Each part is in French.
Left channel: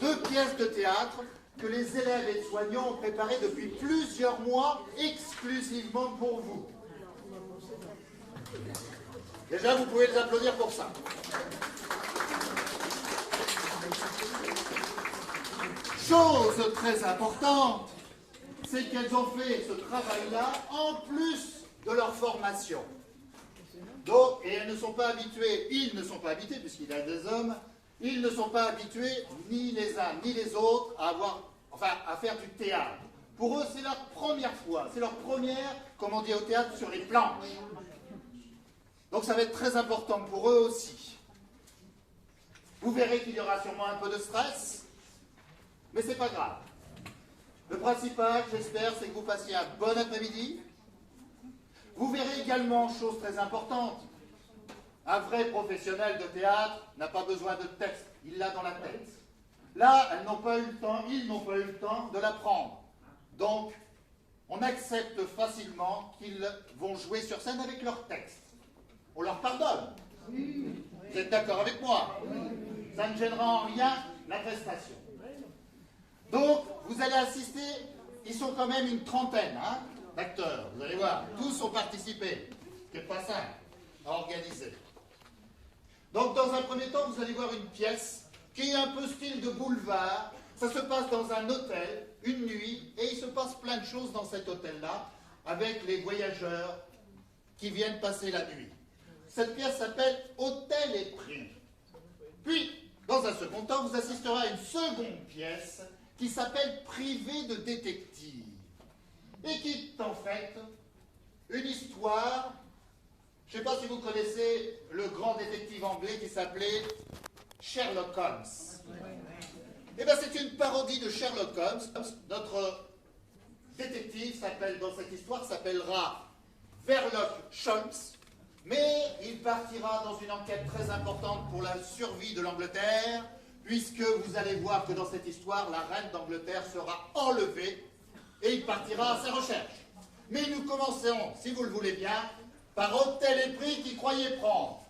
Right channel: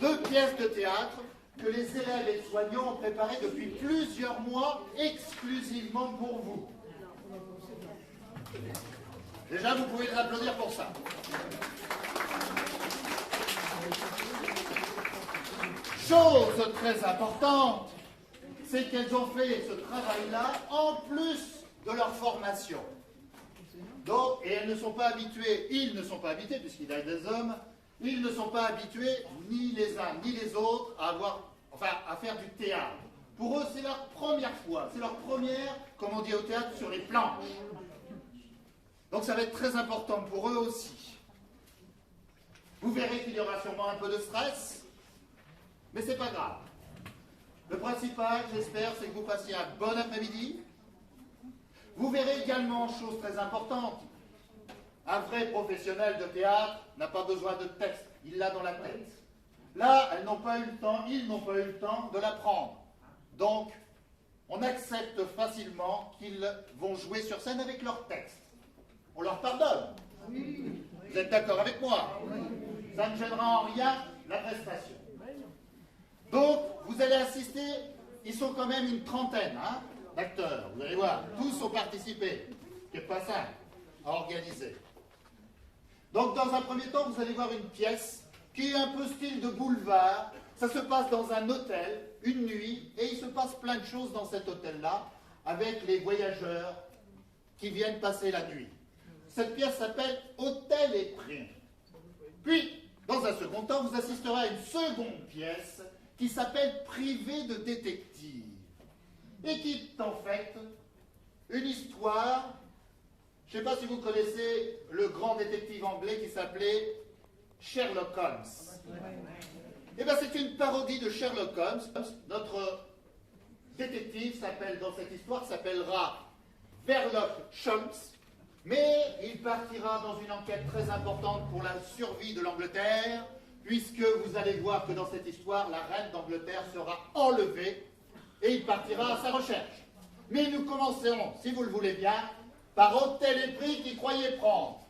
Deux pièces de théâtre que les élèves et soignants ont préparées depuis plusieurs mois exclusivement pour vous. Déjà, vous pouvez les applaudir pour ça. Chose très importante, c'est qu'elles ont fait ce travail-là en plus de leur formation. Donc, et elles ne sont pas habituées, ils ne sont pas habitués, puisqu'il y a des hommes, ils ne sont pas habitués, ni les uns ni les autres, à faire du théâtre. Pour eux, c'est leur première fois, c'est leur première, comme on dit au théâtre, sur les planches. Donc ça va être très important pour eux aussi. Vous verrez qu'il y aura sûrement un peu de stress, mais c'est pas grave. Le principal, j'espère, c'est que vous passiez un bon après-midi. Vous verrez également, chose très importante, un vrai professionnel de théâtre n'a pas besoin de texte, il l'a dans la tête. Là, ils n'ont pas eu le temps de l'apprendre. Donc, on accepte facilement qu'ils vont jouer sur scène avec leur texte. On leur pardonne. Vous êtes d'accord avec moi? Ça ne gênera en rien la prestation. Donc, vous allez assister, ils sont quand même une trentaine d'acteurs, vous allez voir, tous ont participé, ce qui n'est pas simple à organiser. Donc, dans un premier temps, vous allez voir une pièce qui est un peu style de boulevard. Ça se passe dans un hôtel, une nuit, et il se passe plein de choses dans cet hôtel-là, avec les voyageurs qui viennent passer la nuit. Cette pièce s'appelle Hôtel et Prix. Puis, dans un second temps, vous assisterez à une seconde pièce qui s'appelle Privé de détective, et qui est en fait une histoire. Je ne sais pas si vous connaissez le grand détective anglais qui s'appelait Sherlock Holmes. Eh bien, c'est une parodie de Sherlock Holmes. Notre détective dans cette histoire s'appellera Sherlock Holmes, mais il partira dans une enquête très importante pour la survie de l'Angleterre, puisque vous allez voir que dans cette histoire, la reine d'Angleterre sera enlevée et il partira à sa recherche. Mais nous commencerons, si vous le voulez bien, par Hôtel et Prix qui croyait prendre.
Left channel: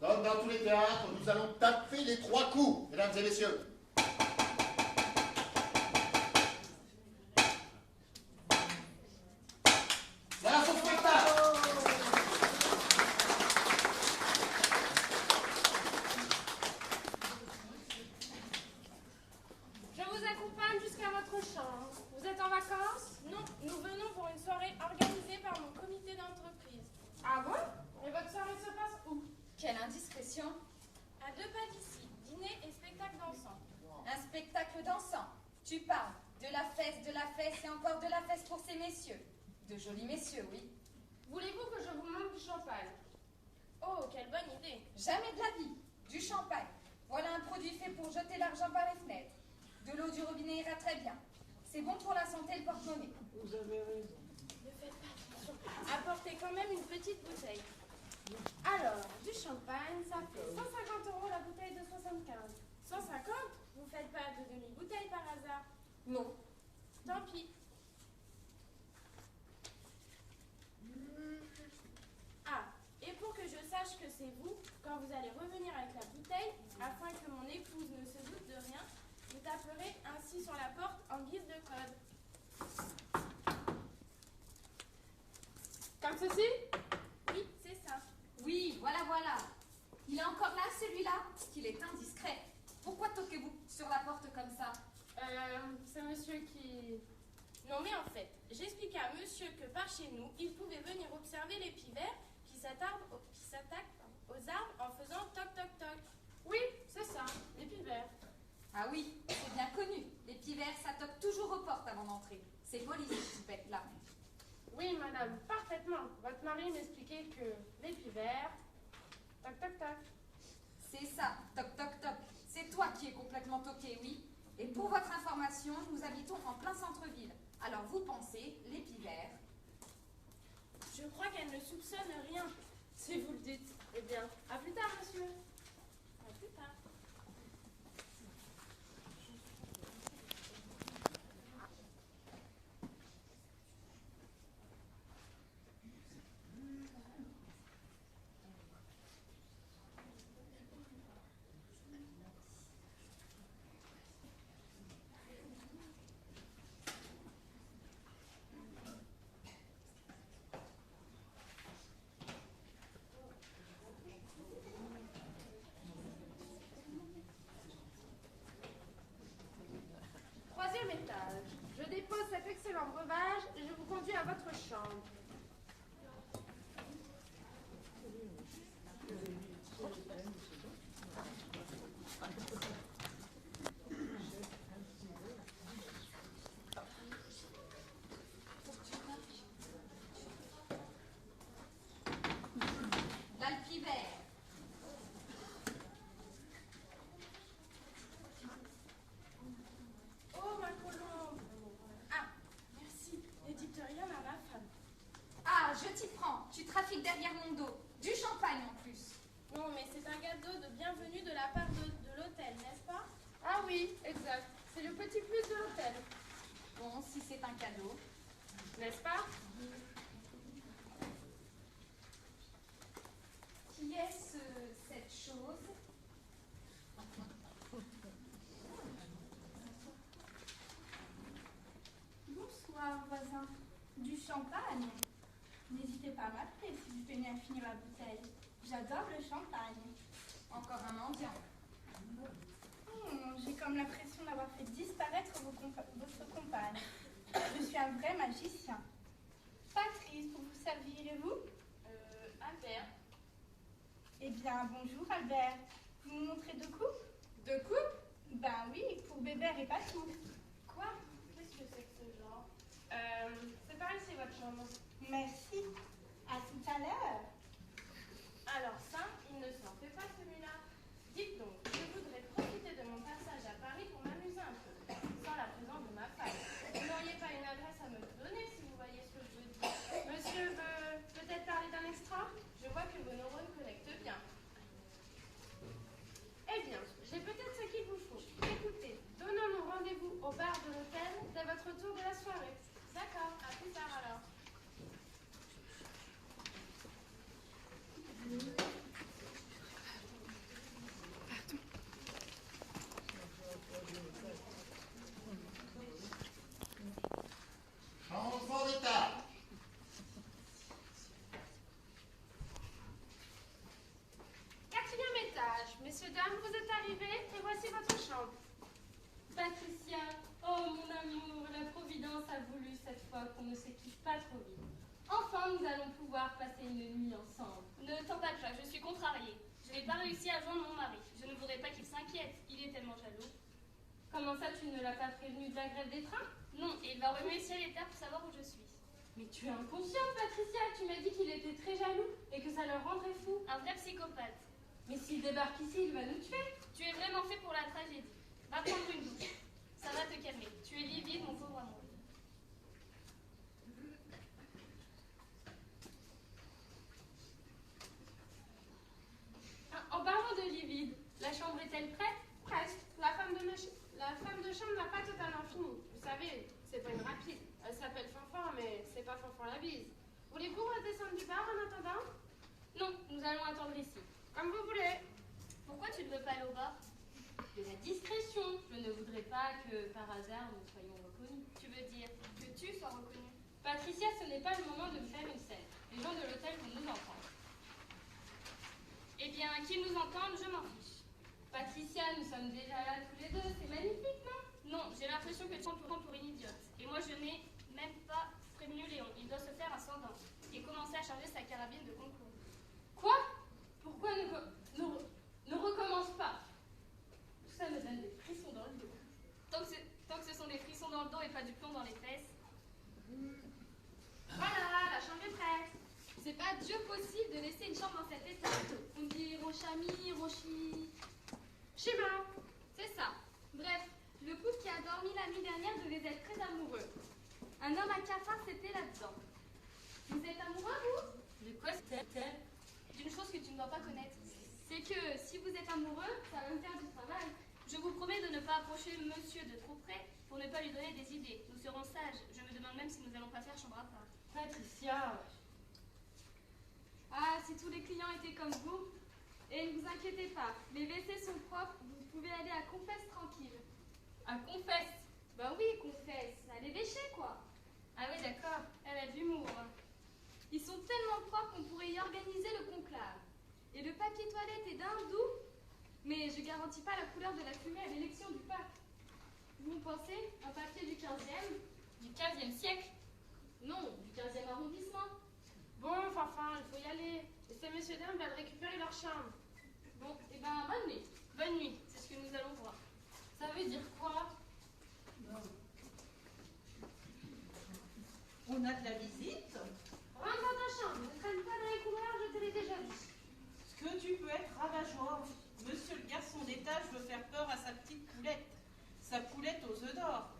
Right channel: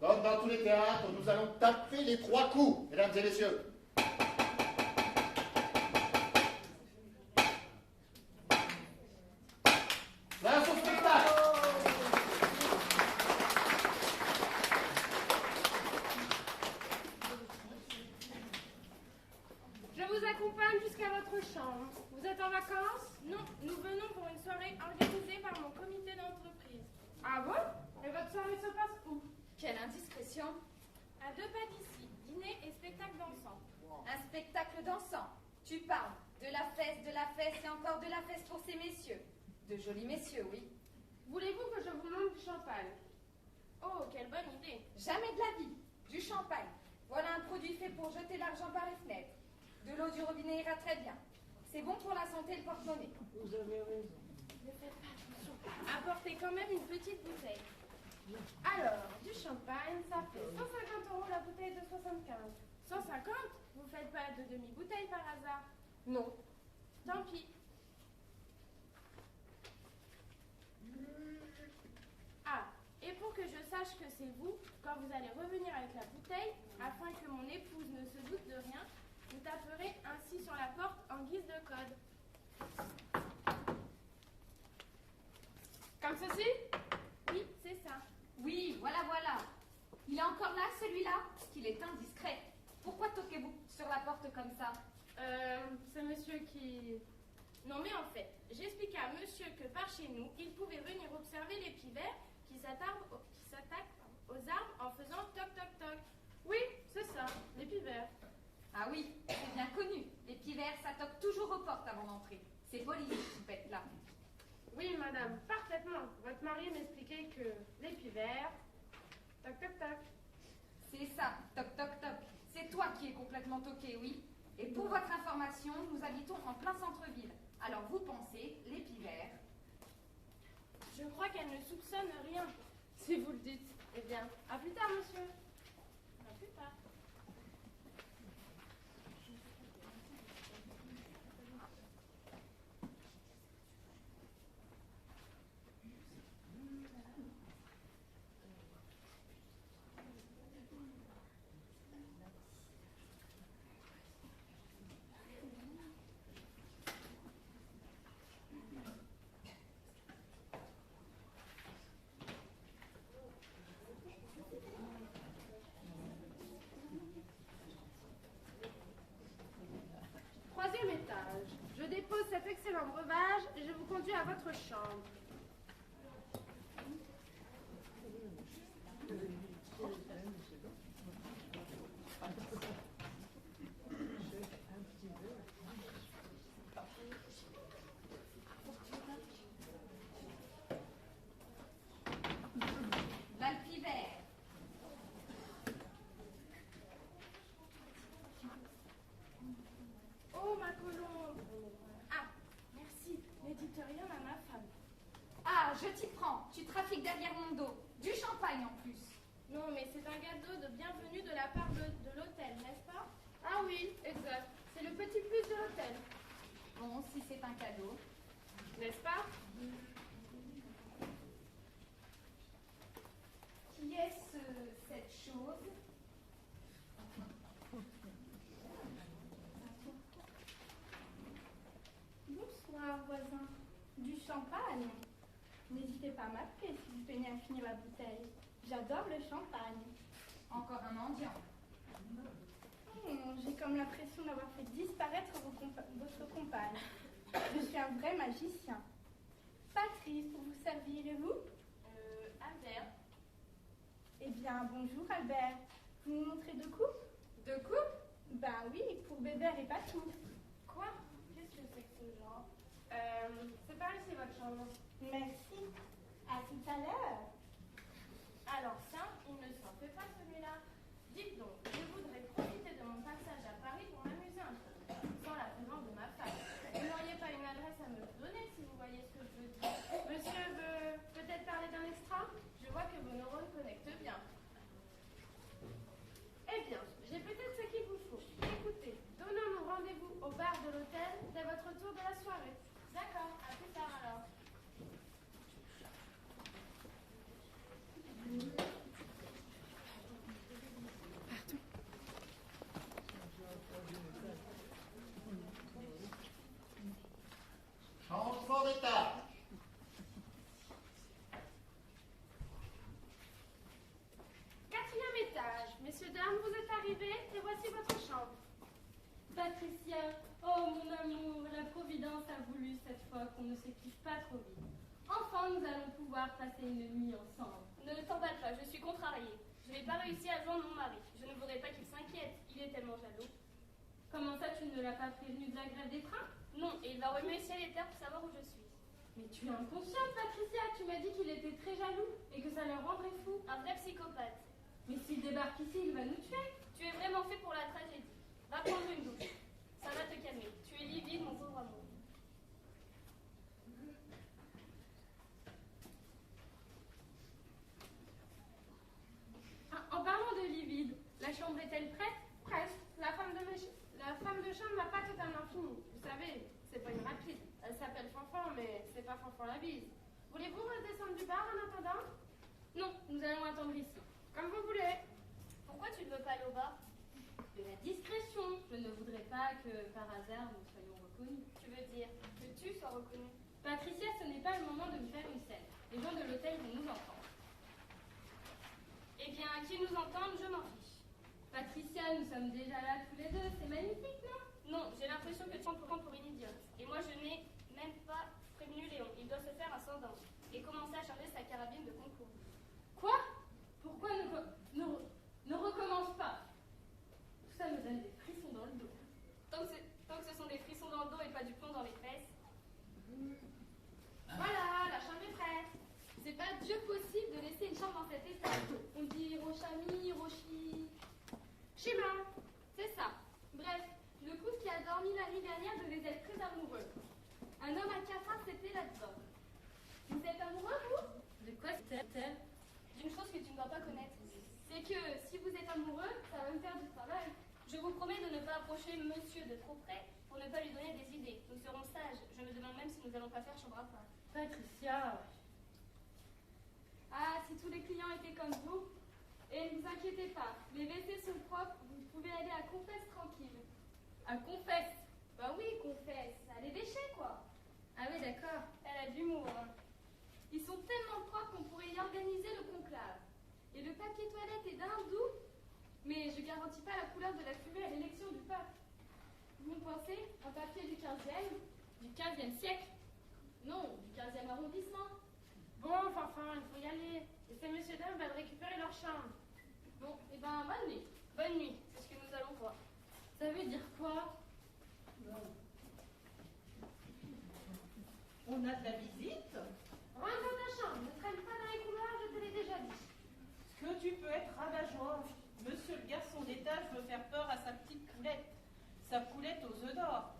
Comme dans tous les théâtres, nous allons taper les 3 coups, mesdames et messieurs. Voilà son spectacle. Je vous accompagne jusqu'à votre chambre. Vous êtes en vacances? Non, nous venons pour une soirée organisée par mon comité d'entreprise. Ah bon? Et votre soirée se passe où? Quelle indiscrétion! À 2 pas d'ici, dîner et spectacle dansant. Un spectacle dansant. Tu parles de la fesse et encore de la fesse pour ces messieurs. De jolis messieurs, oui. Voulez-vous que je vous montre du champagne? Oh, quelle bonne idée! Jamais de la vie. Du champagne. Voilà un produit fait pour jeter l'argent par les fenêtres. De l'eau du robinet ira très bien. C'est bon pour la santé et le porte-monnaie. Vous avez raison. Ne faites pas attention. Apportez quand même une petite bouteille. Alors, du champagne, ça fait 150 € la bouteille de 75. 150? Vous faites pas de demi-bouteille par hasard? Non. Tant pis. Ah, et pour que je sache que c'est vous, quand vous allez revenir avec la bouteille, afin que mon épouse ne se doute de rien, vous taperez ainsi sur la porte en guise de code. Comme ceci? Oui, c'est ça. Oui, voilà. Il est encore là, celui-là? Qu'il est indiscret. Pourquoi toquez-vous sur la porte comme ça? C'est monsieur qui... Non mais en fait, j'expliquais à monsieur que par chez nous, il pouvait venir observer les pivers qui s'attaquent aux arbres en faisant toc toc toc. Oui, c'est ça, les pivers. Ah oui, c'est bien connu. Les pivers, ça toque toujours aux portes avant d'entrer. C'est poli, cette toupette-là. Oui, madame, parfaitement. Votre mari m'expliquait que les pivers... Toc, toc, toc. C'est ça, toc toc toc. C'est toi qui es complètement toqué, oui. Et pour votre information, nous habitons en plein centre-ville. Alors vous pensez, les pivers. Je crois qu'elle ne soupçonne rien. Si vous le dites. Eh bien, à plus tard, monsieur. À plus tard. Troisième étage. Je dépose cet excellent breuvage et je vous conduis à votre chambre. L'alpivert. Oh, ma colombe. Ah, merci. Ne dites rien à ma femme. Ah, je t'y prends. Tu trafiques derrière mon dos. Du champagne en plus. Non, mais c'est un gâteau de bienvenue de la part de l'hôtel, n'est-ce pas? Ah oui, exact. C'est le petit plus de l'hôtel. Bon, si c'est un cadeau. N'est-ce pas? Qui est cette chose? Bonsoir, voisin. Du champagne. N'hésitez pas à m'appeler si vous peinez à finir la bouteille. J'adore le champagne. Encore un mendiant. J'ai comme l'impression d'avoir fait disparaître votre compagne. Je suis un vrai magicien. Patrice, pour vous servir, et vous? Albert. Eh bien, bonjour Albert. Vous me montrez deux coupes? Deux coupes? Ben oui, pour Bébert et Patou. Quoi? Qu'est-ce que c'est que ce genre? C'est par ici votre chambre. Merci. À tout à l'heure. Alors ça, il ne s'en fait pas celui-là. Dites donc, je voudrais profiter de mon passage à Paris pour m'amuser un peu, sans la présence de ma femme. Vous n'auriez pas une adresse à me donner si vous voyez ce que je veux dire. Monsieur veut peut-être parler d'un extra? Je vois que vos neurones connectent bien. Eh bien, j'ai peut-être ce qu'il vous faut. Écoutez, donnons-nous rendez-vous au bar de l'hôtel dès votre retour de la soirée. D'accord, à plus tard alors. Enfant d'étage. Quatrième étage. Messieurs, dames, vous êtes arrivés et voici votre chambre. Patricia, oh mon amour, la Providence a voulu cette fois qu'on ne se quitte pas trop vite. Enfin, nous allons pouvoir passer une nuit ensemble. Ne t'emballe pas, je suis contrariée. Je n'ai pas réussi à joindre mon mari. Je ne voudrais pas qu'il s'inquiète. Il est tellement jaloux. Comment ça, tu ne l'as pas prévenu de la grève des trains? Non, et il va remuer ciel et terre pour savoir où je suis. Mais tu es inconsciente, Patricia. Tu m'as dit qu'il était très jaloux et que ça le rendrait fou. Un vrai psychopathe. Mais s'il débarque ici, il va nous tuer. Tu es vraiment fait pour la tragédie. Va prendre une douche. Ça va te calmer. Tu es livide, mon pauvre amour. En parlant de livide, la chambre est-elle prête? Presque. La femme de chambre n'a pas totalement fini. Vous savez, c'est pas une rapide. Elle s'appelle Fanfan, mais c'est pas Fanfan la bise. Voulez-vous redescendre du bar en attendant? Non, nous allons attendre ici. Comme vous voulez. Pourquoi tu ne veux pas aller au bar? De la discrétion. Je ne voudrais pas que, par hasard, nous soyons reconnus. Tu veux dire que tu sois reconnue? Patricia, ce n'est pas le moment de me faire une scène. Les gens de l'hôtel vont nous entendre. Eh bien, qu'ils nous entendent, je m'en fiche. Patricia, nous sommes déjà là tous les deux. C'est magnifique, non? Non, j'ai l'impression que tu te prends pour une idiote. Et moi, je n'ai même pas prévenu Léon. Il doit se faire un sans dents et commencer à charger sa carabine de concours. Quoi? Pourquoi ne recommence pas? Tout ça me donne des frissons dans le dos. Tant que ce sont des frissons dans le dos et pas du plomb dans les fesses, famille Hiroshi... Shima. C'est ça. Bref, le couple qui a dormi la nuit dernière devait être très amoureux. Un homme à cafard, c'était là-dedans. Vous êtes amoureux, vous? De quoi c'était? D'une chose que tu ne dois pas connaître. C'est que si vous êtes amoureux, ça va me faire du travail. Je vous promets de ne pas approcher monsieur de trop près pour ne pas lui donner des idées. Nous serons sages. Je me demande même si nous allons pas faire chambre à part. Patricia. Ah, si tous les clients étaient comme vous. Et ne vous inquiétez pas, les WC sont propres, vous pouvez aller à Confesse tranquille. À Confesse? Bah oui, Confesse, à les déchets quoi. Ah oui, d'accord. Elle a de l'humour. Ils sont tellement propres qu'on pourrait y organiser le conclave. Et le papier toilette est d'un doux, mais je garantis pas la couleur de la fumée à l'élection du pape. Vous pensez un papier du 15e? Du 15e siècle? Non, du 15e arrondissement. Bon, enfin, il faut y aller. Et ces messieurs dames veulent récupérer leur chambre. Bon, et ben bonne nuit. Bonne nuit, c'est ce que nous allons voir. Ça veut dire quoi? On a de la visite. Rentre dans ta chambre, ne traîne pas dans les couloirs, je te l'ai déjà dit. Ce que tu peux être rabat-joie. Monsieur le garçon d'étage veut faire peur à sa petite poulette. Sa poulette aux œufs d'or.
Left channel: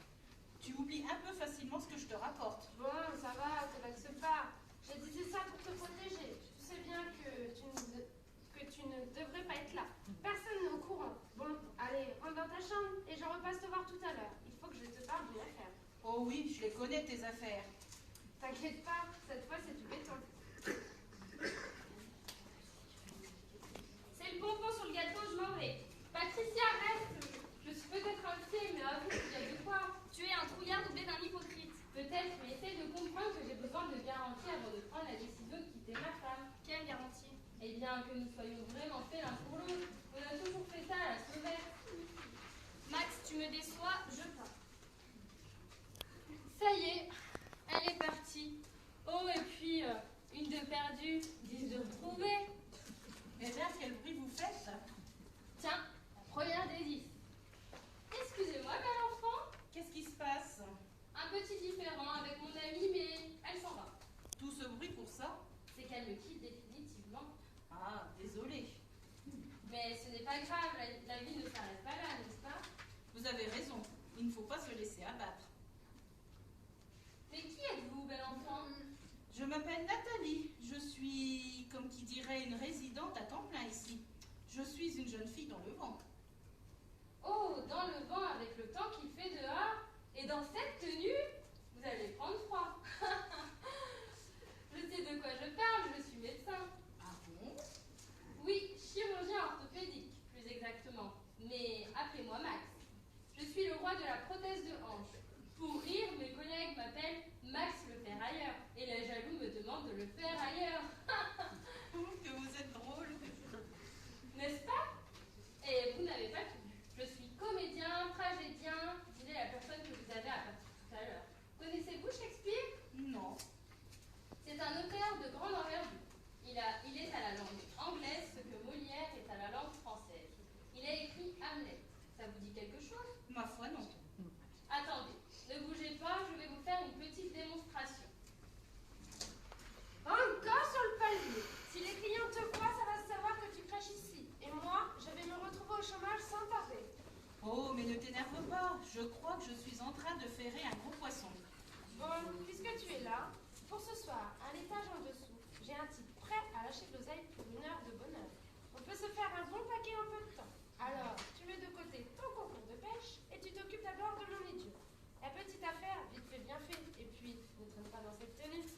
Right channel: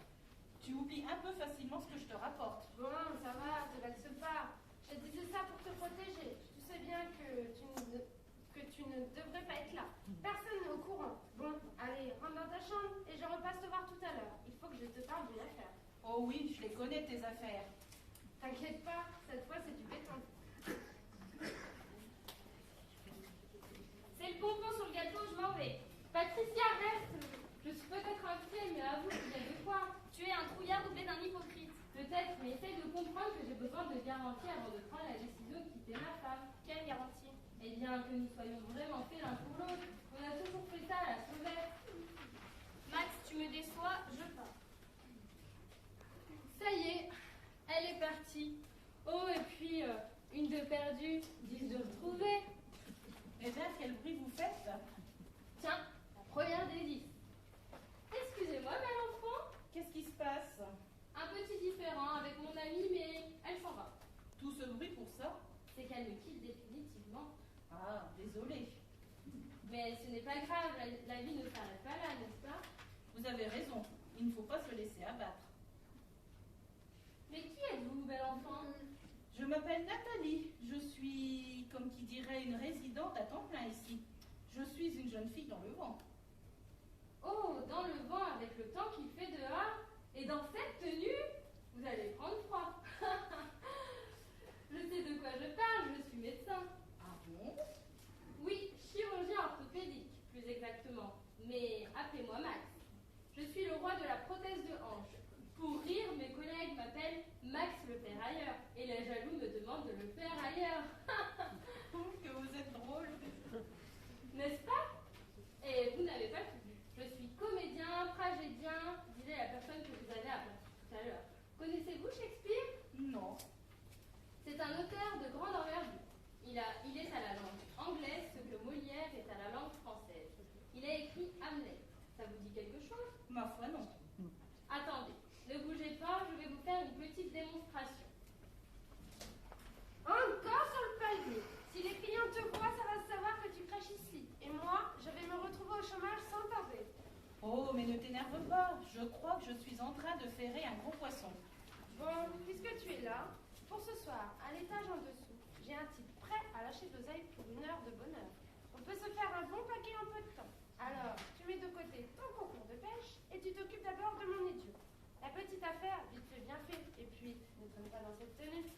Tu oublies un peu facilement ce que je te rapporte. Bon, ça va, te vexe pas. J'ai dit ça pour te protéger. Tu sais bien que tu ne devrais pas être là. Personne n'est au courant. Bon, allez, rentre dans ta chambre et je repasse te voir tout à l'heure. Il faut que je te parle d'une affaire. Oh oui, je les connais tes affaires. T'inquiète pas, cette fois c'est du béton. C'est le bonbon sur le gâteau, je m'en vais. Patricia, reste. Je suis peut-être un pied, mais avoue qu'il y a de quoi. Tu es un trouillard doublé d'un hypocrite. Peut-être, mais essaye de comprendre que j'ai besoin de garanties avant de prendre la décision de quitter ma femme. Quelle garantie? Eh bien, que nous soyons vraiment faits l'un pour l'autre. On a toujours fait ça à la sauvette. Max, tu me déçois, je pars. Ça y est, elle est partie. Oh, et puis, une de perdue, 10 de retrouvée. Eh bien, quel bruit vous faites? Tiens, la première des 10. Excusez-moi, bel enfant. Qu'est-ce qui se passe? Un petit différend avec mon amie, mais elle s'en va. Tout ce bruit pour ça? C'est qu'elle me quitte définitivement. Ah, désolé. Mais ce n'est pas grave, la vie ne s'arrête pas là, n'est-ce pas? Vous avez raison. Il ne faut pas se laisser abattre. Mais qui êtes-vous, bel enfant? Je m'appelle Nathalie. Je suis, comme qui dirait, une résidente à temps plein ici. Je suis une jeune fille dans le vent. Oh, dans le vent, avec le temps qu'il fait dehors, et dans cette tenue, vous allez prendre froid. Je sais de quoi je parle, je suis médecin. Ah bon? Oui, chirurgien orthopédique, plus exactement. Mais appelez-moi Max. Je suis le roi de la prothèse de hanche. Pour rire, mes collègues m'appellent Max le ferrailleur. Et les jaloux me demandent de le faire ailleurs. Que vous êtes drôle. N'est-ce pas? Et vous n'avez pas tout vu. Je suis comédien, tragédien, disait la personne que vous avez aperçue tout à l'heure. Connaissez-vous Shakespeare? Non. C'est un auteur de grande envergure. Il est à la langue anglaise ce que Molière est à la langue française. Il a écrit Hamlet. Ça vous dit quelque chose? Ma foi, non. Attendez, ne bougez pas, je vais vous faire une petite démonstration. Encore sur le palier. Si les clients te voient, ça va se savoir que tu craches ici. Et moi, je vais me retrouver au chômage sans tarder. Oh, mais ne t'énerve pas. Je crois que je suis en train de ferrer un gros poisson. Bon, puisque tu es là, pour ce soir, à l'étage en dessous, j'ai un type prêt à lâcher de l'oseille pour une heure de bonheur. On peut se faire un bon paquet en peu de temps. Alors, tu mets de côté ton concours de pêche et tu t'occupes d'abord de mon idiot. La petite affaire, vite fait, bien fait. Et puis, ne traîne pas dans cette tenue.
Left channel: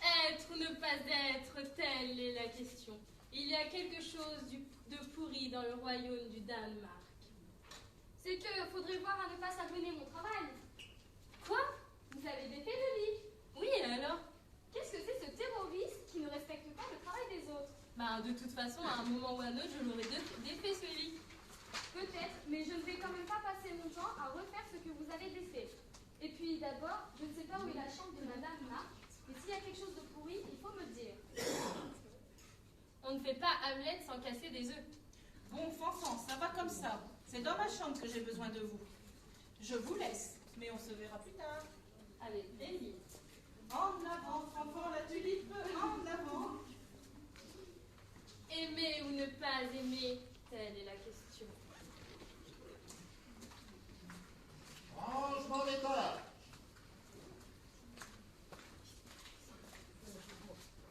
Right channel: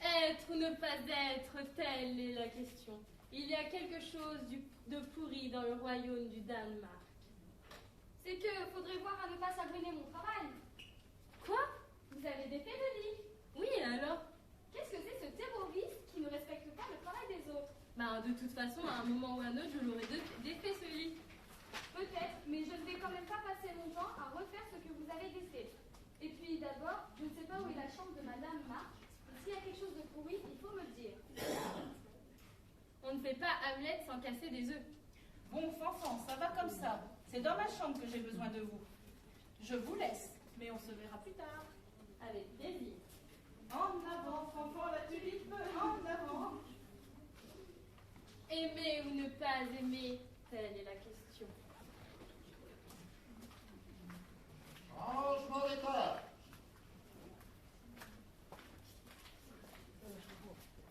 Être ou ne pas être, telle est la question. Il y a quelque chose de pourri dans le royaume du Danemark. C'est que faudrait voir à ne pas s'abonner mon travail. Quoi? Vous avez défait le lit? Oui, et alors? Qu'est-ce que c'est ce terroriste qui ne respecte pas le travail des autres? Bah, de toute façon, à un moment ou à un autre, je l'aurais défait ce lit. Peut-être, mais je ne vais quand même pas passer mon temps à refaire ce que vous avez défait. Et puis d'abord, je ne sais pas où est la chambre de Madame Marc. Et s'il y a quelque chose de pourri, il faut me le dire. On ne fait pas Hamlet sans casser des œufs. Bon, Fanfan, ça va comme ça. C'est dans ma chambre que j'ai besoin de vous. Je vous laisse, mais on se verra plus tard. Avec plaisir. En avant, Fanfan la tulipe, en avant. Aimer ou ne pas aimer, telle est la question. Rangement des tables.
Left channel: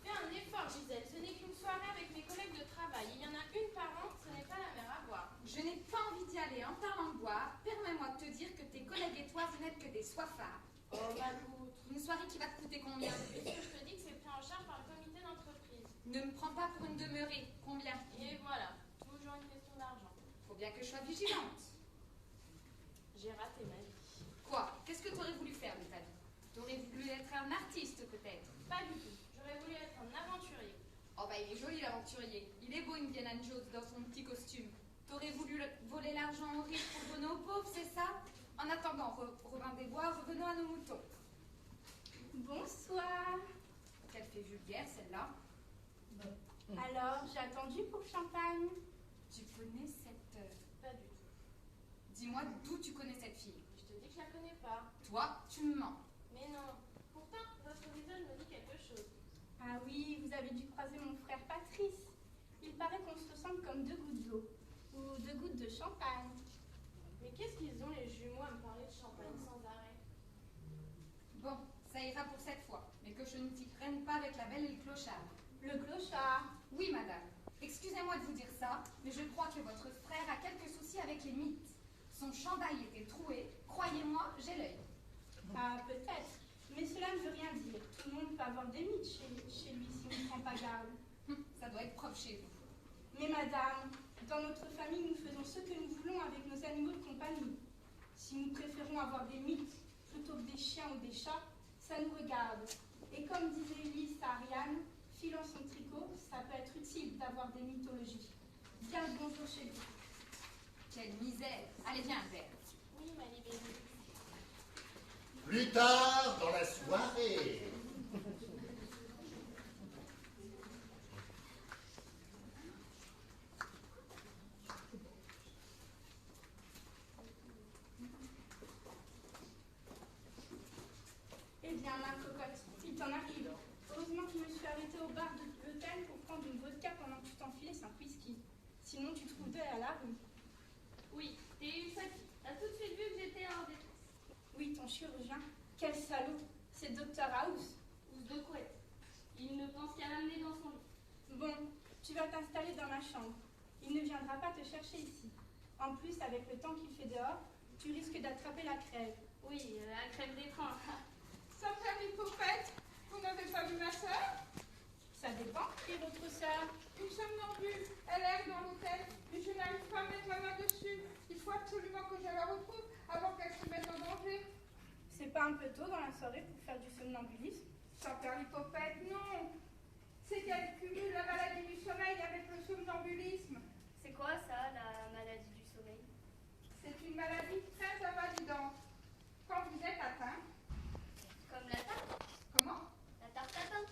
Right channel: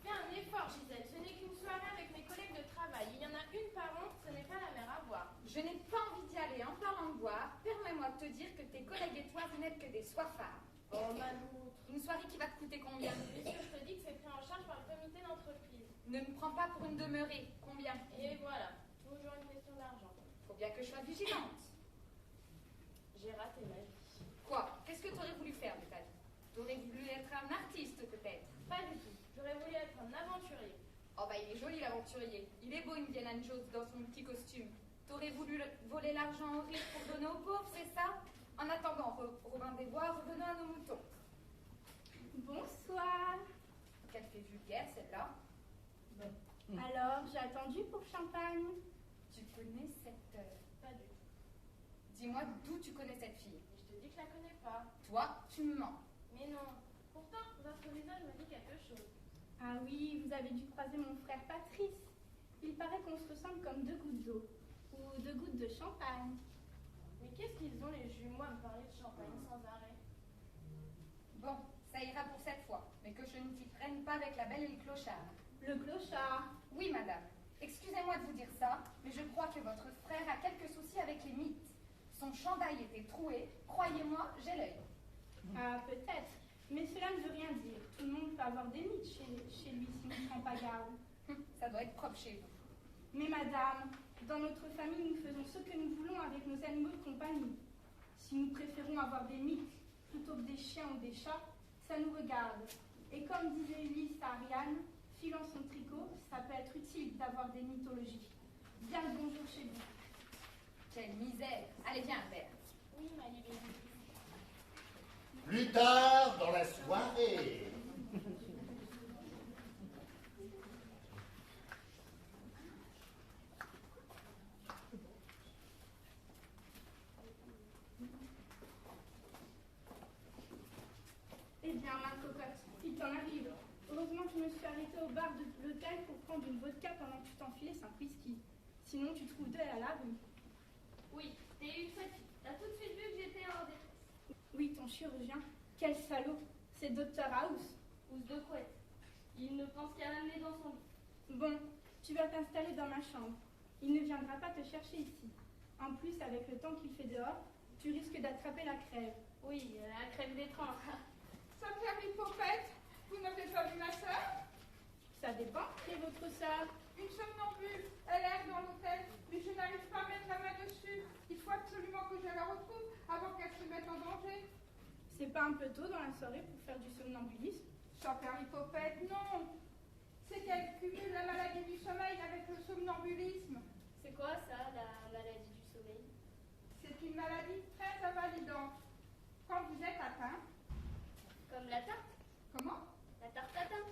Fais un effort, Gisèle. Ce n'est qu'une soirée avec mes collègues de travail. Il y en a une par an, ce n'est pas la mer à boire. Je n'ai pas envie d'y aller. En parlant de boire, permets-moi de te dire que tes collègues et toi, vous n'êtes que des soifards. Oh, ma loutre. Une soirée qui va te coûter combien? Est-ce que je te dis que c'est pris en charge par le comité d'entreprise? Ne me prends pas pour une demeurée. Combien? Et voilà, toujours une question d'argent. Faut bien que je sois vigilante. J'ai raté ma vie. Quoi? Qu'est-ce que tu aurais voulu faire de ta vie? T'aurais voulu être un artiste, peut-être? Pas du tout. J'aurais voulu être un aventurier. Oh bah il est joli l'aventurier. Il est beau Indiana Jones dans son petit costume. T'aurais voulu voler l'argent aux riches pour donner aux pauvres, c'est ça? En attendant, Robin des Bois, revenons à nos moutons. Bonsoir. Qu'elle fait vulgaire celle-là. Alors, j'ai attendu pour le champagne. Tu connais cette... Pas du tout. Dis-moi d'où tu connais cette fille. Je te dis que je la connais pas. Toi, tu me mens. Mais non. Pourtant, votre visage me dit quelque chose. Ah oui, vous avez dû croiser mon frère Patrice. Il paraît qu'on se ressemble comme deux gouttes d'eau. Ou deux gouttes de champagne. Mais qu'est-ce qu'ils ont les jumeaux à me parler de champagne sans arrêt? Bon, ça ira pour cette fois. Mais que je ne t'y prenne pas avec la belle et le clochard. Le clochard. Oui, madame. Excusez-moi de vous dire ça, mais je crois que votre frère a quelques soucis avec les mythes. Son chandail était troué. Croyez-moi, j'ai l'œil. Ah, peut-être. Mais cela ne veut rien dire. Tout le monde peut avoir des mythes chez lui si on ne prend pas garde. Ça doit être propre chez vous. Mais madame, dans notre famille, nous faisons ce que nous voulons avec nos animaux de compagnie. Si nous préférons avoir des mythes plutôt que des chiens ou des chats, ça nous regarde. Et comme disait Ulysse à Ariane, filant son tricot, ça peut être utile d'avoir des mythologies. Bien le bonjour chez vous. Quelle misère. Allez, viens, un verre. Oui, ma libellule. Plus tard dans la soirée. Eh bien, ma cocotte, il t'en arrive. Heureusement que je me suis arrêtée au bar de l'hôtel pour prendre une vodka pendant que tu t'enfilais 5 whisky. Sinon, tu trouves deux à la rue. Oui, t'es eu sa fille. T'as tout de suite vu que j'étais en détresse. Oui, ton chirurgien. Quel salaud. C'est Dr House. Housse de couette. Il ne pense qu'à l'amener dans son lit. Bon, tu vas t'installer dans ma chambre. Il ne viendra pas te chercher ici. En plus, avec le temps qu'il fait dehors, tu risques d'attraper la crève. Oui, la crève des trains. Sans faire l'hypopète, vous n'avez pas vu ma sœur? Ça dépend. Et votre sœur? Une somnambule. Elle erre dans l'hôtel, mais je n'arrive pas à mettre la main dessus. Il faut absolument que je la retrouve avant qu'elle se mette en danger. C'est pas un peu tôt dans la soirée pour faire du somnambulisme? Sans faire l'hypopète, non. C'est qu'elle cumule la maladie du sommeil avec le somnambulisme. C'est quoi ça, la maladie du sommeil? C'est une maladie très invalidante. Quand vous êtes atteint... Comme la tarte? Comment? La tarte tatin?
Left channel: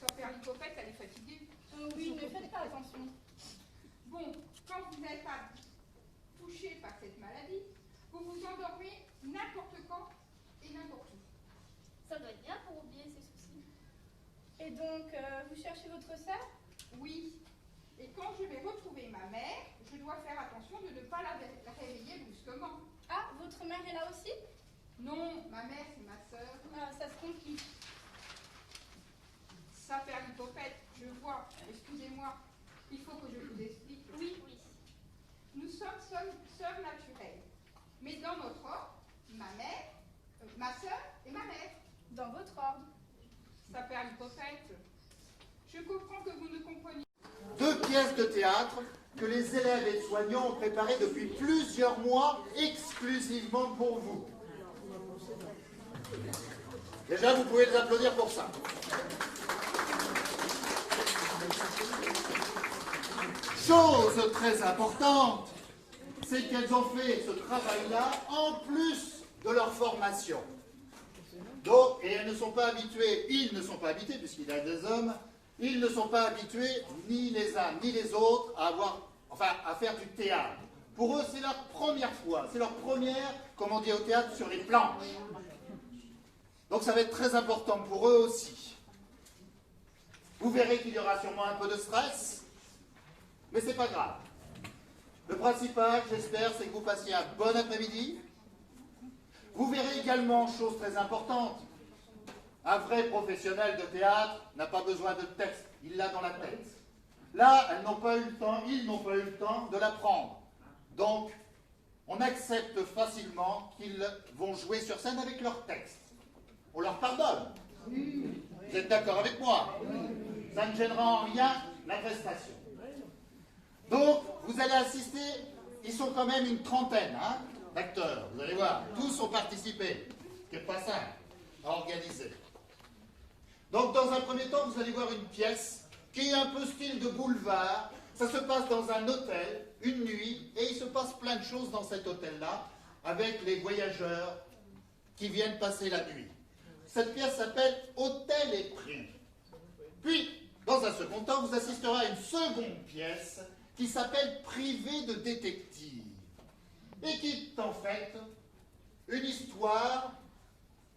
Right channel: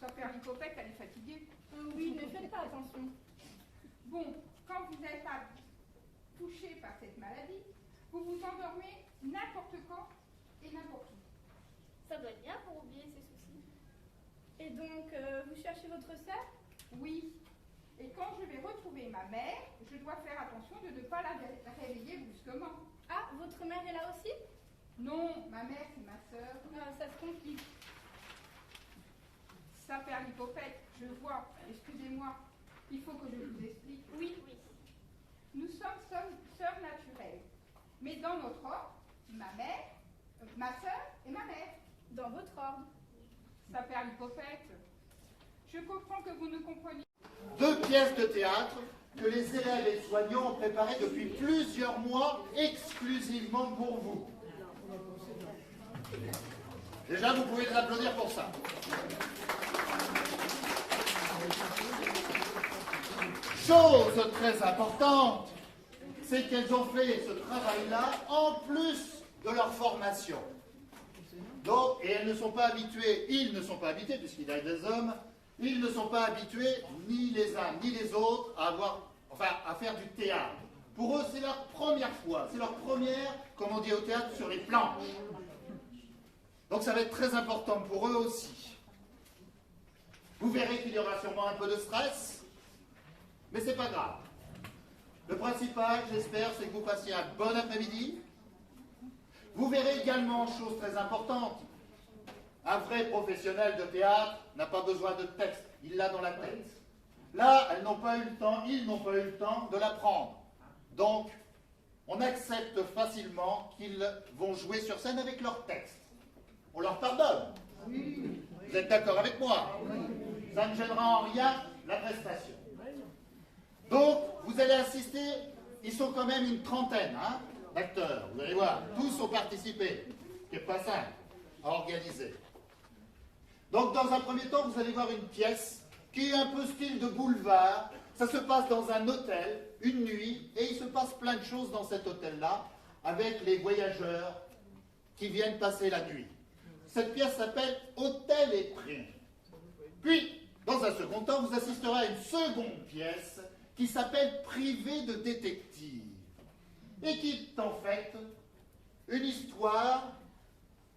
Sans faire l'hypopète, elle est fatiguée. Oui, ne faites pas attention. Bon, quand vous n'êtes pas touché par cette maladie, vous vous endormez n'importe quand et n'importe où. Ça doit être bien pour oublier ses soucis. Et donc, vous cherchez votre sœur? Oui. Et quand je vais retrouver ma mère, je dois faire attention de ne pas la réveiller brusquement. Ah, votre mère est là aussi? Non, ma mère, c'est ma sœur. Ah, ça se complique. Ça fait l'hypopète, je vois. Excusez-moi. Il faut que je vous explique. Oui, oui. Nous sommes sœurs naturelles. Mais dans notre ordre, ma mère, ma sœur et ma mère. Dans votre ordre. Ça fait l'hypopète. Je comprends que vous ne compreniez pas. 2 pièces de théâtre que les élèves et soignants ont préparées depuis plusieurs mois exclusivement pour vous. Déjà, vous pouvez les applaudir pour ça. Chose très importante, c'est qu'elles ont fait ce travail-là en plus de leur formation. Donc, et elles ne sont pas habituées, ils ne sont pas habitués, puisqu'il y a des hommes, ils ne sont pas habitués, ni les uns ni les autres, à faire du théâtre. Pour eux, c'est leur première fois, c'est leur première, comme on dit au théâtre, sur les planches. Donc ça va être très important pour eux aussi. Vous verrez qu'il y aura sûrement un peu de stress, mais c'est pas grave. Le principal, j'espère, c'est que vous passiez un bon après-midi. Vous verrez également, chose très importante, un vrai professionnel de théâtre n'a pas besoin de texte, il l'a dans la tête. Là, ils n'ont pas eu le temps de l'apprendre. Donc, on accepte facilement qu'ils vont jouer sur scène avec leur texte. On leur pardonne. Vous êtes d'accord avec moi? Ça ne gênera en rien la prestation. Donc, vous allez assister, ils sont quand même une trentaine d'acteurs, vous allez voir, tous ont participé, ce qui n'est pas simple à organiser. Donc, dans un premier temps, vous allez voir une pièce qui est un peu style de boulevard. Ça se passe dans un hôtel, une nuit, et il se passe plein de choses dans cet hôtel-là, avec les voyageurs qui viennent passer la nuit. Cette pièce s'appelle Hôtel et Prix. Puis, dans un second temps, vous assisterez à une seconde pièce qui s'appelle Privé de détective, et qui est en fait une histoire.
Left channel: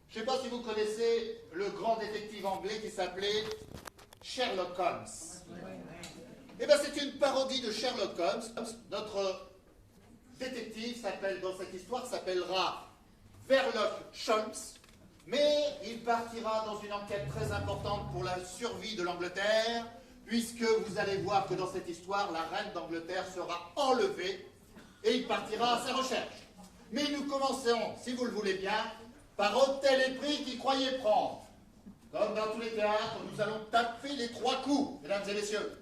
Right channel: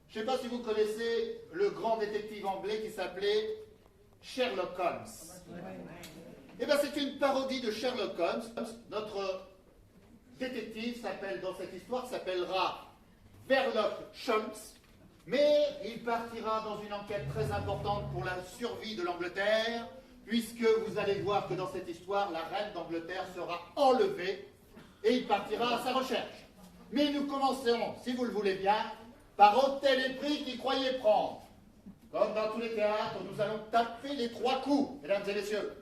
Je ne sais pas si vous connaissez le grand détective anglais qui s'appelait Sherlock Holmes. Eh bien, c'est une parodie de Sherlock Holmes. Notre détective dans cette histoire s'appellera Sherlock Holmes, mais il partira dans une enquête très importante pour la survie de l'Angleterre, puisque vous allez voir que dans cette histoire, la reine d'Angleterre sera enlevée et il partira à sa recherche. Mais nous commencerons, si vous le voulez bien, par Hôtel et Prix qui croyait prendre. Comme dans tous les théâtres, nous allons taper les 3 coups, mesdames et messieurs.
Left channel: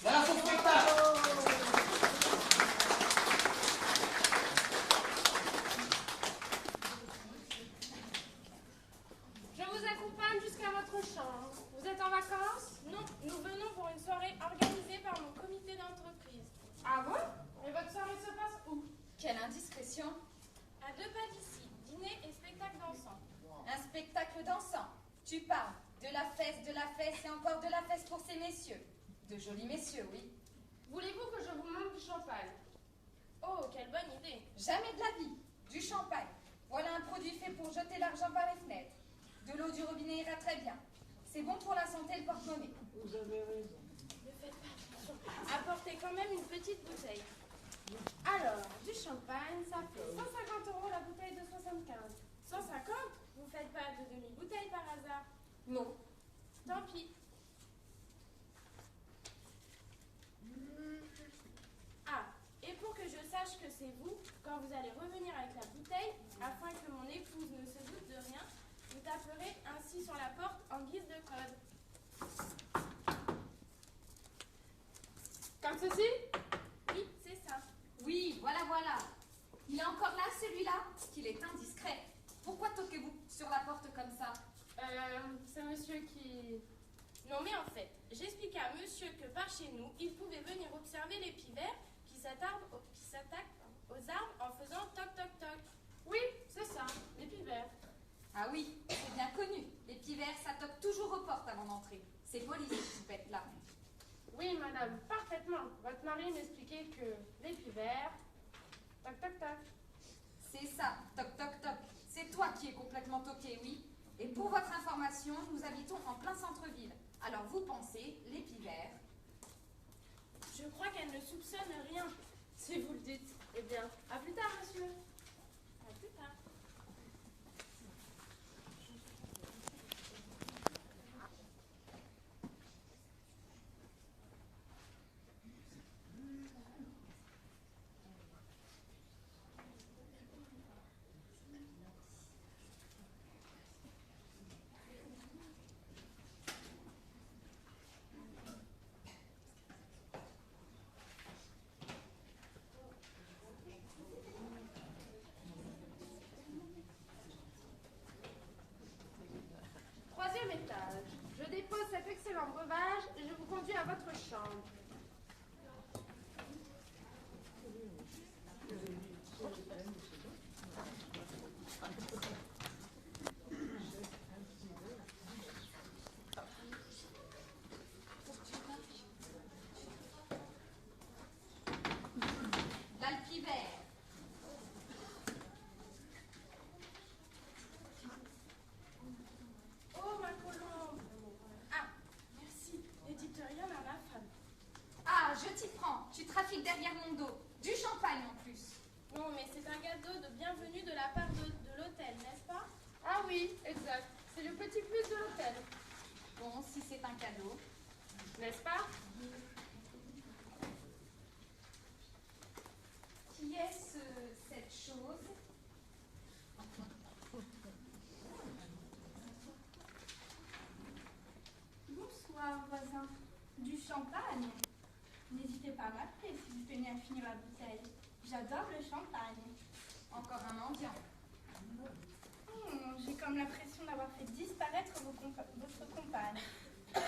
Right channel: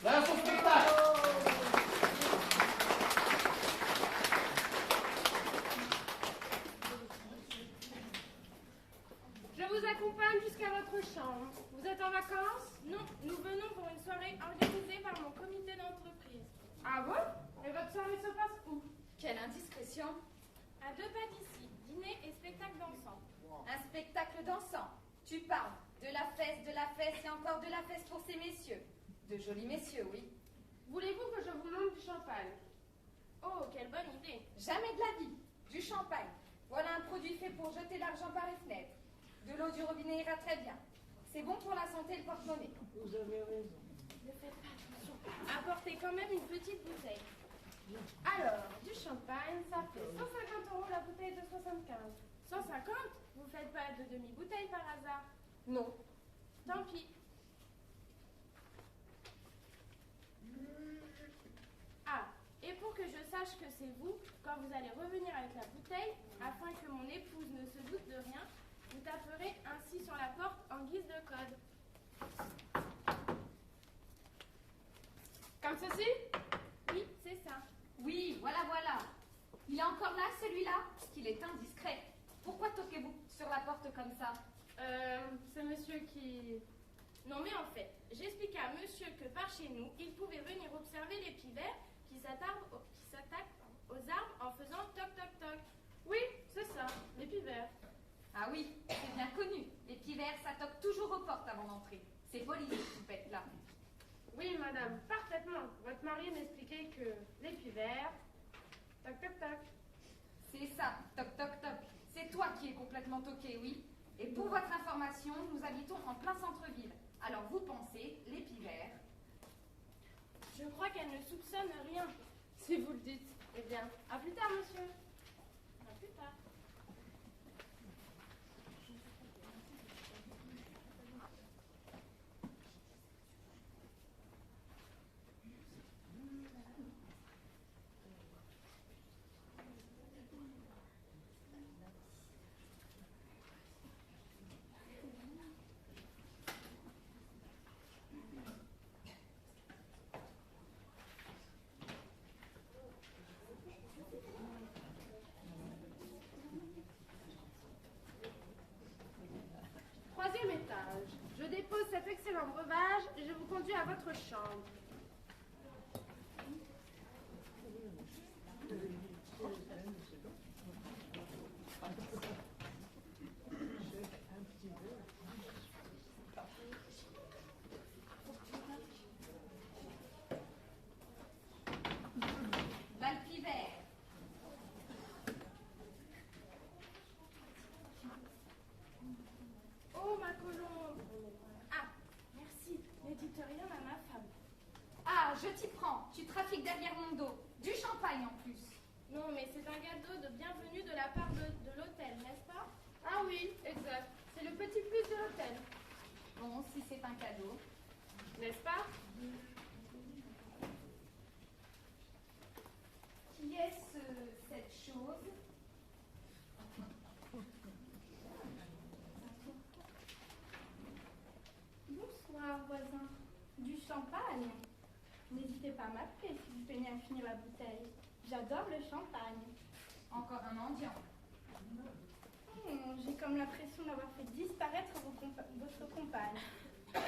Voilà son spectacle. Je vous accompagne jusqu'à votre chambre. Vous êtes en vacances? Non, nous venons pour une soirée organisée par mon comité d'entreprise. Ah bon? Et votre soirée se passe où? Quelle indiscrétion! À 2 pas d'ici, dîner et spectacle dansant. Un spectacle dansant. Tu parles de la fesse et encore de la fesse pour ces messieurs. De jolis messieurs, oui. Voulez-vous que je vous montre du champagne? Oh, quelle bonne idée. Jamais de la vie. Du champagne. Voilà un produit fait pour jeter l'argent par les fenêtres. De l'eau du robinet ira très bien. C'est bon pour la santé et le porte-monnaie. Vous avez raison. Ne faites pas attention. Apportez quand même une petite bouteille. Alors, du champagne, ça fait 150 € la bouteille de 75. 150? Vous faites pas de demi-bouteille par hasard? Non. Tant pis. Ah, et pour que je sache que c'est vous, quand vous allez revenir avec la bouteille, afin que mon épouse ne se doute de rien, vous taperez ainsi sur la porte en guise de code. Comme ceci? Oui, c'est ça. Oui, voilà, voilà. Il est encore là, celui-là? Qu'il est indiscret. Pourquoi toquez-vous sur la porte comme ça? C'est monsieur qui... Non mais en fait, j'expliquais à monsieur que par chez nous, il pouvait venir observer les pivers qui s'attaquent aux arbres en faisant toc toc toc. Oui, c'est ça, les pivers. Ah oui, c'est bien connu. Les pivers, ça toque toujours aux portes avant d'entrer. C'est poli, ces poupettes-là. Oui, madame, parfaitement. Votre mari m'expliquait que les pivers... Toc toc toc. C'est ça, toc toc toc. C'est toi qui es complètement toqué, oui. Et pour votre information, nous habitons en plein centre-ville. Alors vous pensez, les pivers... Je crois qu'elle ne soupçonne rien. Si vous le dites. Eh bien, à plus tard, monsieur. À plus tard. Troisième étage. Je dépose cet excellent breuvage et je vous conduis à votre chambre. je t'y prends. Tu trafiques derrière mon dos. Du champagne en plus. Non, mais c'est un cadeau de bienvenue de la part de l'hôtel, n'est-ce pas? Ah oui, exact. C'est le petit plus de l'hôtel. Bon, si c'est un cadeau. N'est-ce pas? Qui est cette chose? Bonsoir, voisin. Du champagne? N'hésitez pas à m'appeler si vous peinez à finir la bouteille. J'adore le champagne. Encore un mendiant. J'ai comme l'impression d'avoir fait disparaître votre compagne.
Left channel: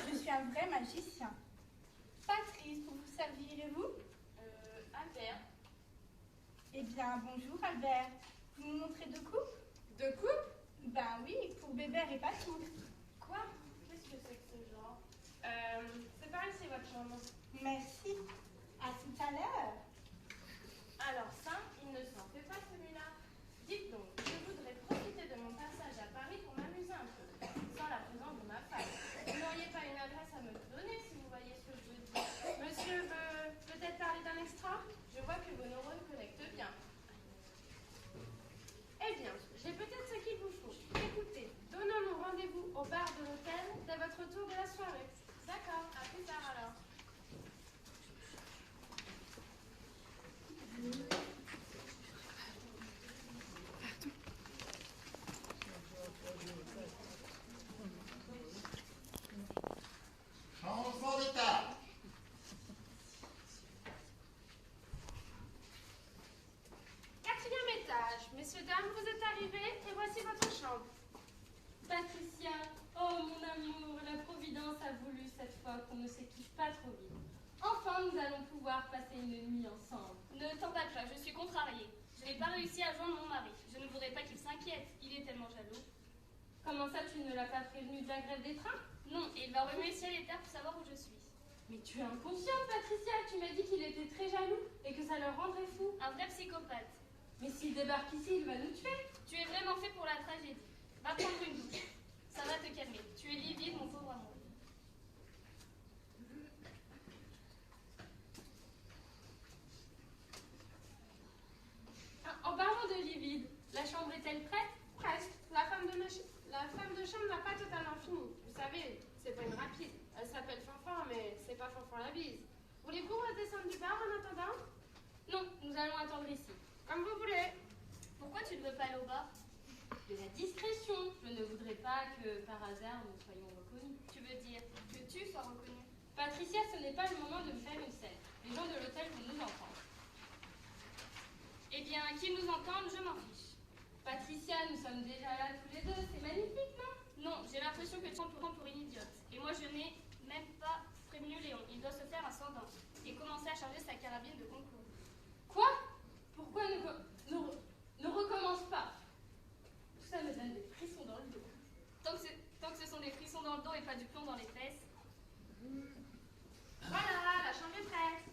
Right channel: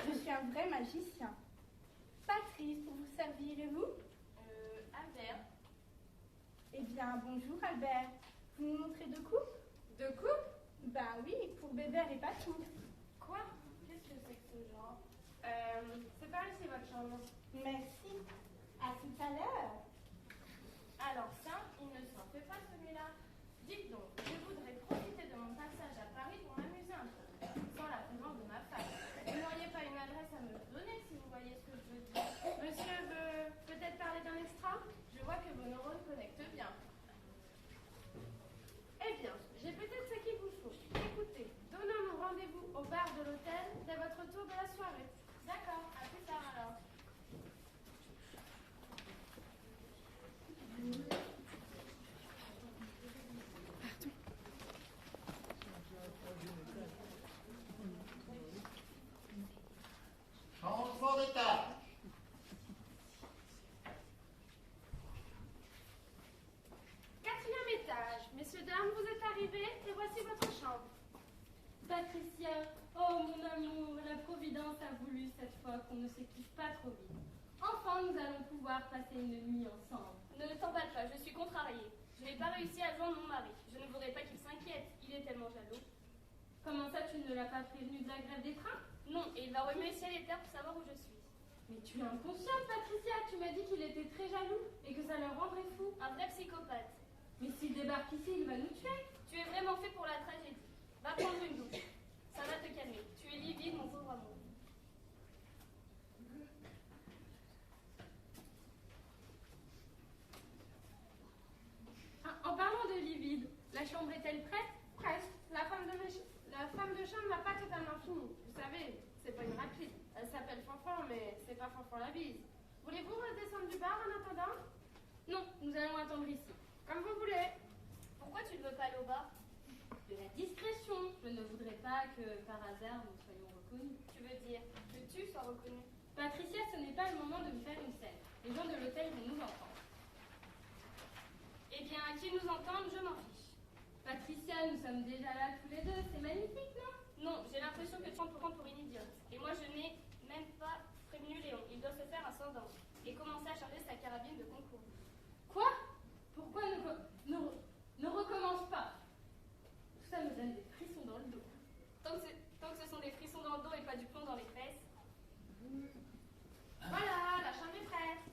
Je suis un vrai magicien. Patrice, pour vous servir, et vous? Albert. Eh bien, bonjour Albert. Vous me montrez deux coupes? Deux coupes? Ben oui, pour Bébert et Patou. Quoi? Qu'est-ce que c'est que ce genre? C'est par ici votre chambre. Merci. À tout à l'heure. Alors ça, il ne s'en fait pas celui-là. Dites donc, je voudrais profiter de mon passage à Paris pour m'amuser un peu, sans la présence de ma femme. Vous n'auriez pas une adresse à me donner si vous voyez ce que je veux dire. Monsieur veut peut-être parler d'un extra? Je vois que vos neurones connectent bien. Eh bien, j'ai peut-être ce qu'il vous faut. Écoutez, donnons-nous rendez-vous au bar de l'hôtel dès votre retour de la soirée. D'accord, à plus tard alors. Changement d'état. Quatrième étage. Messieurs, dames, vous êtes arrivés et voici votre chambre. Patricia, oh mon amour, la Providence a voulu cette fois qu'on ne s'équipe pas trop vite. Enfin, nous allons pouvoir passer une nuit ensemble. Ne t'emballe pas, je suis contrariée. Je n'ai pas réussi à joindre mon mari. Je ne voudrais pas qu'il s'inquiète. Il est tellement jaloux. Comment ça, tu ne l'as pas prévenu de la grève des trains? Non, et il va remuer ciel et terre pour savoir où je suis. Mais tu es inconsciente, Patricia. Tu m'as dit qu'il était très jaloux et que ça le rendrait fou. Un vrai psychopathe. Mais s'il débarque ici, il va nous tuer. Tu es vraiment fait pour la tragédie. Va prendre une douche. Ça va te calmer. Tu es livide, mon pauvre amour. En parlant de livide, la chambre est-elle prête? Presque. La femme de chambre n'a pas totalement fini. Vous savez, c'est pas une rapide. Elle s'appelle Fanfan, mais c'est pas Fanfan la bise. Voulez-vous redescendre du bar en attendant? Non, nous allons attendre ici. Comme vous voulez. Pourquoi tu ne veux pas aller au bar? De la discrétion. Je ne voudrais pas que, par hasard, nous soyons reconnus. Tu veux dire que tu sois reconnu? Patricia, ce n'est pas le moment de me faire une scène. Les gens de l'hôtel vont nous entendre. Eh bien, qu'ils nous entendent, je m'en fiche. Patricia, nous sommes déjà là tous les deux. C'est magnifique, non? Non, j'ai l'impression que tu te prends pour une idiote. Et moi, je n'ai même pas prévenu Léon. Il doit se faire un sans-dents et commencer à charger sa carabine de concours. Quoi? Pourquoi ne recommence pas? Tout ça me donne des frissons dans le dos. Tant que ce sont des frissons dans le dos et pas du plomb dans les fesses. Voilà, la chambre est prête.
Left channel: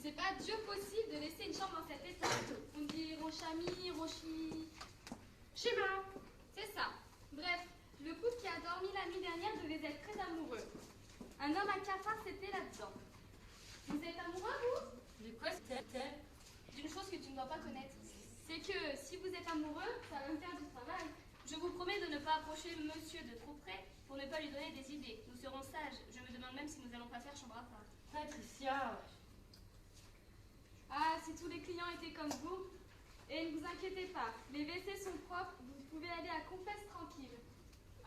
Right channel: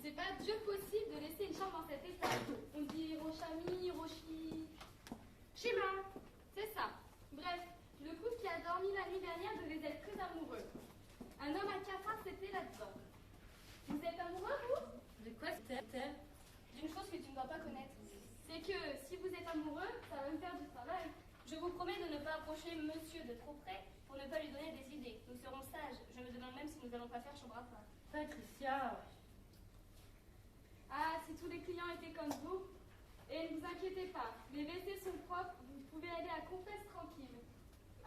C'est pas Dieu possible de laisser une chambre dans cet état. On dit Rochami, Rochi... Shima. C'est ça. Bref, le couple qui a dormi la nuit dernière devait être très amoureux. Un homme à cafard, c'était là-dedans. Vous êtes amoureux, vous? De quoi c'était? D'une chose que tu ne dois pas connaître. C'est que si vous êtes amoureux, ça va me faire du travail. Je vous promets de ne pas approcher monsieur de trop près pour ne pas lui donner des idées. Nous serons sages. Je me demande même si nous n'allons pas faire chambre à part. Patricia. Ah, si tous les clients étaient comme vous. Et ne vous inquiétez pas, les WC sont propres, vous pouvez aller à Confesse tranquille.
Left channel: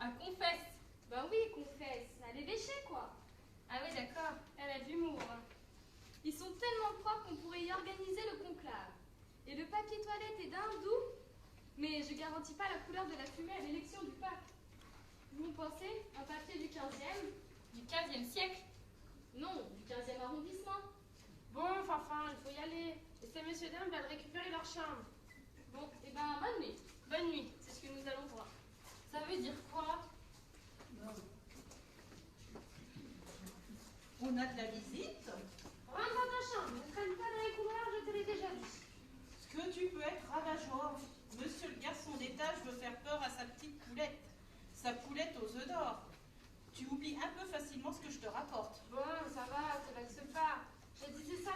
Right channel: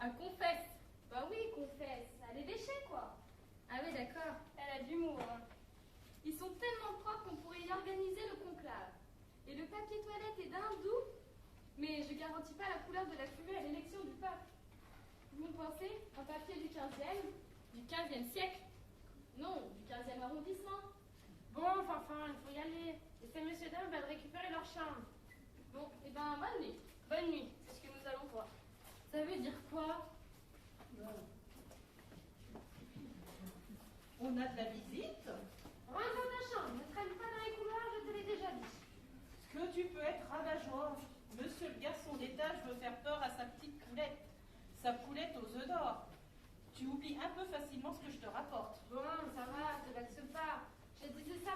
À Confesse. Bah oui, Confesse, à l'évêché quoi. Ah oui, d'accord, elle a de l'humour. Hein. Ils sont tellement propres qu'on pourrait y organiser le conclave. Et le papier toilette est d'un doux, mais je garantis pas la couleur de la fumée à l'élection du pape. Vous pensez, un papier du 15e? Du 15e siècle? Non, du 15e arrondissement. Bon, Fanfan, il faut y aller. Laissez messieurs et dames récupérer leur chambre. Bon, et ben bonne nuit. Bonne nuit, c'est ce que nous allons voir. Ça veut dire quoi? On a de la visite? Rentre dans ta chambre, ne traîne pas dans les couloirs, je te l'ai déjà dit. Ce que tu peux être rabat-joie. Monsieur le garçon d'étage veut faire peur à sa petite poulette. Sa poulette aux œufs d'or. Tu oublies un peu facilement ce que je te rapporte. Bon, ça va, te vexe pas. J'ai dit ça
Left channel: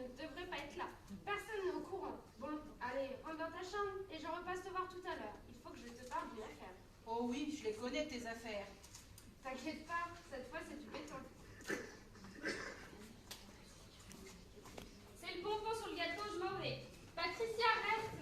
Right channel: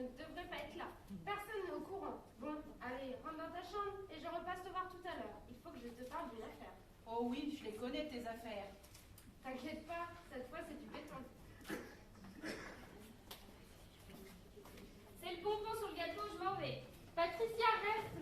ne devrais pas être là. Personne n'est au courant. Bon, allez, rentre dans ta chambre et je repasse te voir tout à l'heure. Il faut que je te parle d'une affaire. Oh oui, je les connais tes affaires. T'inquiète pas, cette fois c'est du béton. C'est le bonbon sur le gâteau, je m'en vais. Patricia, reste.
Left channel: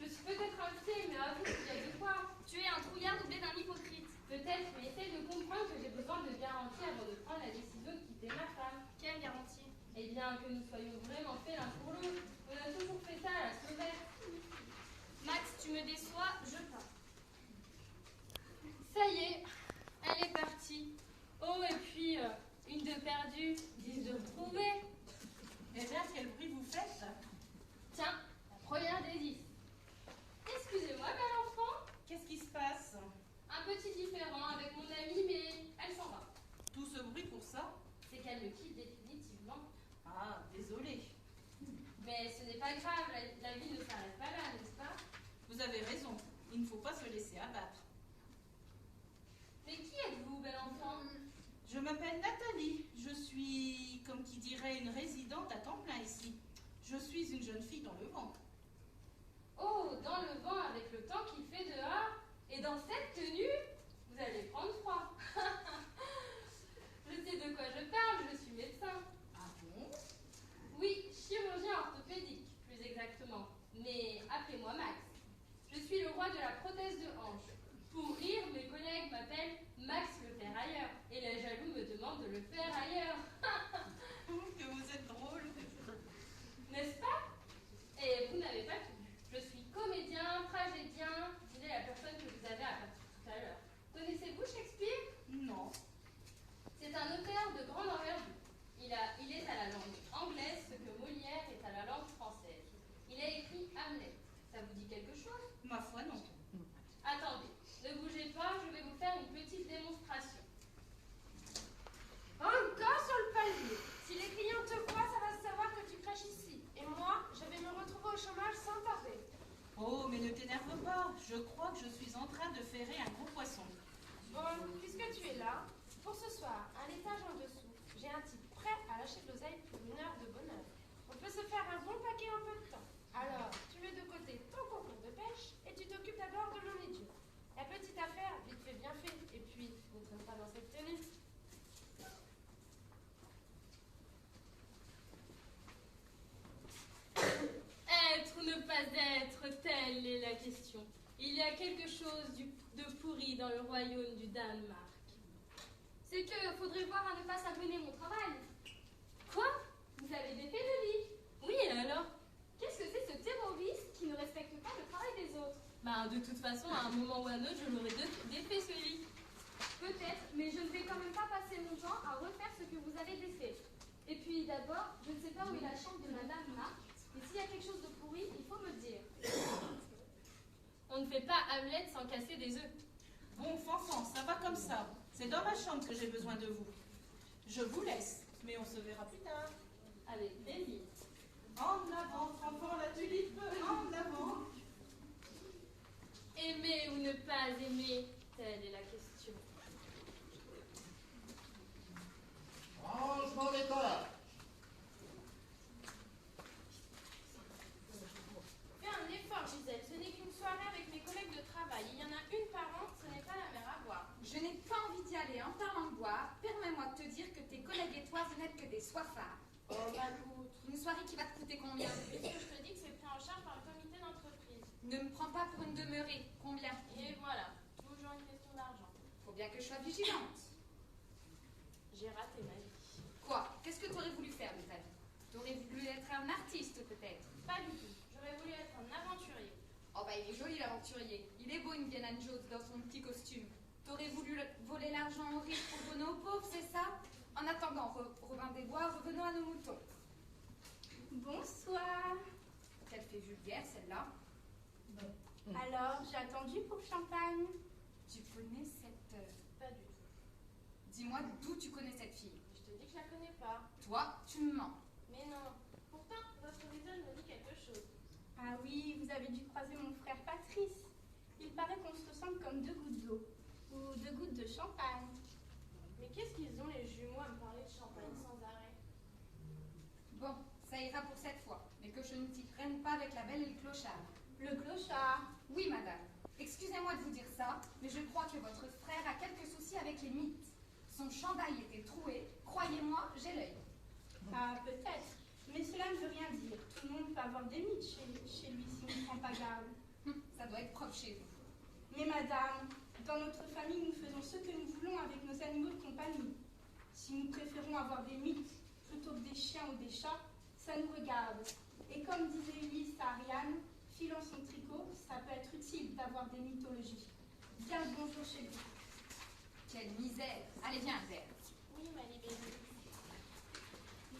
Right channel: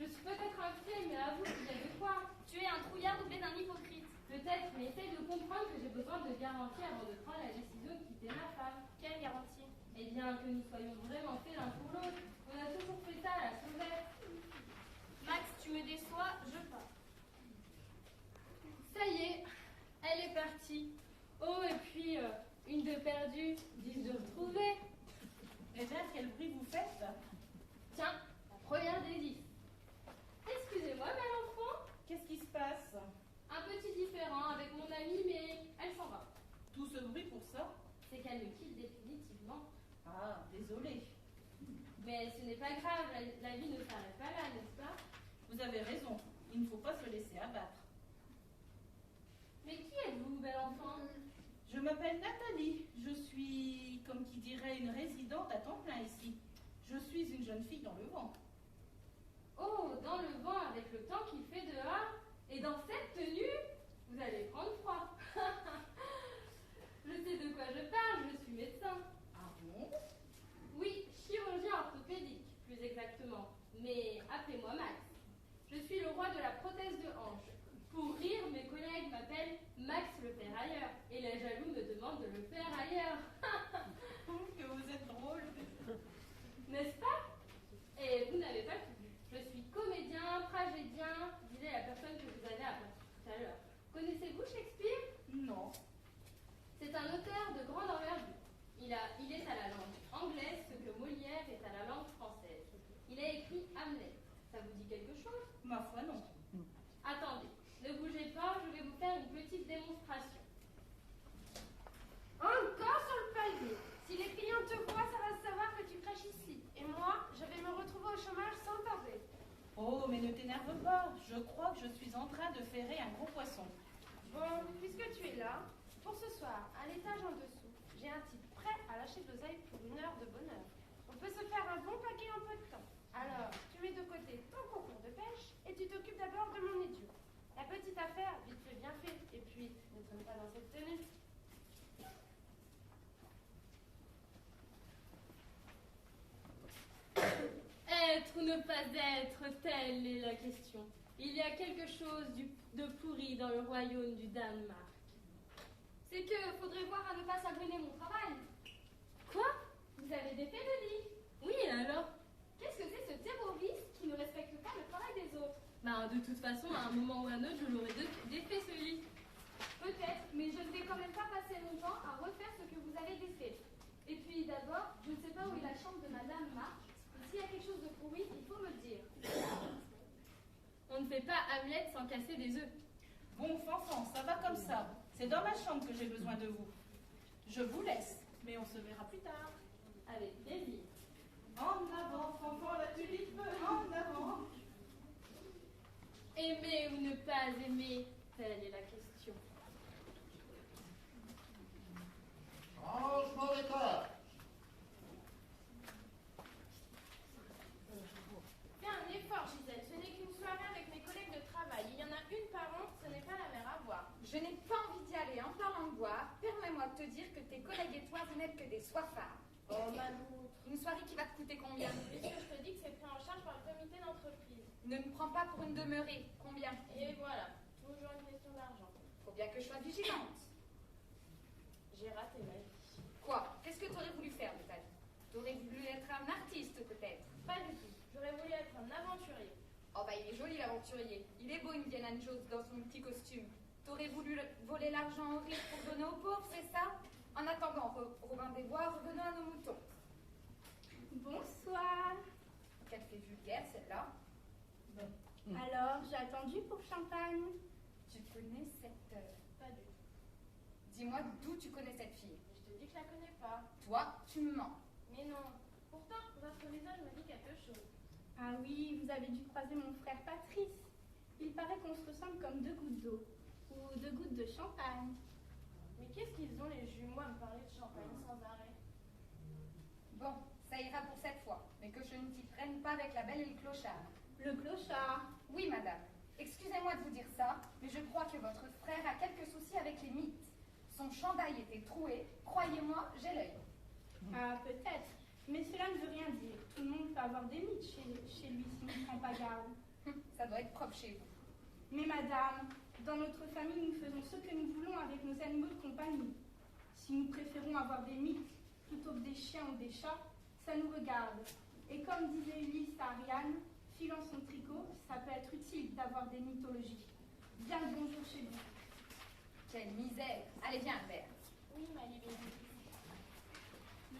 Je suis peut-être invitée, mais avoue qu'il y a de quoi. Tu es un trouillard doublé d'un hypocrite. Peut-être, mais essaye de comprendre que j'ai besoin de garanties avant de prendre la décision de quitter ma femme. Quelle garantie? Eh bien, que nous soyons vraiment faits l'un pour l'autre. On a toujours fait ça à la sauvette. Max, tu me déçois, je pars. Ça y est, elle est partie. Oh, et puis, une de perdue, 10 de retrouvée. Eh bien, quel bruit vous faites? Tiens, la première des 10. Excusez-moi, bel enfant. Qu'est-ce qui se passe? Un petit différend avec mon amie, mais elle s'en va. Tout ce bruit pour ça? C'est qu'elle me quitte définitivement. Ah, désolé. Mais ce n'est pas grave, la vie ne s'arrête pas là, n'est-ce pas? Vous avez raison. Il ne faut pas se laisser abattre. Mais qui êtes-vous, bel enfant? Je m'appelle Nathalie. Je suis, comme qui dirait, une résidente à temps plein ici. Je suis une jeune fille dans le vent. Oh, dans le vent avec le temps qu'il fait dehors, et dans cette tenue, vous allez prendre froid. Je sais de quoi je parle, je suis médecin. Ah bon? Oui, chirurgien orthopédique, plus exactement. Mais appelez-moi Max. Je suis le roi de la prothèse de hanche. Pour rire, mes collègues m'appellent Max le ferrailleur. Et les jaloux me demandent de le faire ailleurs. Que vous êtes drôle. N'est-ce pas? Et vous n'avez pas tout. Je suis comédien, tragédien, disait la personne que vous avez appelée tout à l'heure. Connaissez-vous Shakespeare? Non. C'est un auteur de grande envergure. Il est à la langue anglaise ce que Molière est à la langue française. Il a écrit Hamlet. Ça vous dit quelque chose? Ma foi, non. Attendez, ne bougez pas, je vais vous faire une petite démonstration. Encore sur le palier. Si les clients te voient, ça va se savoir que tu craches ici. Et moi, je vais me retrouver au chômage sans tarder. Oh, mais ne t'énerve pas. Je crois que je suis en train de ferrer un gros poisson. Bon, puisque tu es là, pour ce soir, à l'étage en dessous, j'ai un type prêt à lâcher de l'oseille pour une heure de bonheur. On peut se faire un bon paquet en peu de temps. Alors, tu mets de côté ton concours de pêche et tu t'occupes d'abord de mon idiot. La petite affaire, vite fait, bien fait. Et puis, ne tombe pas dans cette tenue. Être ou ne pas être, telle est la question. Il y a quelque chose de pourri dans le royaume du Danemark. C'est que faudrait voir à ne pas s'abonner mon travail. Quoi? Vous avez défait le lit? Oui, et alors? Qu'est-ce que c'est ce terroriste qui ne respecte pas le travail des autres? Bah, de toute façon, à un moment ou à un autre, je l'aurais défait ce lit. Peut-être, mais je ne vais quand même pas passer mon temps à refaire ce que vous avez défait. Et puis d'abord, je ne sais pas où est la chambre de Madame Marc. Et s'il y a quelque chose de pourri, il faut me le dire. On ne fait pas Hamlet sans casser des œufs. Bon, Fanfan, ça va comme ça. C'est dans ma chambre que j'ai besoin de vous. Je vous laisse, mais on se verra plus tard. Avec plaisir. En avant, Fanfan la tulipe, en avant. Aimer ou ne pas aimer, telle est la question. Rangement des corps. Fais un effort, Gisèle. Ce n'est qu'une soirée avec mes collègues de travail. Il y en a une par an, ce n'est pas la mer à boire. Je n'ai pas envie d'y aller. En parlant de boire, permets-moi de te dire que tes collègues et toi, vous n'êtes que des soifards. Oh, Malou. Une soirée qui va te coûter combien? Puisque je te dis que c'est pris en charge par le comité d'entreprise. Ne me prends pas pour une demeurée. Combien? Et voilà, toujours une question d'argent. Faut bien que je sois vigilante. J'ai raté ma vie. Quoi? Qu'est-ce que tu aurais voulu faire de ta vie? T'aurais voulu être un artiste, peut-être? Pas du tout. J'aurais voulu être un aventurier. Oh bah il est joli l'aventurier. Il est beau Indiana Jones dans son petit costume. T'aurais voulu voler l'argent aux riches pour donner aux pauvres, c'est ça? En attendant, Robin des Bois, revenons à nos moutons. Bonsoir. Qu'elle fait vulgaire celle-là. Alors, j'ai attendu pour le champagne. Tu connais cette... Pas du tout. Dis-moi d'où tu connais cette fille. Je te dis que je la connais pas. Toi, tu me mens. Mais non. Pourtant, votre visage me dit quelque chose. Ah oui, vous avez dû croiser mon frère Patrice. Il paraît qu'on se ressemble comme deux gouttes d'eau. Ou deux gouttes de champagne. Mais qu'est-ce qu'ils ont les jumeaux à me parler de champagne sans arrêt? Bon, Ça ira pour cette fois, mais que je ne t'y prenne pas avec la belle et le clochard. Le clochard. Oui, madame. Excusez-moi de vous dire ça, mais je crois que votre frère a quelques soucis avec les mythes. Son chandail était troué. Croyez-moi, j'ai l'œil. Ah, peut-être. Mais cela ne veut rien dire. Tout le monde peut avoir des mythes chez lui s'il ne prend pas garde. Ça doit être propre chez vous. Mais madame, dans notre famille, nous faisons ce que nous voulons avec nos animaux de compagnie. Si nous préférons avoir des mythes plutôt que des chiens ou des chats, ça nous regarde. Et comme disait Ulysse à Ariane, filant son tricot, ça peut être utile d'avoir des mythologies. Bien le bonjour chez vous. Quelle misère. Allez, viens, Albert. Oui, ma libellule.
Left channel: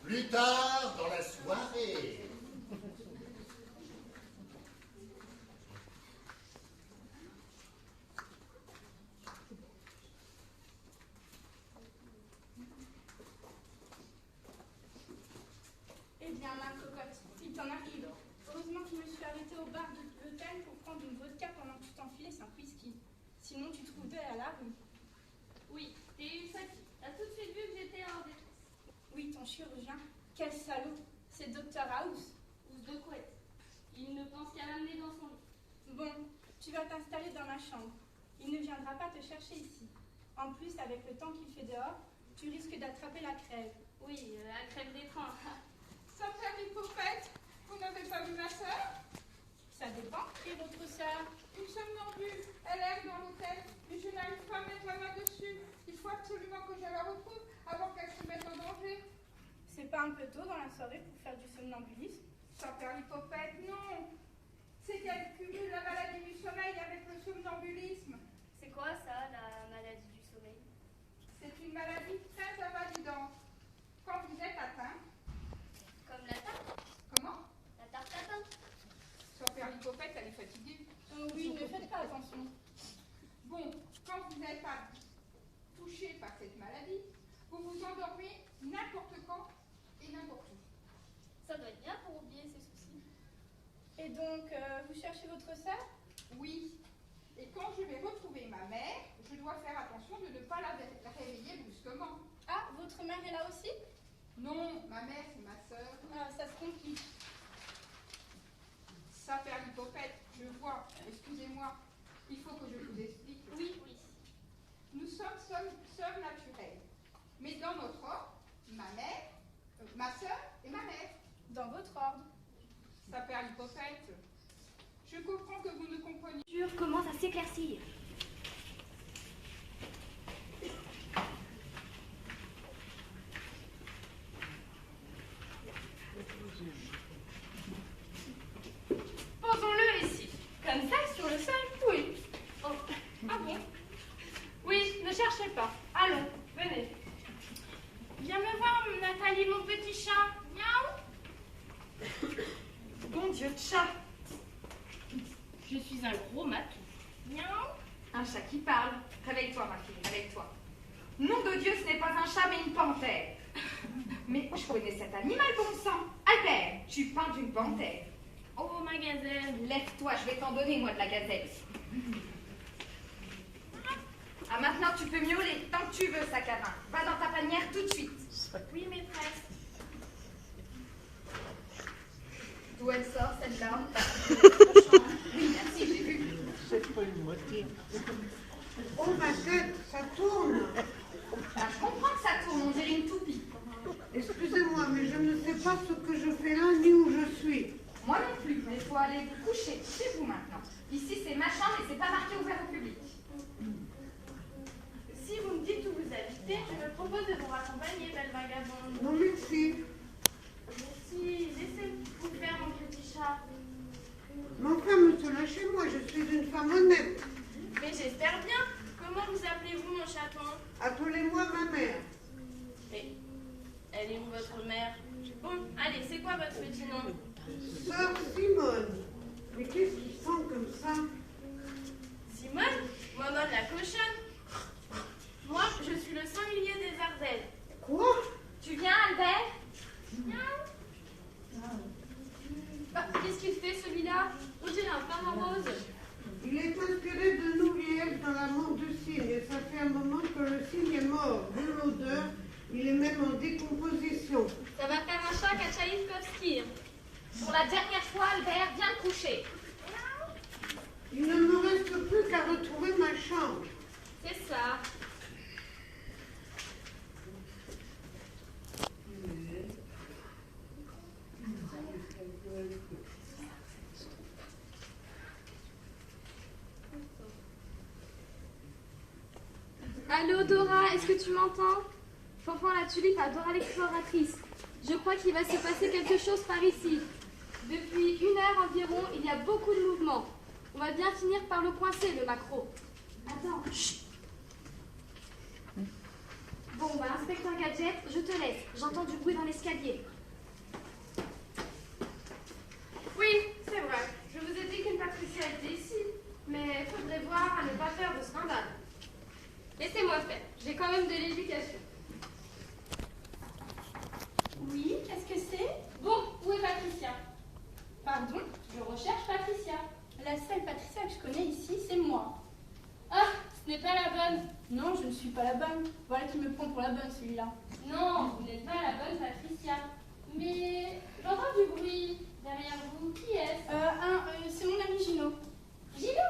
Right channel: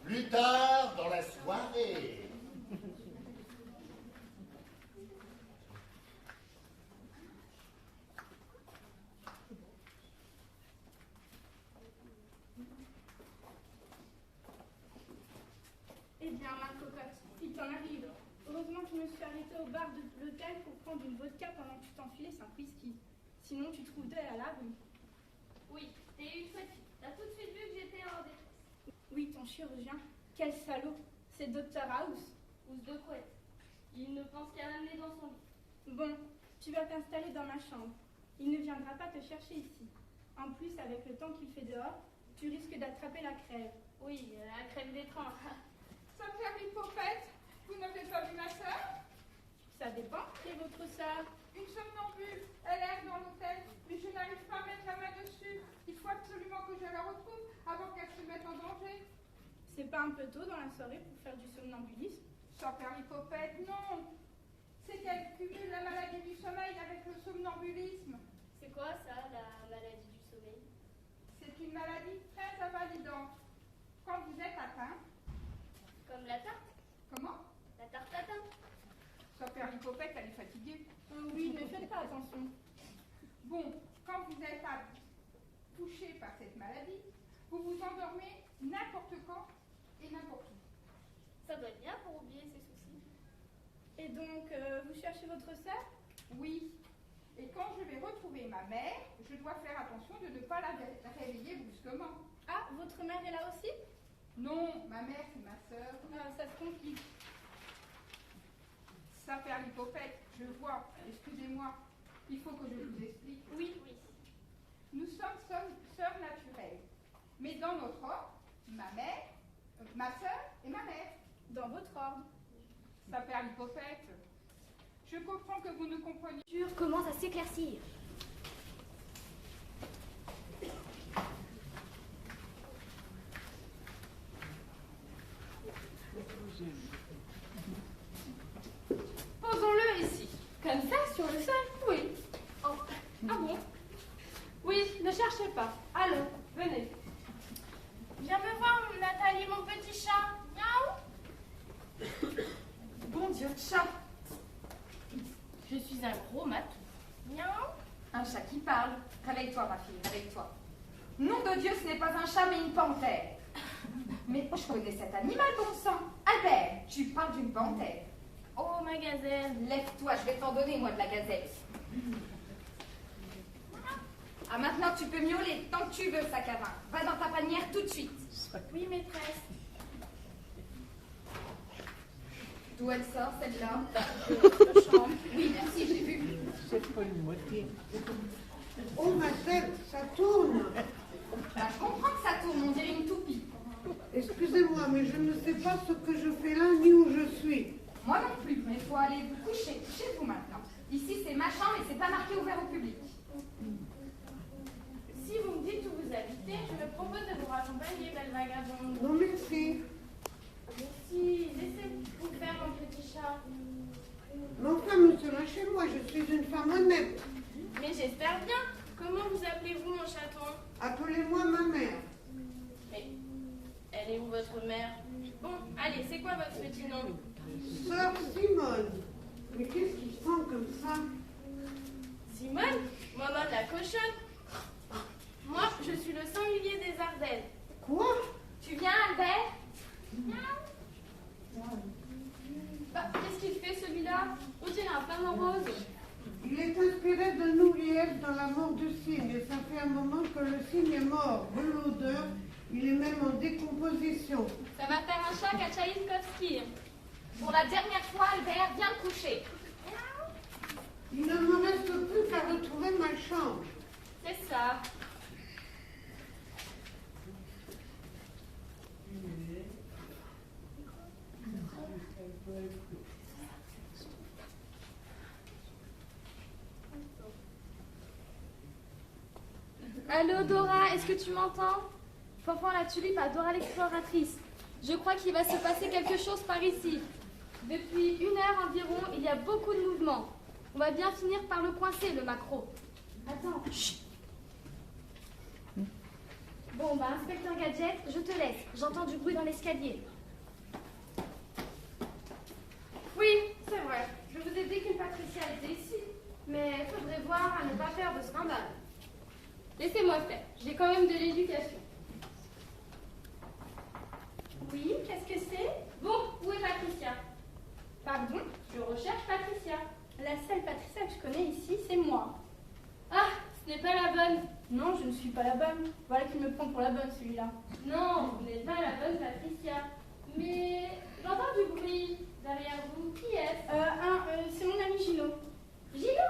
Plus tard dans la soirée. Eh bien, ma cocotte, il t'en arrive. Heureusement que je me suis arrêtée au bar de l'hôtel pour prendre une vodka pendant que tu t'enfilais 5 whisky. Sinon, tu trouves deux à la rue. Oui, t'es eu sa fille. T'as tout de suite vu que j'étais en détresse. Oui, ton chirurgien. Quel salaud. C'est Dr House. Housse de couette. Il ne pense qu'à l'amener dans son lit. Bon, tu vas t'installer dans ma chambre. Il ne viendra pas te chercher ici. En plus, avec le temps qu'il fait dehors, tu risques d'attraper la crève. Oui, la crève des trains. Ça fait Hippopète. Vous n'avez pas vu ma sœur? Ça dépend. Et votre sœur? Une somnambule. Elle erre dans l'hôtel, mais je n'arrive pas à mettre la main dessus. Il faut absolument que je la retrouve avant qu'elle se mette en danger. C'est pas un peu tôt dans la soirée pour faire du somnambulisme? Ça fait Hippopète, non. C'est qu'elle cumule la maladie du sommeil avec le somnambulisme. C'est quoi ça, la maladie du sommeil? C'est une maladie très invalidante. Quand vous êtes atteint, Comme la tarte? comment? La tarte tatin? Ça fait Hippopète, elle est fatiguée. Oui, ne faites pas attention. Bon, quand vous n'êtes pas touché par cette maladie, vous vous endormez n'importe quand et n'importe où. Ça doit être bien pour oublier ses soucis. Et donc, vous cherchez votre sœur? Oui. Et quand je vais retrouver ma mère, je dois faire attention de ne pas la réveiller brusquement. Ah, votre mère est là aussi? Non, ma mère, c'est ma sœur. Ah, ça se complique. Ça fait Hippopète, je vois. Excusez-moi. Il faut que je vous explique. Oui, oui. Nous sommes sœurs naturelles. Mais dans notre ordre, ma mère, ma sœur et ma mère. Dans votre ordre. Ça fait Hippopète. Je comprends que vous ne compreniez Commence à s'éclaircir. Posons-le ici. Comme ça, sur le sol? Oui. Oh. Ah bon? Oui, ne cherchez pas. Allons, venez. Viens me voir, Nathalie, mon petit chat. Miaou. Bon Dieu de chat. Je suis un gros matou. Miaou. Un chat qui parle. Réveille-toi, ma fille, réveille-toi. Nom de Dieu, ce n'est pas un chat, mais une panthère. Mais je connais cet animal, bon sang. Albert, tu parles d'une panthère. Oh, ma gazelle. Lève-toi, je vais t'en donner, moi, de la gazelle. Ah, maintenant, tu peux miauler tant que tu veux, sac à vin. Va dans ta panière tout de suite. Oui, maîtresse. D'où elle sort, celle-là? Oui, merci, j'ai vu. C'est pas une moitié. Oh ma tête, ça tourne. Ah, je comprends que ça tourne, on dirait une toupie. Excusez-moi, mais je ne sais pas ce que je fais là ni où je suis. Moi non plus, mais il faut aller vous coucher. Couchez-vous maintenant. Ici, c'est ma chambre et c'est pas marqué ouvert au public. Si vous me dites où vous habitez, je me propose de vous raccompagner, belle vagabonde. Non, merci. Merci, laissez-vous faire, mon petit chat. Mais enfin, monsieur, lâchez-moi, je suis une femme honnête. Mais j'espère bien. Comment vous appelez-vous, mon chaton? Appelez-moi ma mère. Mais elle est où, votre mère? Bon, allez, c'est quoi votre petit nom? Sœur Simone. Mais qu'est-ce qui sent comme ça? Simone? Maman la cochonne. Moi, je suis le sanglier des Ardennes. Quoi? Tu viens, Albert? Ah, qu'est-ce qu'il fait celui-là? On dirait un pain en rose. Il est inspiré d'un oubliette dans la mort du cygne et ça fait un moment que le cygne est mort. De l'odeur, Il est même en décomposition. Ça va faire un choc à Tchaïkovski. Pour la dernière fois, Albert, viens te coucher. Il ne me reste plus qu'à retrouver ma chambre. C'est ça. Allô Dora, est-ce que tu m'entends? Fanfan la tulipe à Dora l'exploratrice. Je crois qu'il va se passer quelque chose par ici. Depuis 1 heure environ, il y a beaucoup de mouvements. On va bien finir par le coincer, le macro. Attends, chut. Bon, bah, inspecteur Gadget, je te laisse. J'entends du bruit dans l'escalier. Oui, c'est vrai. Je vous ai dit qu'une Patricia était ici. Mais il faudrait voir à ne pas faire de scandale. Laissez-moi faire. J'ai quand même de l'éducation. Oui, qu'est-ce que c'est? Bon, où est Patricia? Pardon? Je recherche Patricia. La seule Patricia que je connais ici, c'est moi. Ah, ce n'est pas la bonne. Non, je ne suis pas la bonne. Voilà qui me prend pour la bonne, celui-là. Non, vous n'êtes pas la bonne Patricia. Mais j'entends du bruit derrière vous. Qui est-ce? C'est mon ami Gino. Gino?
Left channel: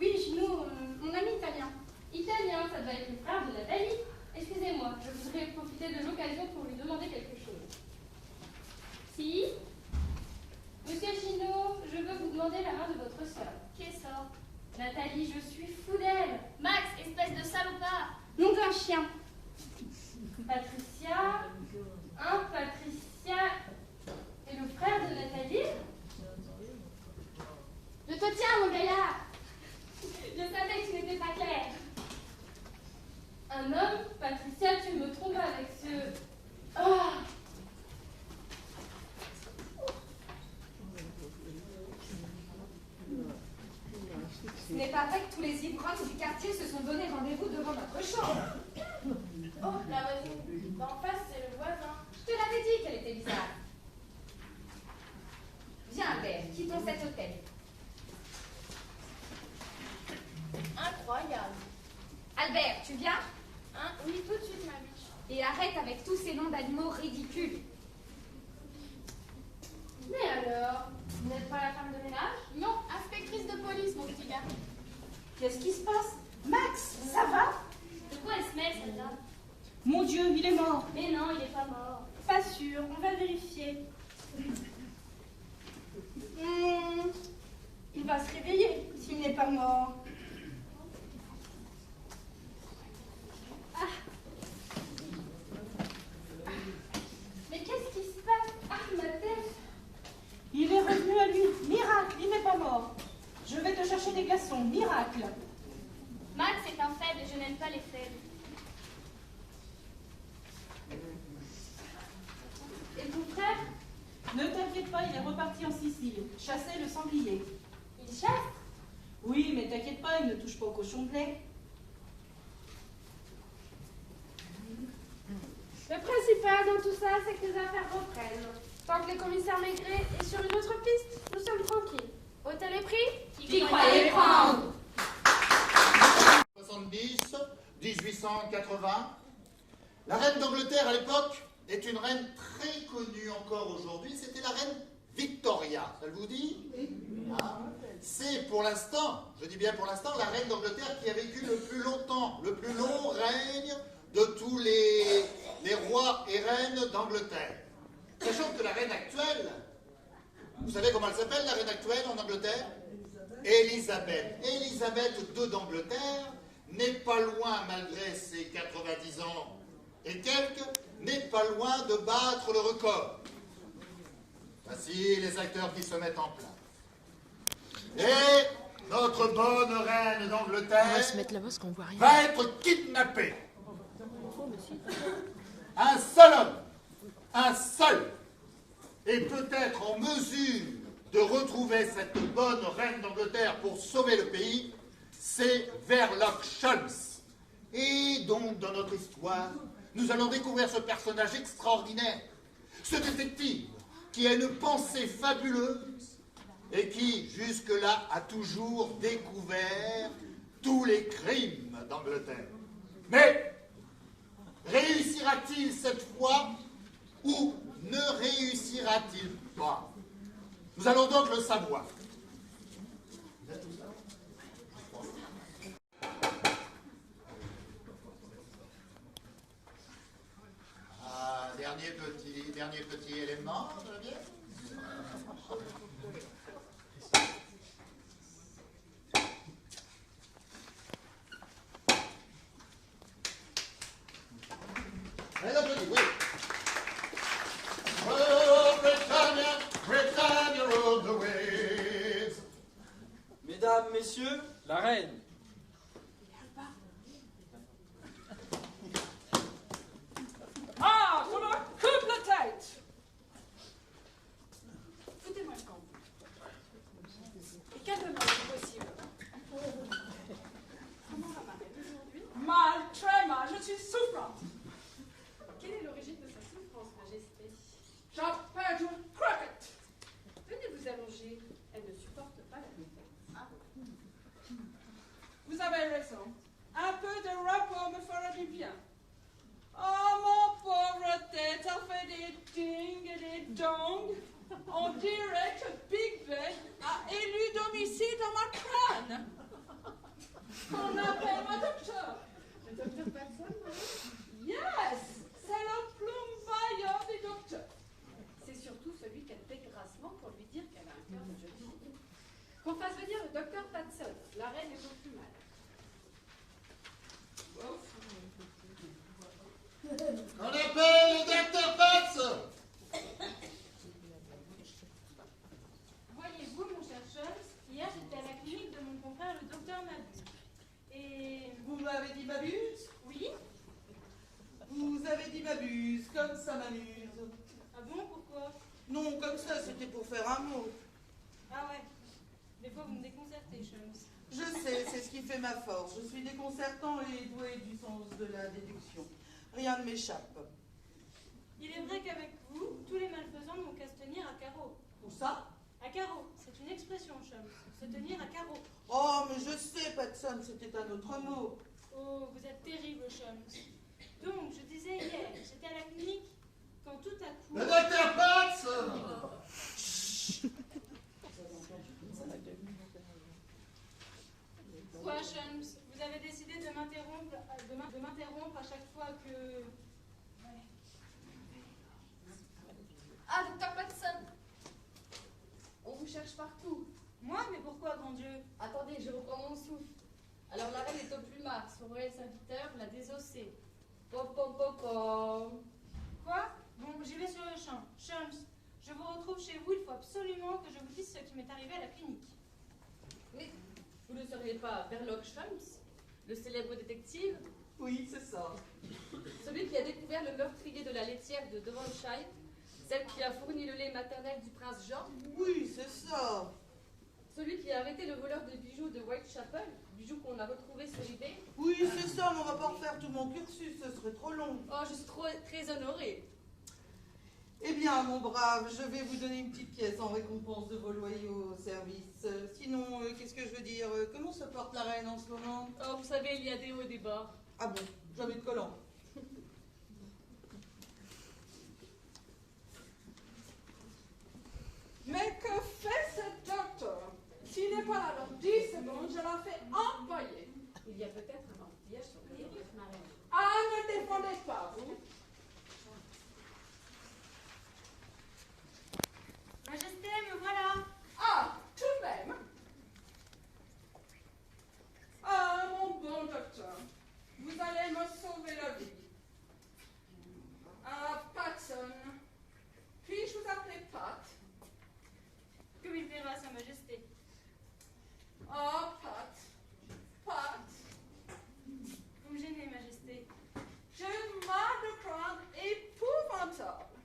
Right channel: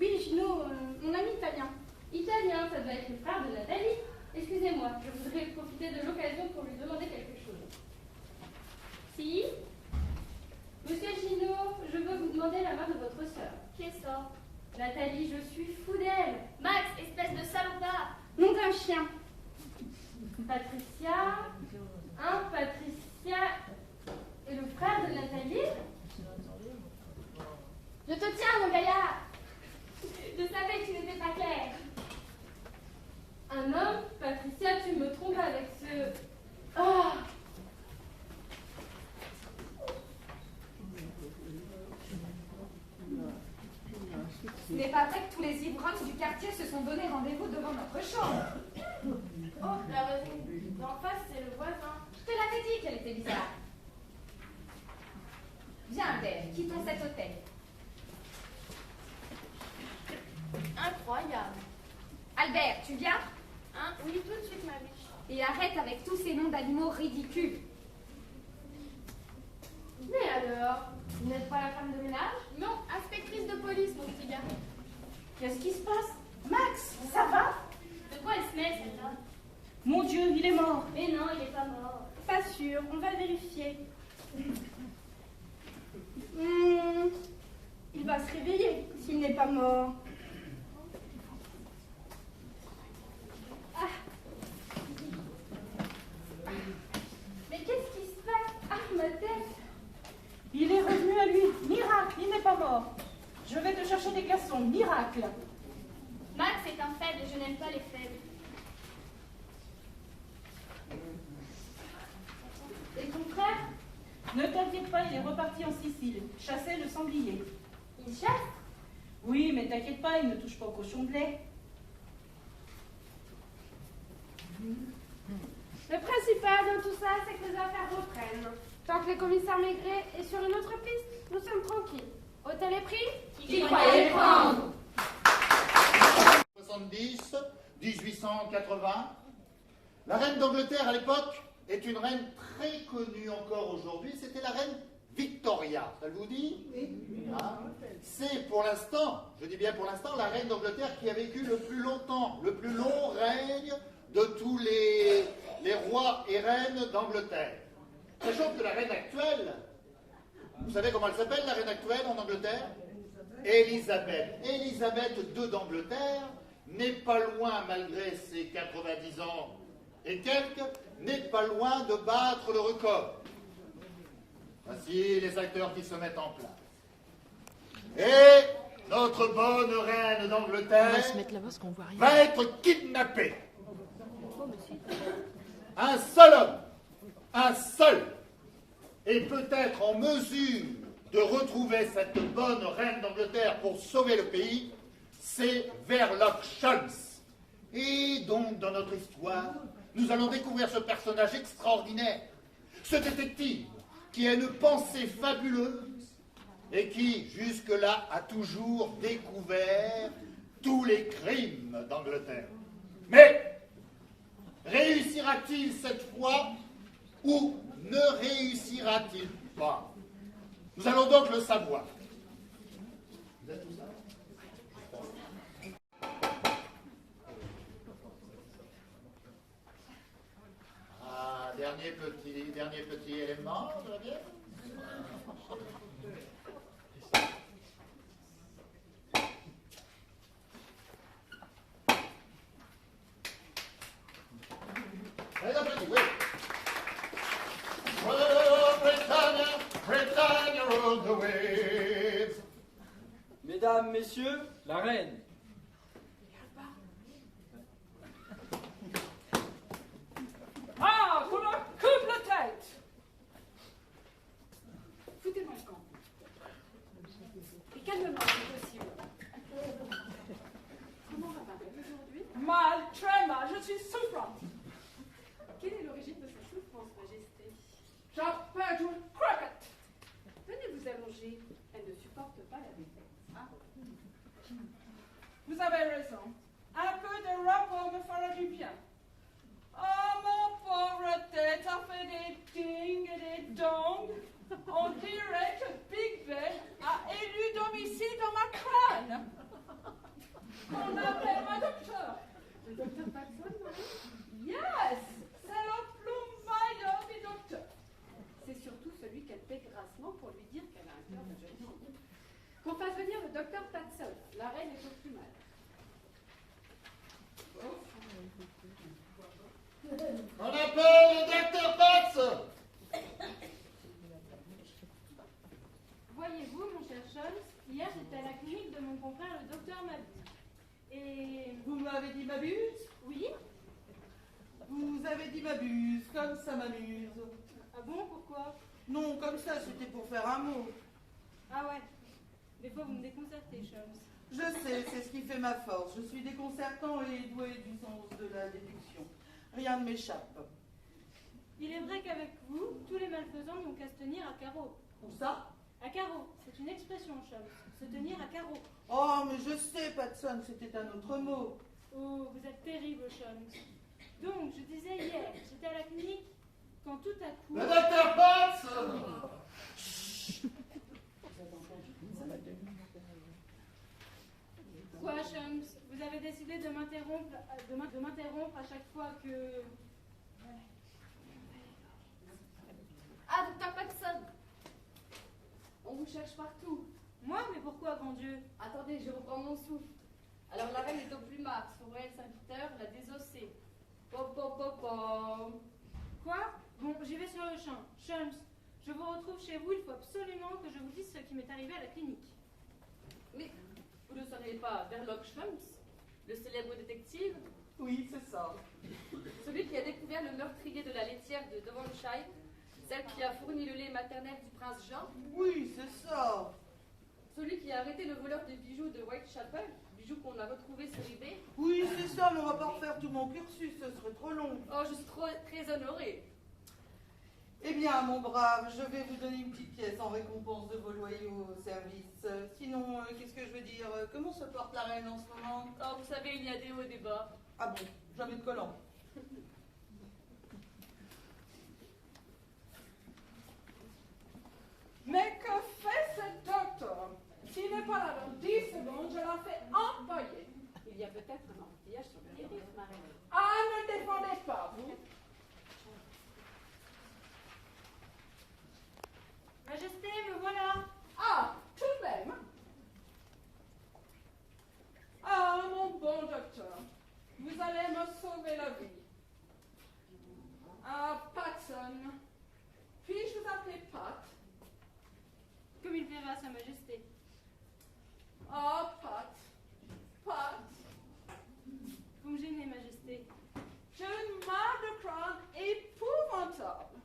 Oui, Gino, mon ami italien. Italien, ça doit être le frère de Nathalie. Excusez-moi, je voudrais profiter de l'occasion pour lui demander quelque chose. Si? Monsieur Gino, je veux vous demander la main de votre sœur. Qui est ça? Nathalie, je suis fou d'elle. Max, espèce de salopard! Nom d'un chien. Patricia? Patricia et le frère de Nathalie? Je te tiens, mon gaillard. Je savais que tu n'étais pas clair. Un homme? Patricia, tu me trompes avec ce... Oh! Ce n'est pas vrai que tous les ivrognes du quartier se sont donné rendez-vous devant notre chambre. Oh, la raison. D'en face, c'est le voisin. Je te l'avais dit qu'elle était bizarre. Viens, Albert, quittons cet hôtel. Incroyable. Albert, tu viens? Hein? Oui, tout de suite, ma biche. Et arrête avec tous ces noms d'animaux ridicules. Mais alors, vous n'êtes pas la femme de ménage? Non, inspectrice de police, mon petit gars. Qu'est-ce qui se passe? Max, ça va? De quoi elle se mêle, celle-là? Mon Dieu, il est mort. Mais non, il n'est pas mort. Pas sûr, on va vérifier. Il va se réveiller s'il n'est pas mort. Mais qu'est-ce qui se passe? Ah, ma tête! Il est revenu à lui. Miracle, il n'est pas mort. Je vais te chercher des glaçons. Miracle. Max est un faible et je n'aime pas les faibles. Et ton frère? Ne t'inquiète pas, il est reparti en Sicile. Chasser le sanglier. Il chasse? Oui, mais t'inquiète pas, il ne touche pas au cochon de lait. Le principal dans tout ça, c'est que les affaires reprennent. Tant que le commissaire Maigret est sur une autre piste, nous sommes tranquilles. Hôtel est pris? Qui croyait prendre? 70, 1880. La reine d'Angleterre à l'époque est une reine très connue encore aujourd'hui. C'était la reine Victoria. Ça vous dit? Ah. C'est pour l'instant, je dis bien pour l'instant, la reine d'Angleterre qui a vécu le plus longtemps, le plus long règne de tous les rois et reines d'Angleterre. Sachant que la reine actuelle, vous savez comment elle s'appelle, la reine actuelle en Angleterre? Élisabeth. Élisabeth II d'Angleterre n'est pas loin, malgré ses 90 ans et quelques, n'est pas loin de battre le record. Voici les acteurs qui se mettent en place. Et notre bonne reine d'Angleterre On va se mettre là-bas parce qu'on voit rien. va être kidnappée. Un seul homme, un seul, est peut-être en mesure de retrouver cette bonne reine d'Angleterre pour sauver le pays, c'est Sherlock Holmes. Et donc, dans notre histoire, nous allons découvrir ce personnage extraordinaire, ce détective qui a une pensée fabuleuse et qui, jusque-là, a toujours découvert tous les crimes d'Angleterre. Mais Réussira-t-il cette fois ou ne réussira-t-il pas? Nous allons donc le savoir. Ah, dernier petit élément, ça va bien? Allez, applaudis, oui. Oh, Britannia, Britannia rule the waves. Mesdames, Messieurs, la reine. Ah, pour le couple de tête. Foutez-moi le camp. Et calmement, si possible. Comment va ma reine aujourd'hui? Mal, très mal, je suis souffrante. Quelle est l'origine de sa souffrance, Majesté? J'appelle une croquette. Venez vous allonger. Elle ne supporte pas la défaite. Ah. Vous avez raison. Un peu de repos me fera du bien. Oh, mon pauvre tête a fait des ding et des dong. On dirait que Big Ben a élu domicile dans ma crâne. Qu'on appelle un docteur. Le docteur Patson, Yes, c'est le plombailleur du docteur. c'est surtout celui qu'elle paie grassement pour lui dire qu'elle a un cœur de jeune fille. Qu'on fasse venir le docteur Patson. La reine est au plus mal. On appelle le docteur Patz. Voyez-vous, mon cher Scholz, hier j'étais à la clinique de mon confrère le docteur Mabuse. Et... Vous m'avez dit Mabuse? Oui? Vous avez dit Mabuse, comme ça m'amuse. Ah bon, pourquoi? Non, comme ça, c'était pour faire un mot. Ah ouais. Des fois vous me déconcertez, Scholz. Je sais, c'est ce qui fait ma force. Je suis déconcertant et doué du sens de la déduction. Rien ne m'échappe. Il est vrai qu'avec vous, tous les malfaisants n'ont qu'à se tenir à carreau. Où ça? À carreau, c'est une expression, Scholz. Se tenir à carreau. Oh, mais je sais, Patson, c'était un autre mot. Oh, vous êtes terrible, Scholz. Donc, je disais hier, j'étais à la clinique, quand tout à coup... Le docteur Patz. Quoi, Scholz? Vous avez décidé de m'interrompre à chaque fois que... Ah, docteur Patson. On vous cherche partout. Moi? Mais pourquoi, grand Dieu? Attendez, je reprends mon souffle. Alors la reine est au plumard. Son royal serviteur l'a désossée. Pom pom pom pom. Quoi? Bon, j'y vais sur le champ. Scholz, je vous retrouve chez vous, il faut absolument que je vous dise ce qui m'est arrivé à la clinique. Oui, vous ne seriez pas Verloc Scholz, le célèbre détective? Oui, c'est ça. Celui qui a découvert le meurtrier de la laitière de Devonshire, celle qui a fourni le lait maternel du prince Jean? Oui, c'est ça. Celui qui a arrêté le voleur des bijoux de Whitechapel, bijoux qu'on a retrouvés sur eBay? Oui, c'est ça, mais on va pas refaire tout mon cursus, ce serait trop long. Oh, je suis très honorée. Eh bien, mon brave, je vais vous donner une petite pièce en récompense de vos loyaux services. Sinon, qu'est-ce que je veux dire? Comment se porte la reine en ce moment? Oh, vous savez, il y a des hauts et des bas. Ah bon, jamais de collant. Mais que fait ce docteur? S'il n'est pas là dans 10 secondes, je la fais envoyer. Il y a peut-être un enfantillage sur la tête, ma reine. Ah, ne défendez pas, vous. Majesté, me voilà. Ah, tout de même. Ah, mon bon docteur, vous allez me sauver la vie. Ah, Patson, puis-je vous appeler Pat? Comme il verra, Sa Majesté. Ah, Pat, Pat. Vous me gênez, Majesté. J'ai une mal de crâne épouvantable.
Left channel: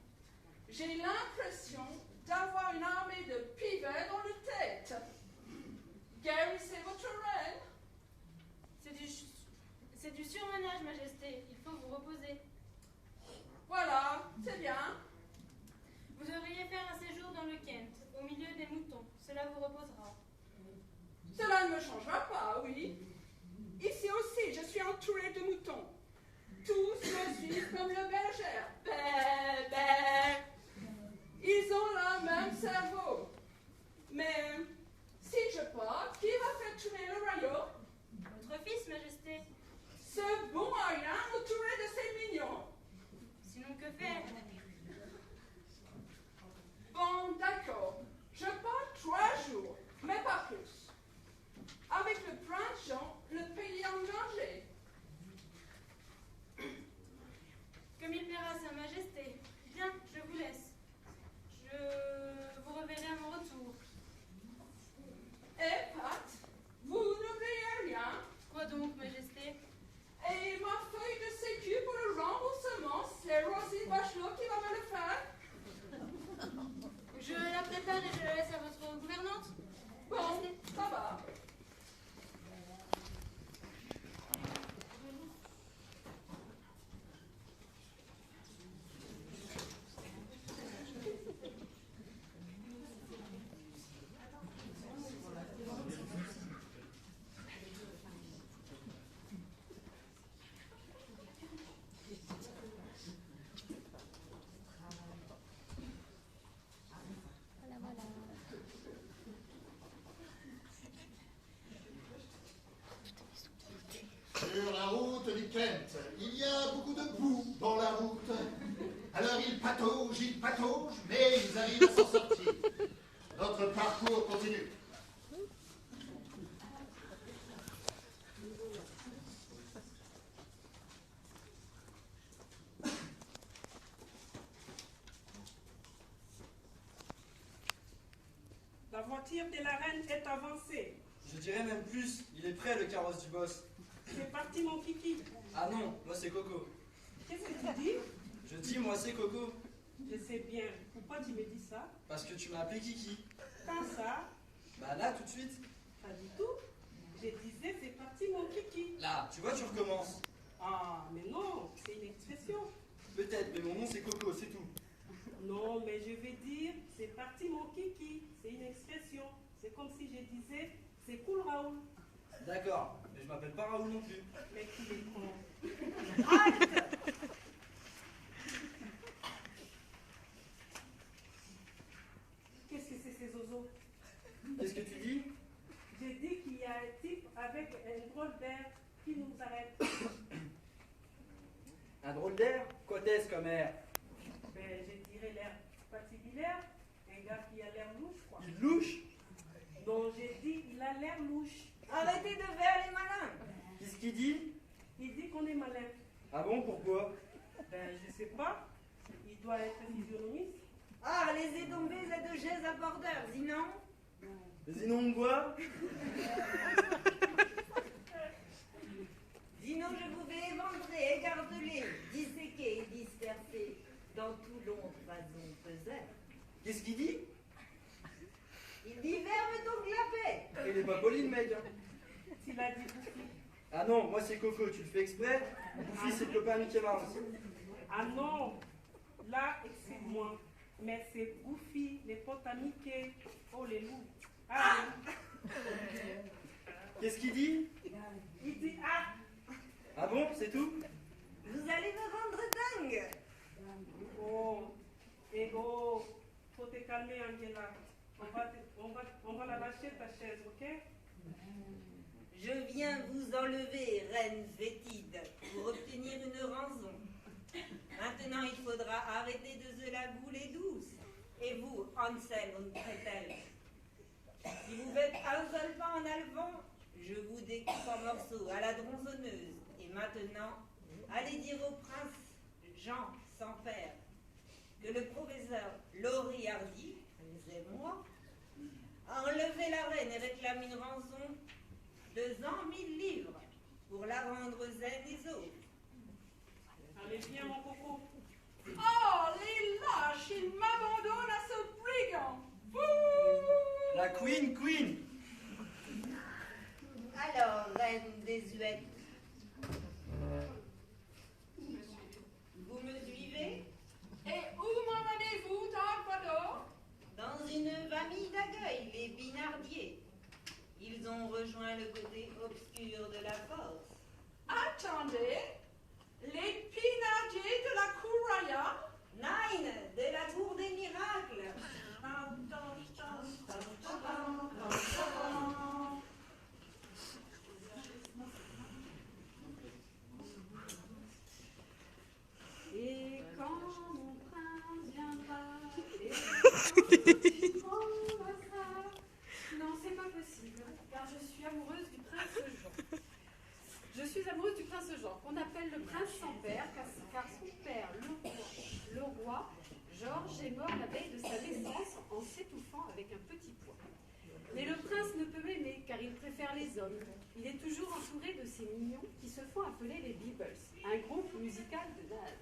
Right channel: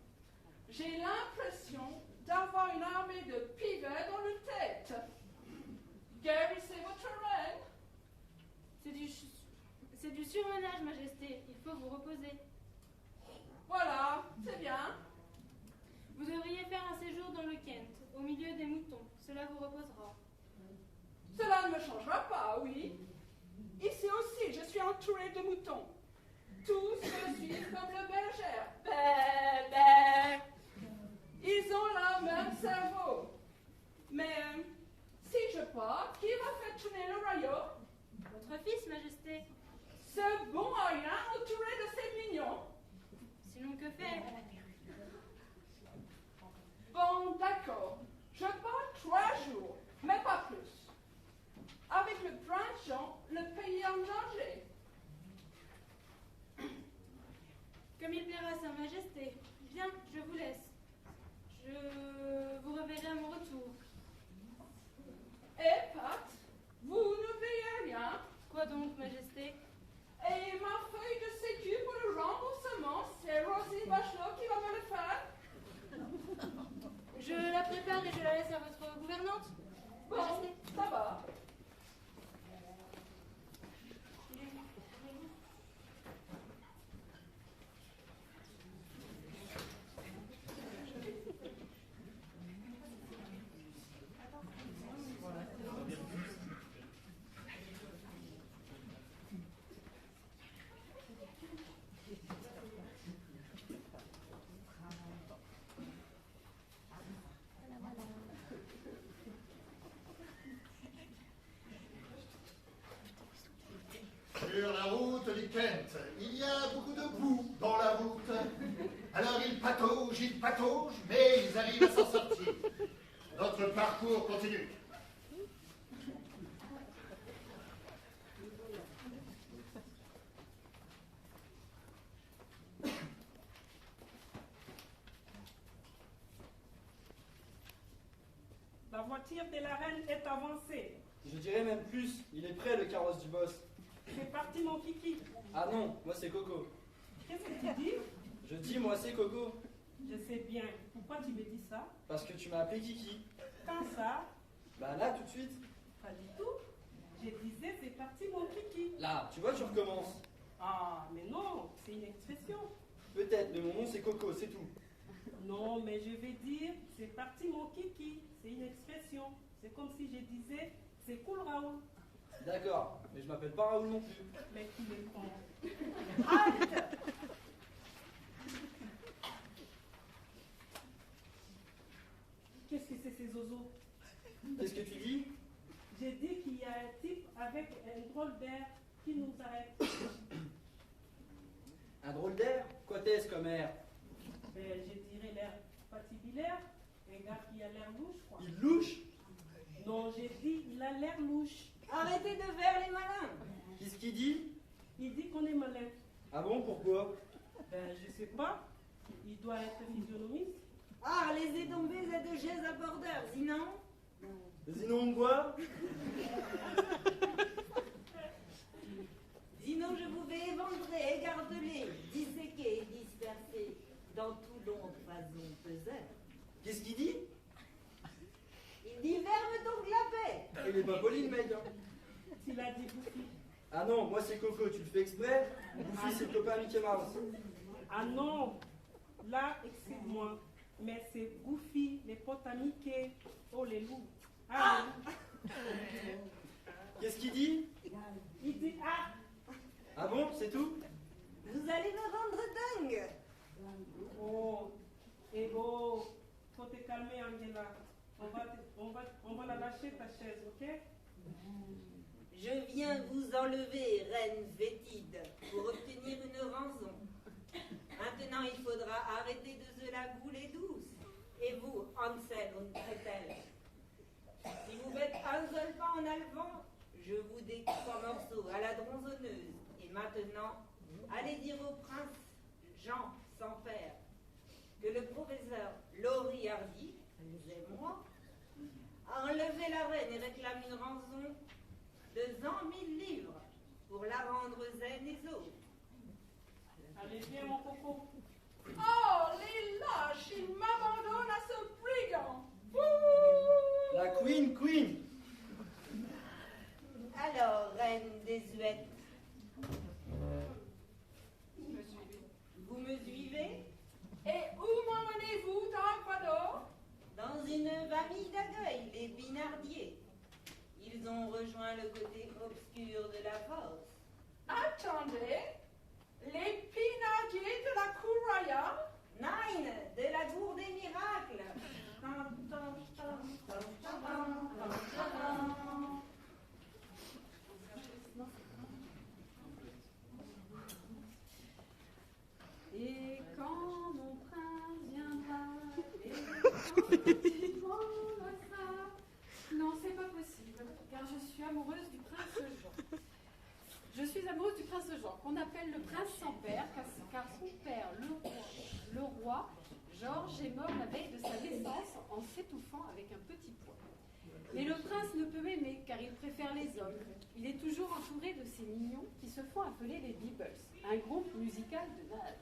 J'ai l'impression d'avoir une armée de pivets dans la tête. Guérissez votre reine. C'est du surmenage, Majesté. Il faut vous reposer. Voilà, c'est bien. Vous devriez faire un séjour dans le Kent, au milieu des moutons. Cela vous reposera. Cela ne me changera pas, oui. Ici aussi, je suis entourée de moutons. Tous me suivent patauge, il patauge, mais ils arrivent à s'en sortir. Notre parcours continue. La voiture de la reine est avancée. Je dirais même plus, il est prêt le carrosse du boss. C'est parti mon kiki. Ah non, moi c'est Coco. Qu'est-ce que tu dis? Je dis moi c'est Coco. Je sais bien. Pourquoi tu me dis ça? Parce que tu m'as appelé Kiki. Quand ça? Bah là tout de suite. Pas du tout. Je disais c'est parti mon kiki. Là, tu vois, tu recommences. Ah, mais non, c'est une expression. Peut-être, mais mon nom c'est Coco, c'est tout. Non, mais je vais dire c'est parti mon kiki. C'est une expression. C'est comme si je disais c'est cool Raoul. D'accord, mais je m'appelle pas Raoul non plus. Mais qui est con. Qu'est-ce que c'est ces zozos? Qu'est-ce que tu dis? J'ai dit qu'il y a un type avec un drôle d'air qui nous arrête. Un drôle d'air? Quoi t'es-ce comme air? Ben, je dirais l'air patibilaire. Un gars qui a l'air louche, quoi. Il louche? Non, j'ai dit il a l'air louche. Arrêtez de faire les malins. Qu'est-ce qu'il dit? Il dit qu'on est malin. Ah bon, pourquoi? Ben, je sais pas. Il doit être physionomiste. Ah, laissez tomber cette chaise à bordeur, sinon... Sinon quoi? Sinon je vous vais éventrer, écarteler, disséquer et disperser dans tout l'ombre façon peseur. Qu'est-ce qu'il dit? Il dit ferme ton clapet. Il est pas poli le mec, hein. Il a dit Goofy. Ah non, moi c'est Coco, tu le fais exprès? Goofy c'est le copain Mickey Mouse. Ah non. Là, excuse-moi. Mais c'est Goofy, les potes à Mickey. Oh les loups. Ah, Qu'est-ce qu'il dit? il dit ah. Ah bon, c'est tout? Vous allez me rendre dingue. Oh, et oh, faut te calmer Angela. On va la lâcher ta chaise, ok? Je viens vous enlever, reine fétide, pour obtenir une rançon. Maintenant, il faudra arrêter de se la gouler douce. Et vous, Hansel und Gretel, si vous faites un seul pas en avant, je vous découpe en morceaux à la tronçonneuse. Et maintenant, allez dire au prince Jean sans faire que le professeur Laurie Hardy, c'est moi, a enlevé la reine et réclame une rançon de 100 000 livres pour la rendre zen et sauve. Allez, viens mon coco. Oh, les lâches, ils m'abandonnent à ce brigand. La Queen. Alors, reine désuète, vous me suivez? Et où m'emmenez-vous, Darkvador? Dans une famille d'accueil, les Pinardiers. Ils ont rejoint le côté obscur de la force. Attendez, les Pinardiers de la cour royale? Nine, de la cour des miracles. Et quand mon prince viendra, et quand il promettra. Non, c'est pas possible, car je suis amoureuse du prince Jean. Je suis amoureuse du prince Jean, qu'on appelle le prince sans père, car son père, le roi Georges, est mort la veille de sa naissance en s'étouffant avec un petit pois. Mais le prince ne peut m'aimer, car il préfère les hommes. Il est toujours entouré de ces mignons qui se font appeler les Beebles, un groupe musical de base.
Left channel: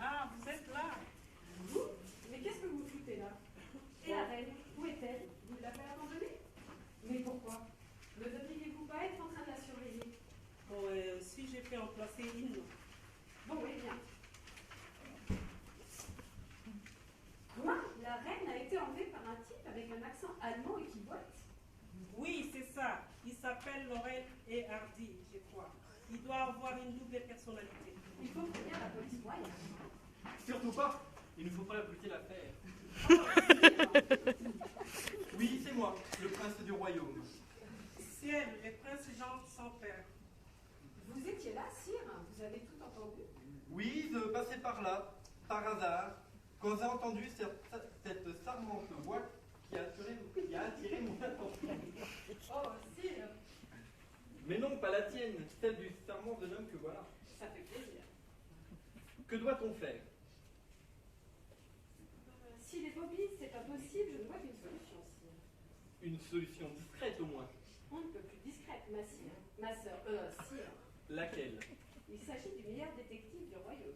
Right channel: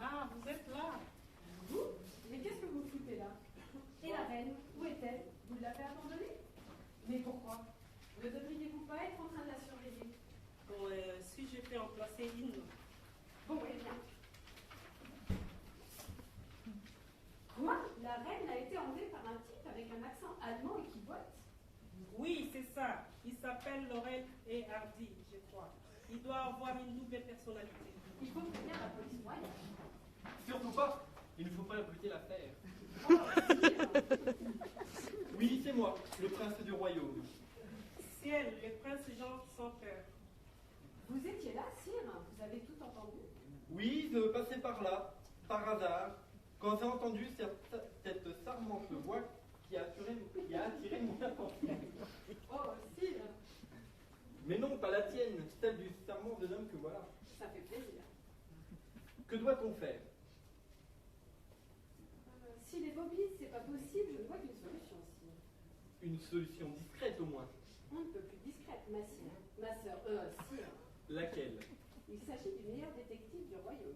Ah, vous êtes là. Vous? Mais qu'est-ce que vous foutez là? Et la reine, où est-elle? Vous l'avez abandonnée? Mais pourquoi? Ne devriez-vous pas être en train de la surveiller? Bon, si je fais en placer une. Bon, eh bien. Quoi? La reine a été enlevée par un type avec un accent allemand équivoque? Oui, c'est ça. Il s'appelle Laurel et Hardy, je crois. Il doit avoir une double personnalité. Il faut prévenir la police royale. Surtout pas. Il ne faut pas occulter l'affaire. Oui, c'est moi, le prince du royaume. Ciel, le prince Jean sans père. Vous étiez là, sire? Vous avez tout entendu? Oui, je passais par là, par hasard, quand j'ai entendu cette charmante voix qui a attiré mon attention. Oh, sire, Mais non, pas la tienne, celle du charmant jeune homme que voilà. ça fait plaisir. Que doit-on faire? Si les mobiles, c'est pas possible, je ne vois qu'une solution, sire. Une solution discrète au moins. On ne peut plus discrète, ma sœur, sire. Laquelle? Il s'agit du meilleur détective du royaume.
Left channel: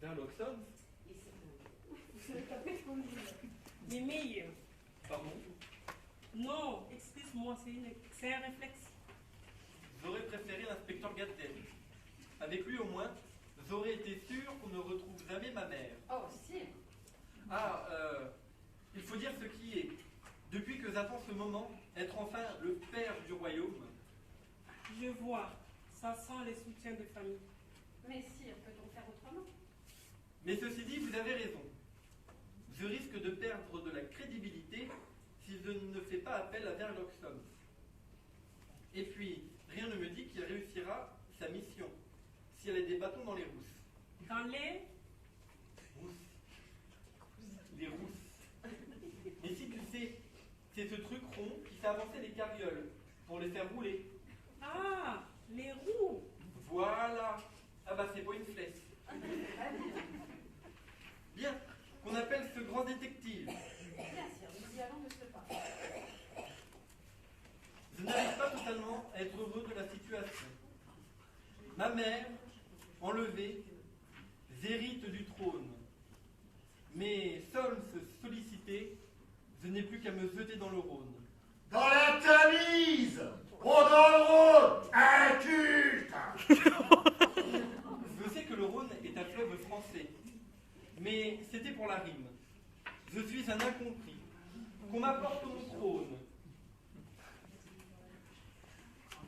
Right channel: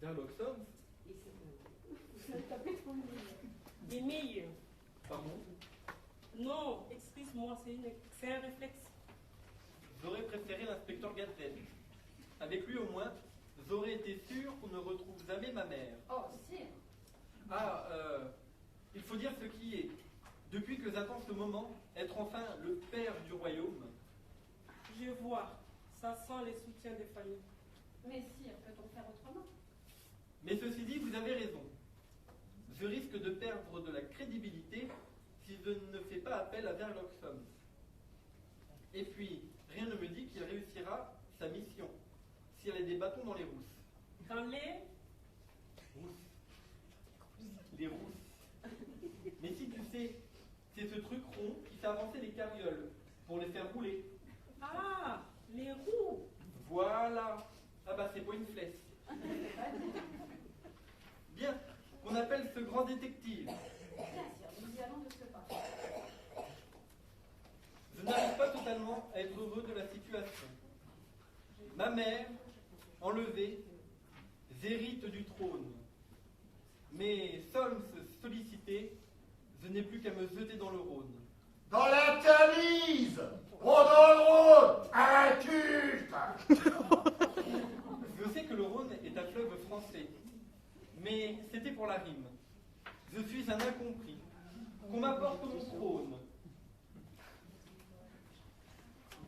Sherlock Holmes? Vous savez pas quoi trop me dire. Les meilleurs. Pardon? Non, excuse-moi, c'est un réflexe. J'aurais préféré l'inspecteur Gattel. Avec lui au moins, j'aurais été sûr qu'on ne retrouve jamais ma mère. Oh, sire. Ah, il faut dire ce qui est. Depuis que j'attends ce moment, être enfin le père du royaume. Je vois, ça sent les soutiens des familles. Mais sire, peut-on faire autrement? Mais ceci dit, vous avez raison. Je risque de perdre de la crédibilité si je ne fais pas appel à Sherlock Holmes. Et puis, rien ne me dit qu'il réussira sa mission, si elle a des bâtons dans les rousses. Dans les Rousses. Les rousses. Mais si tu sais, c'est ce truc rond qui fait avancer les carrioles pour les faire rouler. Ah, les roues. Voilà. Ah bah c'est pas une flèche. Bien, qu'on appelle ce grand détective. Bien, sire, nous y allons de ce pas. Je n'arrive pas totalement à être heureux de la situation. Ma mère, enlevée, j'hérite du trône. Mais Solms sollicité, je n'ai plus qu'à me jeter dans le Rhône. Dans la Tamise! Oh, dans le Rhône! Inculte! Je sais que le Rhône est un fleuve français, mais c'était pour la rime. Je suis un incompris. Qu'on m'apporte mon trône.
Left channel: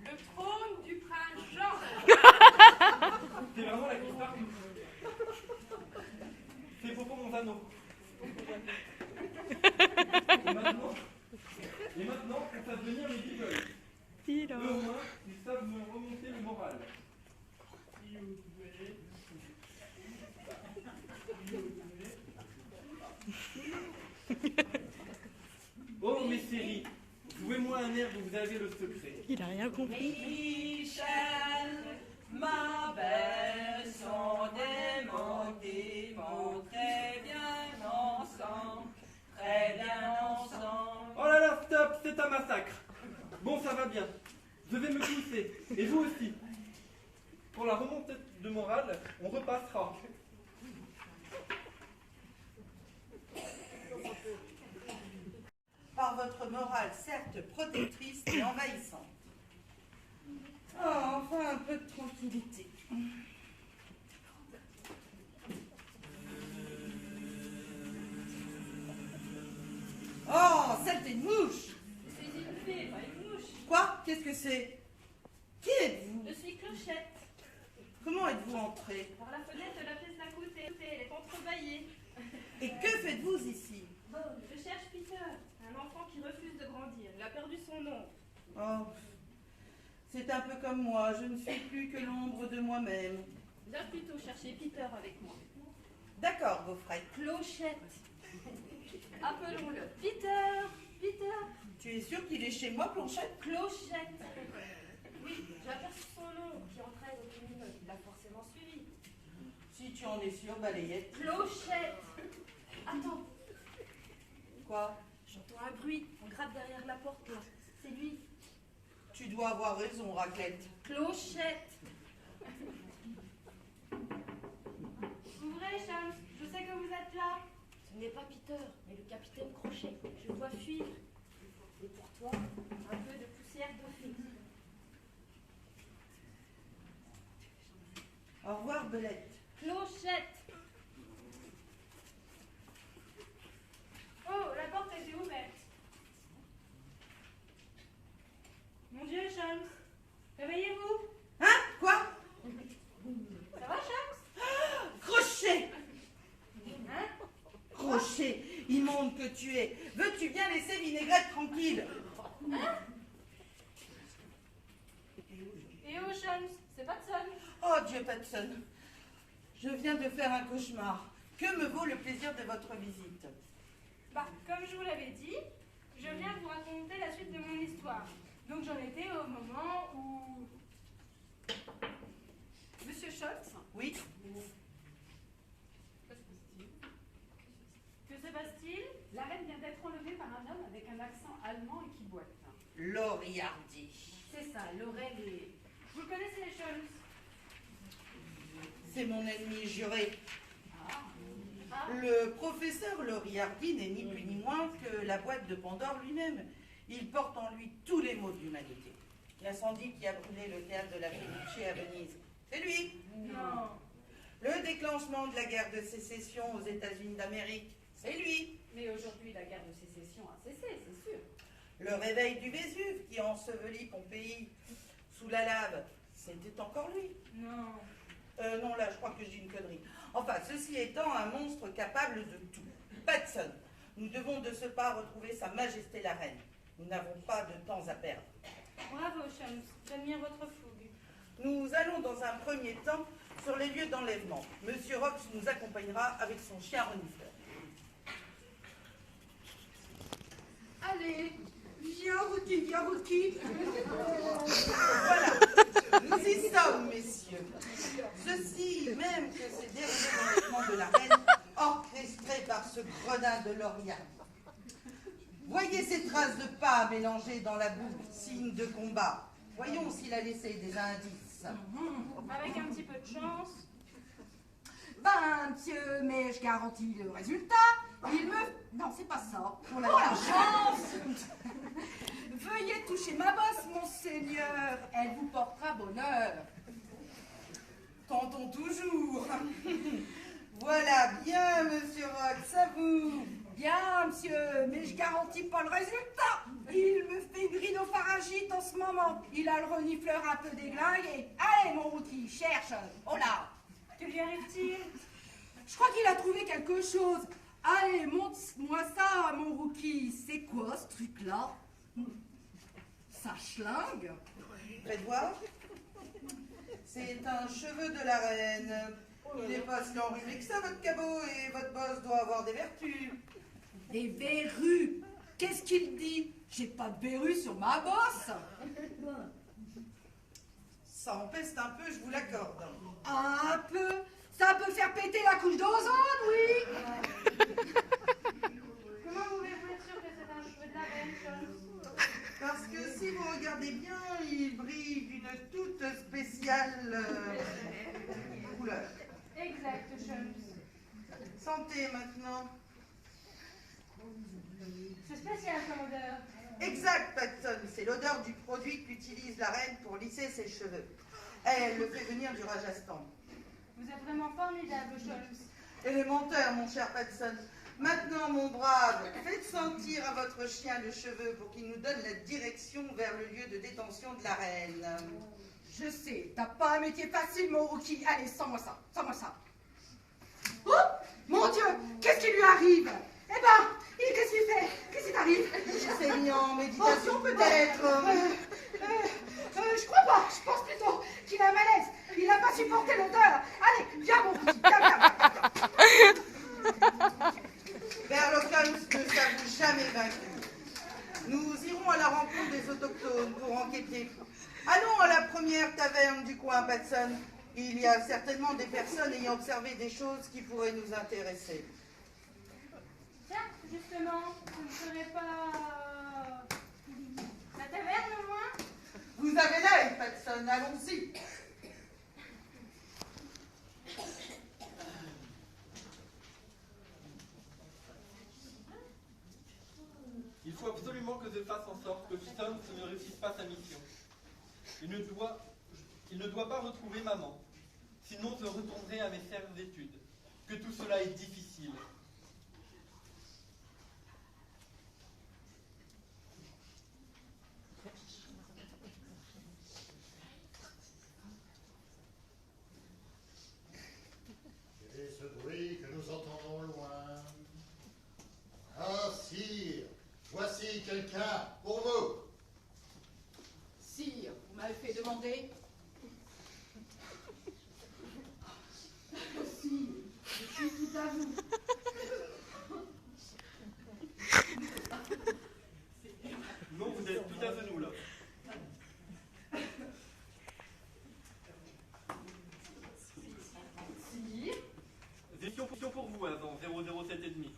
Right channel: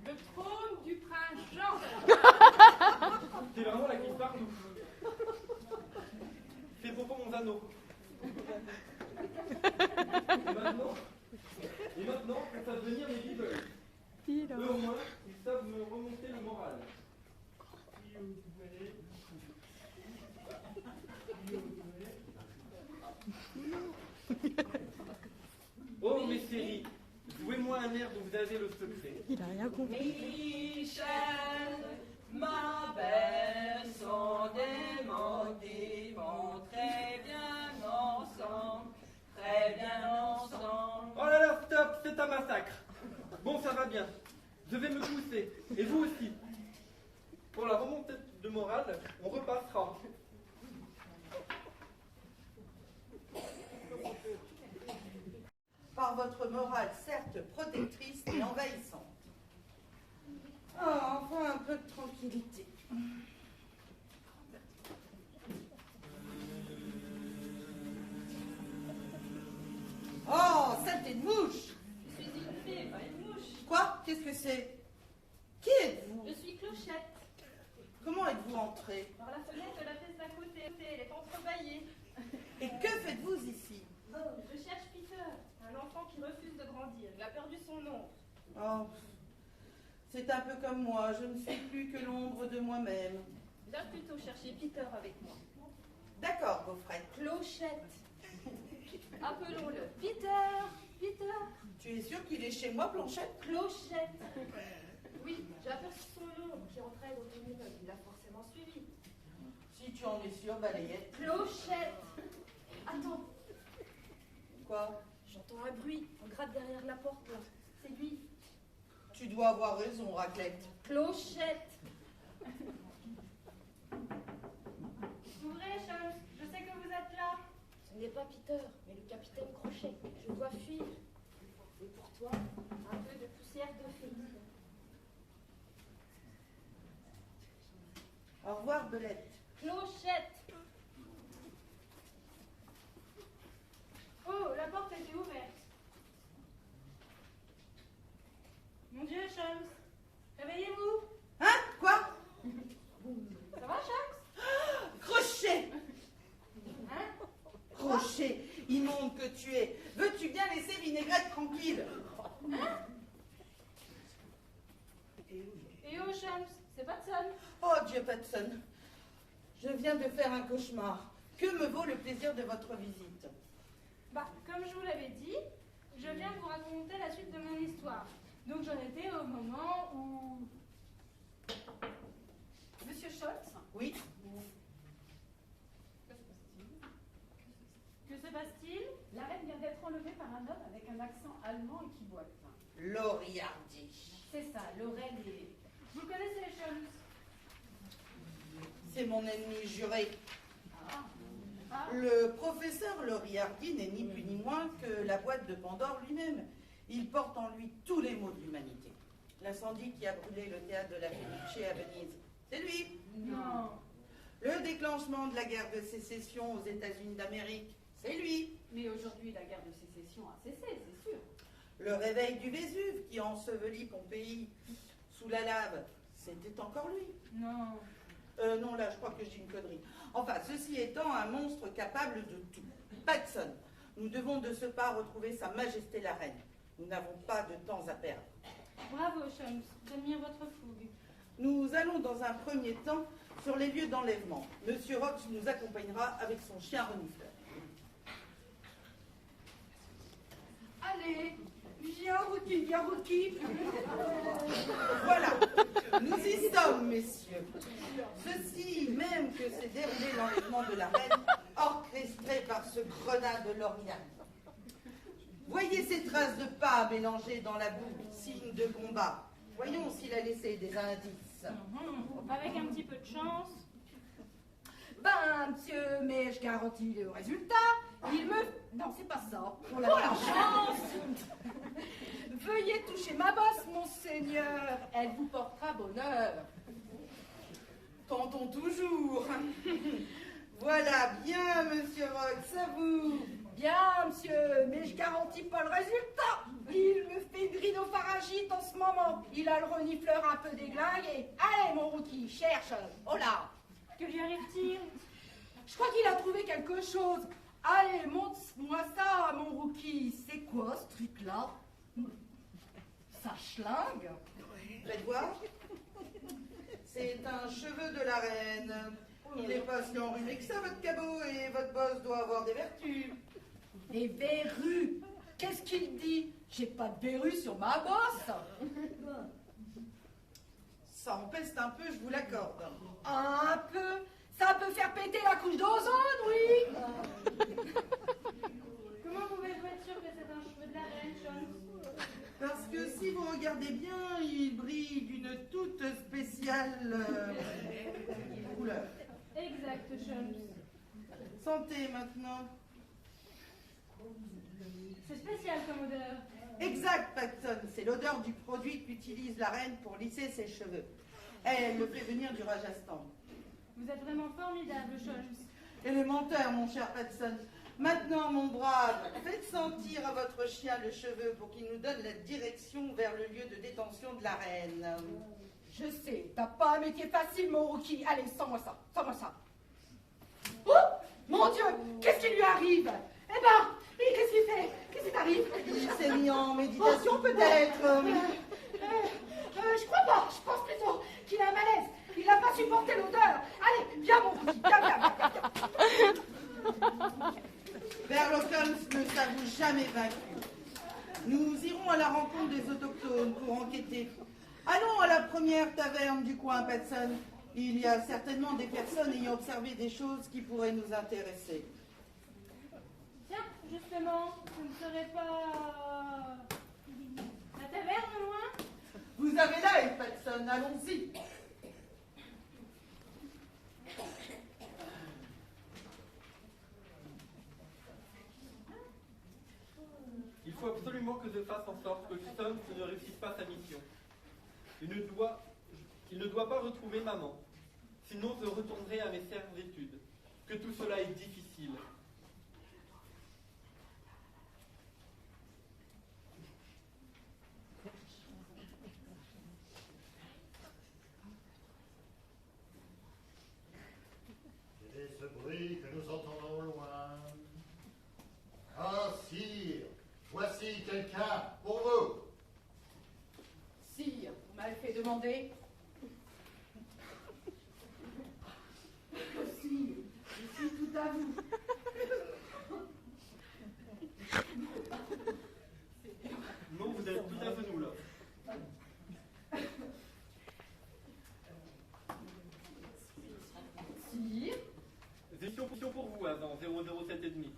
Le trône du prince Jean. C'est vraiment la qui partout. C'est Popo Monzano. Et maintenant, on fait venir les Beagles. Eux au moins, ils savent me remonter le moral. Oh, mes séries, jouez-moi un air dont vous avez le secret. Il a rien compris. Michel, ma belle, sont des mots qui vont très bien ensemble, très bien ensemble. Oh là là, stop, c'est un massacre. Bon, ça va bien. Je vais me pousser. Et vous aussi. Pour la remontée de morale, on repassera. Par votre morale certes protectrice et envahissante. Oh, enfin un peu de tranquillité. Oh, saleté de mouche! Je suis une fée, pas une mouche. Quoi? Qu'est-ce que c'est? Qui êtes-vous? Je suis Clochette. Comment êtes-vous entrée? Par la fenêtre de la pièce d'à côté, elle est entrebâillée. Et que faites-vous ici? Oh, je cherche Peter, un enfant qui refuse de grandir. Il a perdu son nom. Oh, c'est un peu comme moi, je ne suis plus que l'ombre de moi-même. Va plutôt chercher Peter avec moi. D'accord, Gaufrette. Clochette. Appelons-le Peter. Peter. Tu es sûr qu'il est chez moi, Planchette? Clochette. Oui, j'ai aperçu son nom qui entrait dans une immeuble. Il l'a forcément suivi. Si tu en es sûr, balayette. Clochette. Attends. Quoi? J'entends un bruit. On gratte derrière la porte, là. C'est lui. Tu dois avoir raison, Raclette. Clochette. Ouvrez, Chance. Je sais que vous êtes là. Ce n'est pas Peter, mais le capitaine Crochet. Je dois fuir. Et pour toi, un peu de poussière de fée. Au revoir, Belette. Clochette. Oh, la porte était ouverte. Mon Dieu, Chance. Réveillez-vous. Hein? Quoi? Ça va, Chance? Crochet! Hein? Crochet, immonde que tu es. Veux-tu bien laisser Vinaigrette tranquille? Hein? Et où, Chance? C'est Patson. Oh, Dieu, Patson. Je viens de faire un cauchemar. Que me vaut le plaisir de votre visite? Bah, comme je vous l'avais dit, je viens vous raconter la suite de mon histoire. Donc j'en étais au moment où... Monsieur Scholz? Oui. Que se passe-t-il? La reine vient d'être enlevée par un homme avec un accent allemand et qui boite. Loriardi. C'est ça, Laurel. Vous connaissez les Scholz? C'est mon ennemi juré. Ah. Le professeur Loriardi n'est ni plus ni moins que la boîte de Pandore lui-même. Il porte en lui tous les maux de l'humanité. L'incendie qui a brûlé le théâtre de la Fenice à Venise, c'est lui. Non. Le déclenchement de la guerre de sécession aux États-Unis d'Amérique, c'est lui. Mais aujourd'hui, la guerre de sécession a cessé, c'est sûr. Le réveil du Vésuve qui ensevelit Pompéi sous la lave, c'était encore lui. Non. Non, là, je crois que je dis une connerie. Enfin, ceci étant un monstre capable de tout. Patson, nous devons de ce pas retrouver Sa Majesté la Reine. Nous n'avons pas de temps à perdre. Bravo, Scholz. J'admire votre fougue. Nous allons dans un premier temps sur les lieux d'enlèvement. Monsieur Rox nous accompagnera avec son chien renifleur. Allez, viens, Rookie. Voilà, nous y sommes, messieurs. Ceci, même que c'est déroulé l'enlèvement de la reine, orchestré par ce gredin de Loriardi. Voyez ces traces de pas mélangées dans la boue, signe de combat. Voyons s'il a laissé des indices. Avec un petit peu de chance. Ben, monsieur, mais je garantis le résultat. Il me... Non, c'est pas ça. Pour la chance. Veuillez toucher ma bosse, monseigneur. Elle vous portera bonheur. Tentons toujours. Voilà, bien, monsieur Rox, à vous. Bien, monsieur, mais je garantis pas le résultat. Il me fait une rhinopharyngite en ce moment. Il a le renifleur un peu déglingué. Allez, mon Rookie, cherche. Oh là. Que lui arrive-t-il? Je crois qu'il a trouvé quelque chose. Allez, montre-moi ça, mon Rookie. C'est quoi, ce truc-là? Ça schlingue? Faites voir. C'est un cheveu de la reine. Il n'est pas si enrhumé que ça, votre cabot, et votre bosse doit avoir des vertus. Des verrues? Qu'est-ce qu'il dit? J'ai pas de verrues sur ma bosse. Ça empeste un peu, je vous l'accorde. Un peu? Ça peut faire péter la couche d'ozone, oui. Comment vous pouvez être sûr que c'est un cheveu de la reine, Scholz? Parce que si vous regardez bien, il brille d'une toute spéciale couleur. Exact, Scholz. Santé maintenant. C'est spécial comme odeur. Exact, Patson. C'est l'odeur du produit qu'utilise la reine pour lisser ses cheveux. Elle le fait venir du Rajasthan. Vous êtes vraiment formidable, Scholz. Élémentaire, mon cher Patson. Maintenant, mon brave, faites sentir à votre chien le cheveu pour qu'il nous donne la direction vers le lieu de détention de la reine. Je sais, t'as pas un métier facile, mon Rookie. Allez, sens-moi ça, sens-moi ça. Oh, mon Dieu, qu'est-ce qui lui arrive? Eh ben, qu'est-ce qu'il fait? Qu'est-ce qui t'arrive? Il s'est mis en méditation, peut-être. Je crois pas, je pense plutôt qu'il a un malaise. Il n'a pas supporté l'odeur. Allez, viens, mon Rookie, viens. Sherlock Holmes ne s'avoue jamais vaincu. Nous irons à la rencontre des autochtones pour enquêter. Allons à la première taverne du coin, Patson. Il y a certainement des personnes ayant observé des choses qui pourraient nous intéresser. Tiens, justement, ce ne serait pas... la taverne loin? Vous avez l'œil, Patson, allons-y. Il faut absolument que je fasse en sorte que Holmes ne réussisse pas sa mission. Il ne doit pas retrouver maman. Sinon, je retournerai à mes chères études. Que tout cela est difficile. Quel est ce bruit que nous entendons au loin? Ah, sire, voici quelqu'un pour vous. Sire, vous m'avez fait demander. à vous. Non, vous êtes tout à fait nous là. Sire, Question pour vous avant 007,5.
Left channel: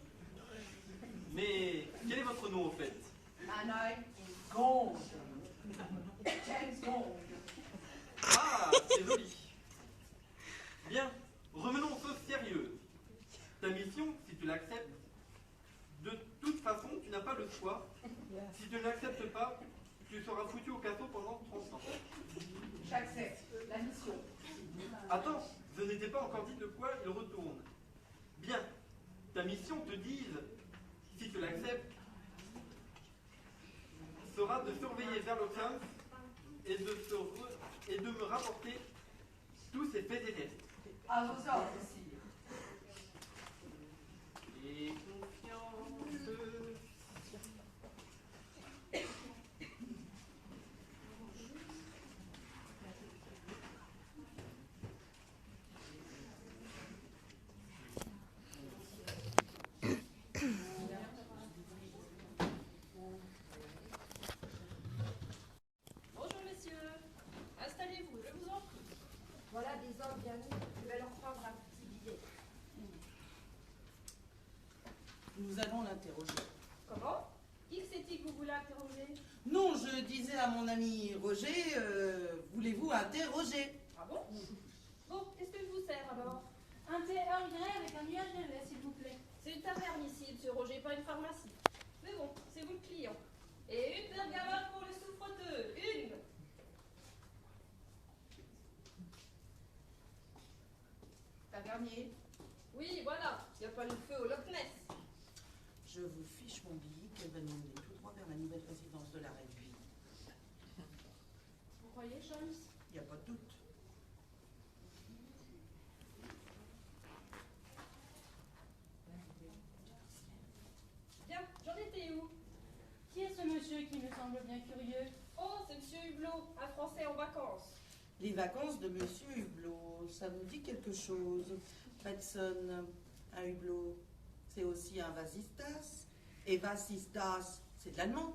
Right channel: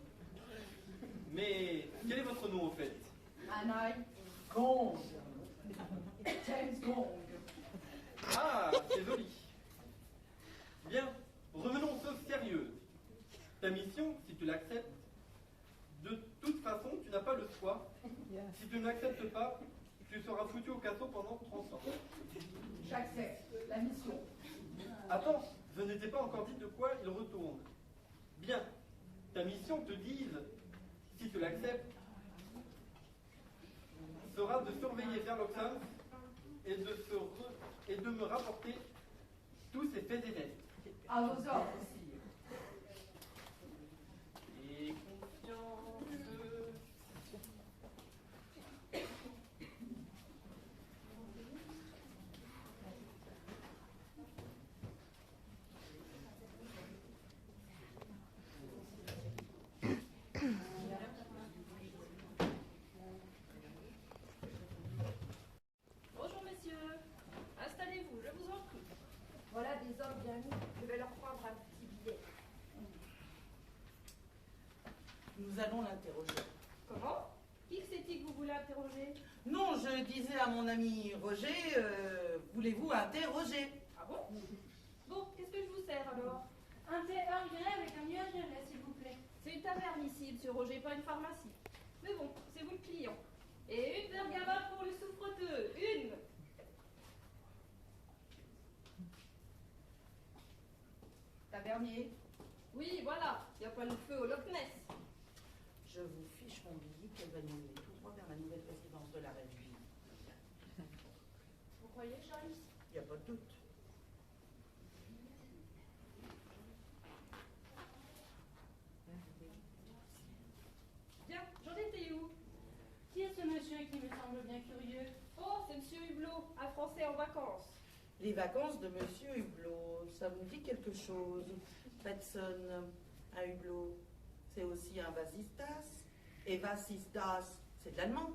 Mais quel est votre nom au fait? Anna Gond. James Gond. Ah, c'est joli. Bien, revenons aux choses sérieuses. Ta mission, si tu l'acceptes, de toute façon, tu n'as pas le choix. Si tu ne l'acceptes pas, tu seras foutu au casseau pendant 30 ans. J'accepte la mission. Attends, je n'étais pas encore dit de quoi il retourne. Bien, ta mission, te dise, si tu l'acceptes, sera de surveiller Sherlock Holmes et de me rapporter tous ses faits et gestes. À vos ordres, sire. Et confiance. Bonjour messieurs, installez-vous, je vous en prie. Voilà des hommes bien mis, je vais leur prendre un petit billet. Nous allons l'interroger. Comment? Qui c'est-il que vous voulez interroger? Non, je disais à mon ami Roger, voulez-vous interroger? Ah bon? Bon, qu'est-ce que je vous sers alors? Un thé Earl Grey avec un nuage de lait, s'il vous plaît. C'est une taverne ici, monsieur Roger, pas une pharmacie. Mais bon, c'est vous le client. Et une bergamote pour le souffreteux. Une! Tavernier. Oui, voilà, il n'y a pas le feu au Loch Ness. Je vous fiche mon billet qu'elle va nous mener tout droit vers la nouvelle résidence de la reine. Vous croyez, Charles? Il n'y a pas de doute. Bien, j'en étais où? Qui est ce monsieur qui me semble bien curieux? Oh, c'est monsieur Hublot, un Français en vacances. Les vacances de Monsieur Hublot, ça vous dit quelque chose? Petson à Hublot, c'est aussi un vasistas. Et vasistas, c'est de l'allemand.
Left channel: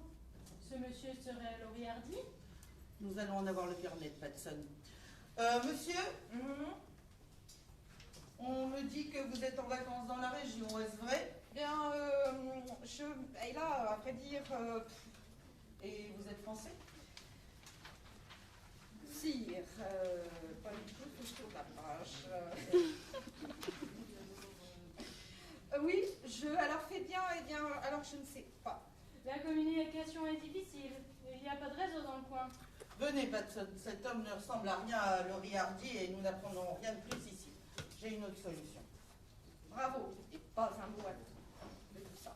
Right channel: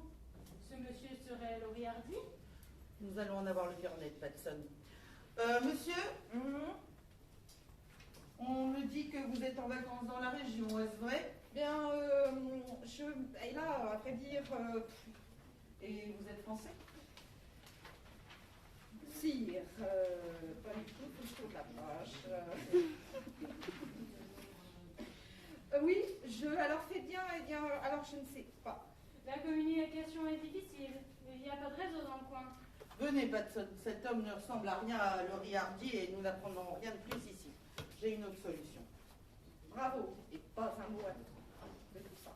Ce monsieur serait Laurie Hardy? Nous allons en avoir le carnet de Petson. Monsieur, on me dit que vous êtes en vacances dans la région, est-ce vrai? Bien, et là, à vrai dire, Et vous êtes français? sire, pas du tout, plutôt la page. Oui, alors faites bien, alors je ne sais pas. La communication est difficile. Il n'y a pas de réseau dans le coin. Venez, Petson, cet homme ne ressemble à rien à Laurie Hardy et nous n'apprendrons rien de plus ici. J'ai une autre solution. Bravo, et pas un mot à dire de tout ça.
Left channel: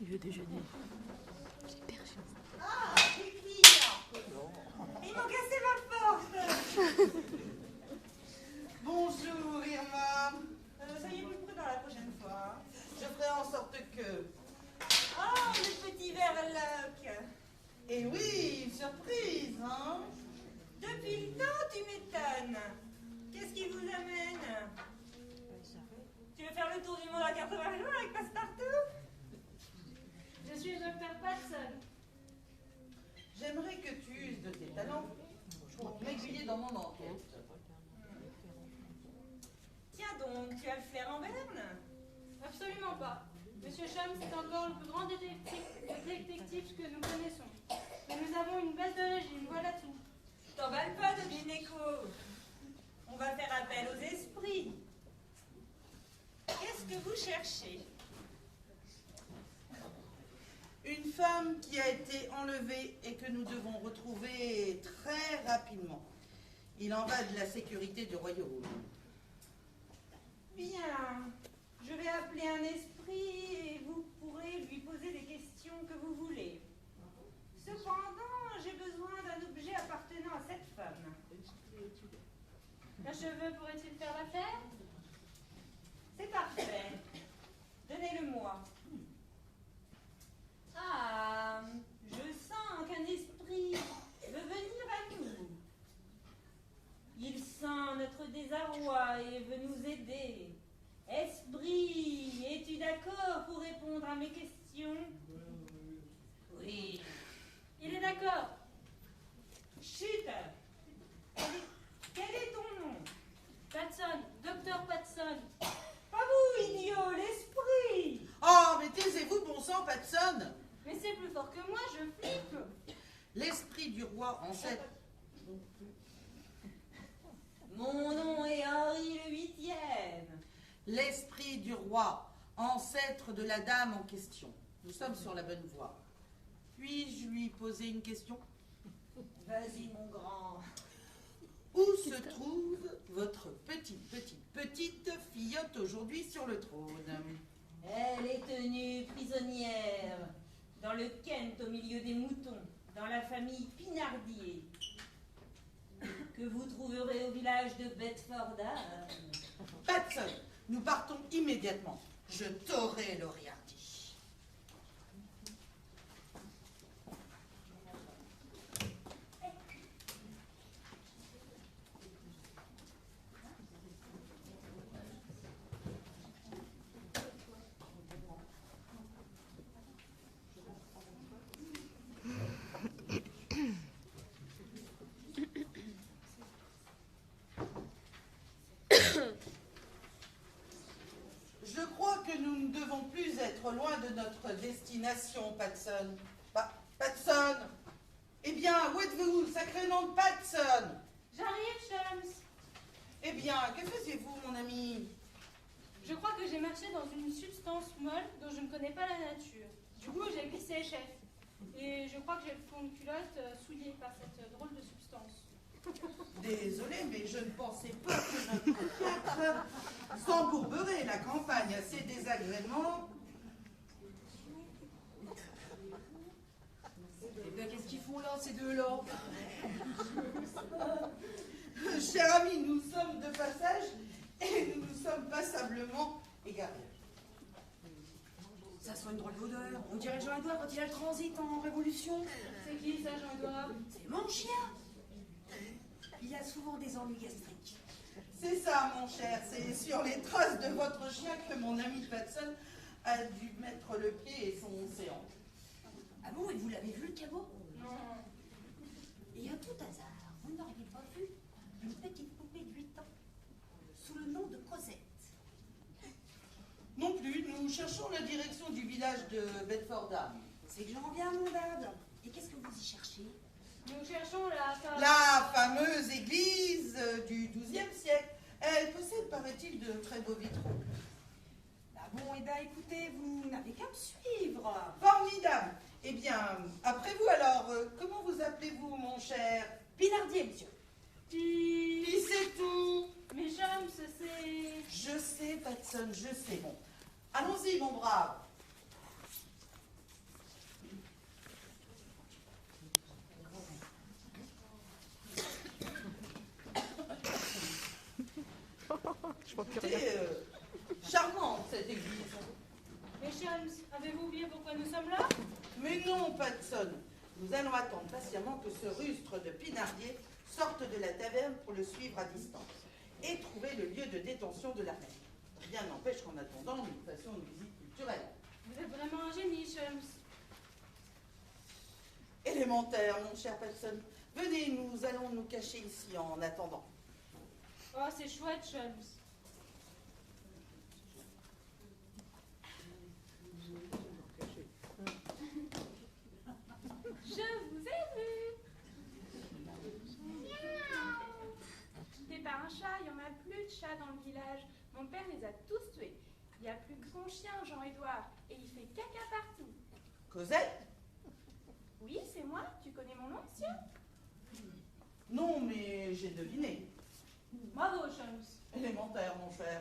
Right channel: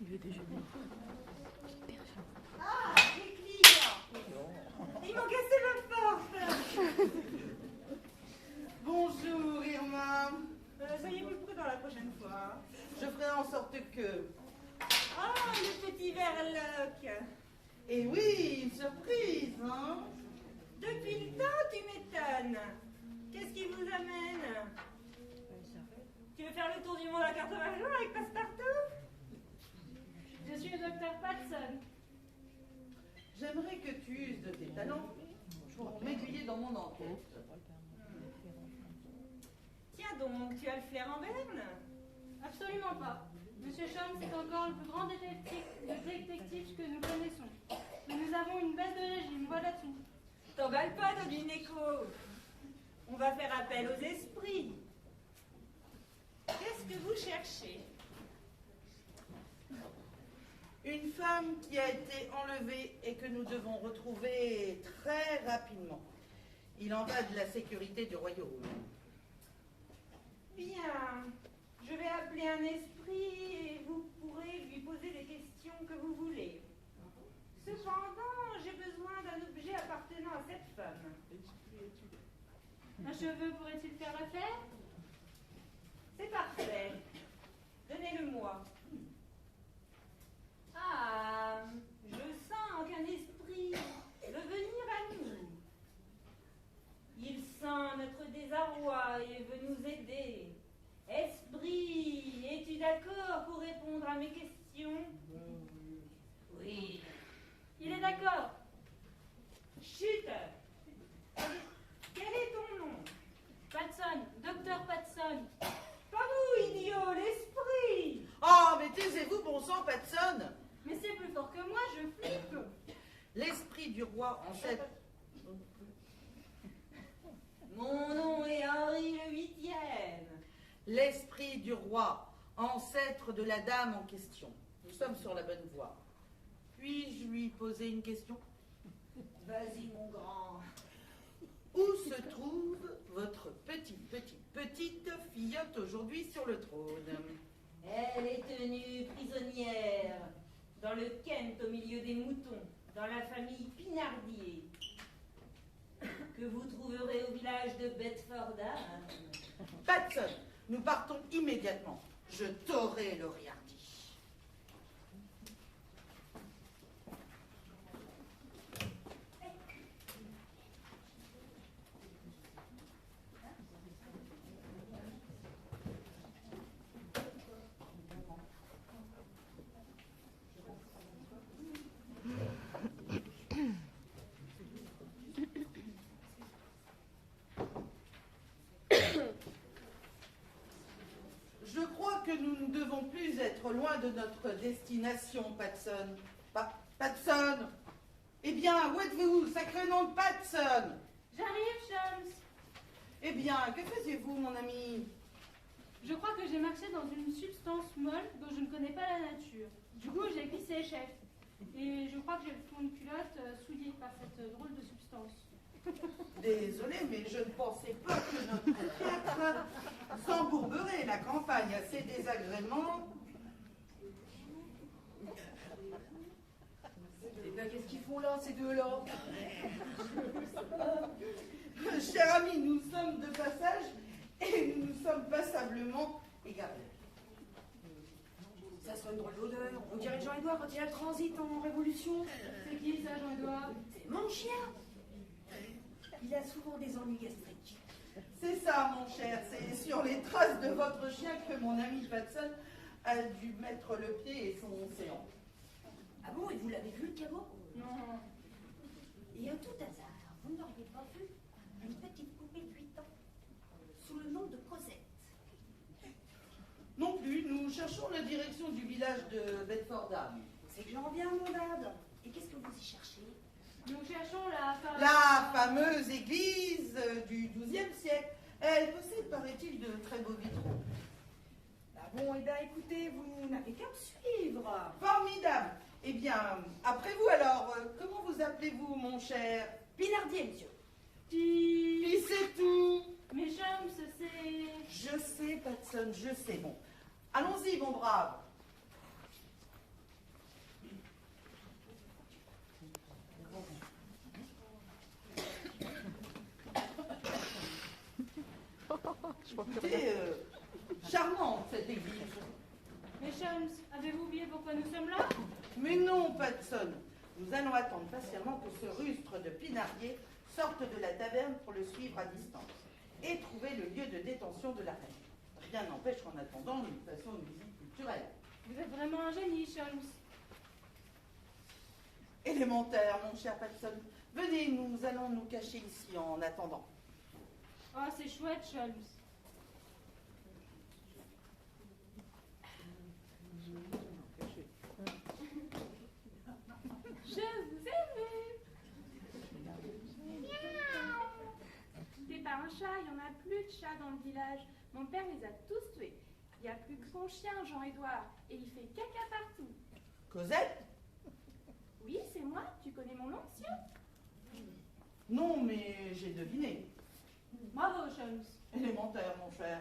Il veut déjeuner. Ah, les clients! Ils m'ont cassé ma porte! Bonjour, Irma. Soyez plus prudents la prochaine fois. Je ferai en sorte que... Oh, le petit verloc! Eh oui, une surprise, hein? Depuis le temps, tu m'étonnes. Qu'est-ce qui vous amène? Tu veux faire le tour du monde à 80 jours avec Passepartout? Je suis le docteur Patson. J'aimerais que tu uses de tes talents pour m'aiguiller dans mon enquête. Tiens donc, tu as le flair en berne? Absolument pas. Monsieur Sholmes est encore le plus grand détective que nous connaissons. Et nous avons une baisse de régime, voilà tout. T'emballe pas, Domineco. On va faire appel aux esprits. Qu'est-ce que vous cherchez? Une femme qui a été enlevée et que nous devons retrouver très rapidement. Il en va de la sécurité du royaume. Bien. Je vais appeler un esprit et vous pourrez lui poser des questions que vous voulez. Cependant, j'ai besoin d'un objet appartenant à cette femme. Un cheveu pourrait-il faire l'affaire? C'est parfait. Donnez-le-moi. Ah, je sens qu'un esprit veut venir à nous. Il sent notre désarroi et veut nous aider. Esprit, es-tu d'accord pour répondre à mes questions? Oui. Il est d'accord. Chut! Quel est ton nom? Patson, docteur Patson. Pas vous, idiot, l'esprit! Oh, mais taisez-vous, bon sang, Patson! Mais c'est plus fort que moi, je flippe. L'esprit du roi ancêtre. Mon nom est Henri le Huitième. L'esprit du roi, ancêtre de la dame en question. Nous sommes sur la bonne voie. Puis-je lui poser une question? Vas-y, mon grand. Où se trouve votre petite filleotte aujourd'hui sur le trône? Elle est tenue prisonnière dans le Kent au milieu des moutons, dans la famille Pinardier, que vous trouverez au village de Bedfordham. Patson, nous partons immédiatement. Je t'aurai l'Oriardi. Je crois que nous ne devons plus être loin de notre destination, Patson. Patson! Eh bien, où êtes-vous, sacré nom de Patson? J'arrive, Shams. Eh bien, que faisiez-vous, mon ami? Je crois que j'ai marché dans une substance molle dont je ne connais pas la nature. Du coup, j'ai glissé, chef. Et je crois que j'ai le fond de culotte souillé par cette drôle de substance. Désolée, mais je ne pensais pas que notre théâtre s'embourberait la campagne à ces désagréments. Eh bien, qu'est-ce qu'ils font là, ces deux-là? Cher ami, nous sommes de passage et nous nous sommes passablement égarés. Ça sent une drôle d'odeur. On dirait Jean-Édouard quand il a le transit en Révolution. C'est qui ça, Jean-Édouard? C'est mon chien. Il a souvent des ennuis gastriques. C'est ça, mon cher, c'est sur les traces de votre chien que mon ami Patson a dû mettre le pied et son séant. Ah bon, et vous l'avez vu, le caveau? Non. Et à tout hasard, vous n'auriez pas vu une petite poupée de 8 ans sous le nom de Cosette? Non plus, nous cherchons la direction du village de Bedfordham. C'est que j'en reviens à mon dard. Et qu'est-ce que vous y cherchez? Nous cherchons la fameuse église du XIIe siècle. Elle possède, paraît-il, de très beaux vitraux. Ah bon, eh bien, écoutez, vous n'avez qu'à me suivre. Formidable. Eh bien, après vous alors, comment vous appelez-vous, mon cher? Pinardier, monsieur. Puis c'est tout. Mais Shams, c'est... Je sais, Patson, je sais. Bon, allons-y, mon brave. Écoutez, charmante cette église. Mais Shams, avez-vous oublié pourquoi nous sommes là? Mais non, Patson. Nous allons attendre patiemment que ce rustre de Pinardier sorte de la taverne pour le suivre à distance et trouver le lieu de détention de la reine. Rien n'empêche qu'en attendant, nous fassions une visite culturelle. Vous êtes vraiment un génie, Shams. Élémentaire, mon cher Patson. Venez, nous allons nous cacher ici en attendant. Oh, c'est chouette, Shams. Je vous ai vu. Tué par un chat, il n'y en a plus de chats dans le village. Mon père les a tous tués. Il n'y a plus que son chien, Jean-Édouard, et il fait caca partout. Cosette? Oui, c'est moi. Tu connais mon nom, monsieur? Non, mais j'ai deviné. Bravo, Shams. Élémentaire, mon cher.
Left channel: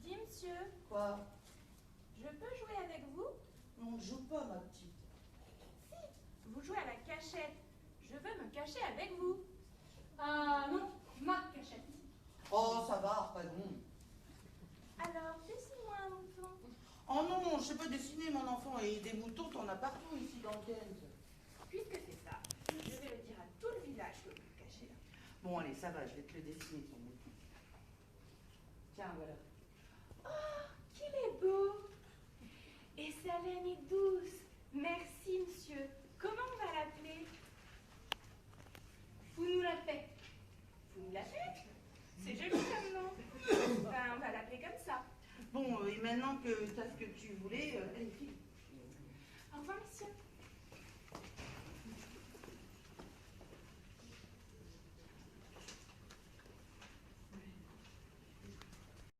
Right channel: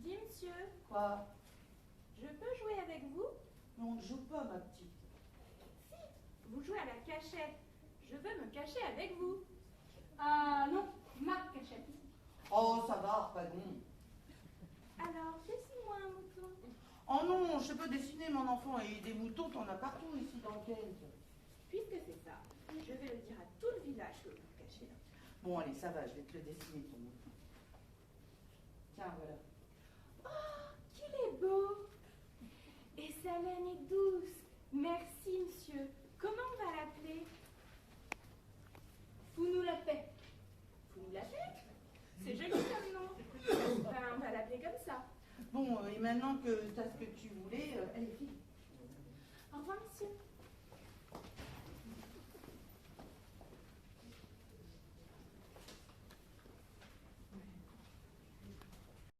Dis, monsieur. Quoi? Je peux jouer avec vous? Non, ne joue pas, ma petite. Si, vous jouez à la cachette. Je veux me cacher avec vous. Ah non, ma cachette. dessiner, mon enfant, et des moutons, t'en as partout ici dans Kent. Puisque c'est ça, je vais le dire à tout le village que vous le cachez là. Bon, allez, ça va, je vais te le dessiner, ton mouton. Tiens, voilà. Oh, qu'il est beau! Et sa laine est douce. Merci, monsieur. Comment on va l'appeler? Vous nous la paix. Vous nous la faites? C'est joli comme nom. Ben, on va l'appeler comme ça. Bon, et maintenant que tu as ce que tu voulais, allez, file. Au revoir, monsieur.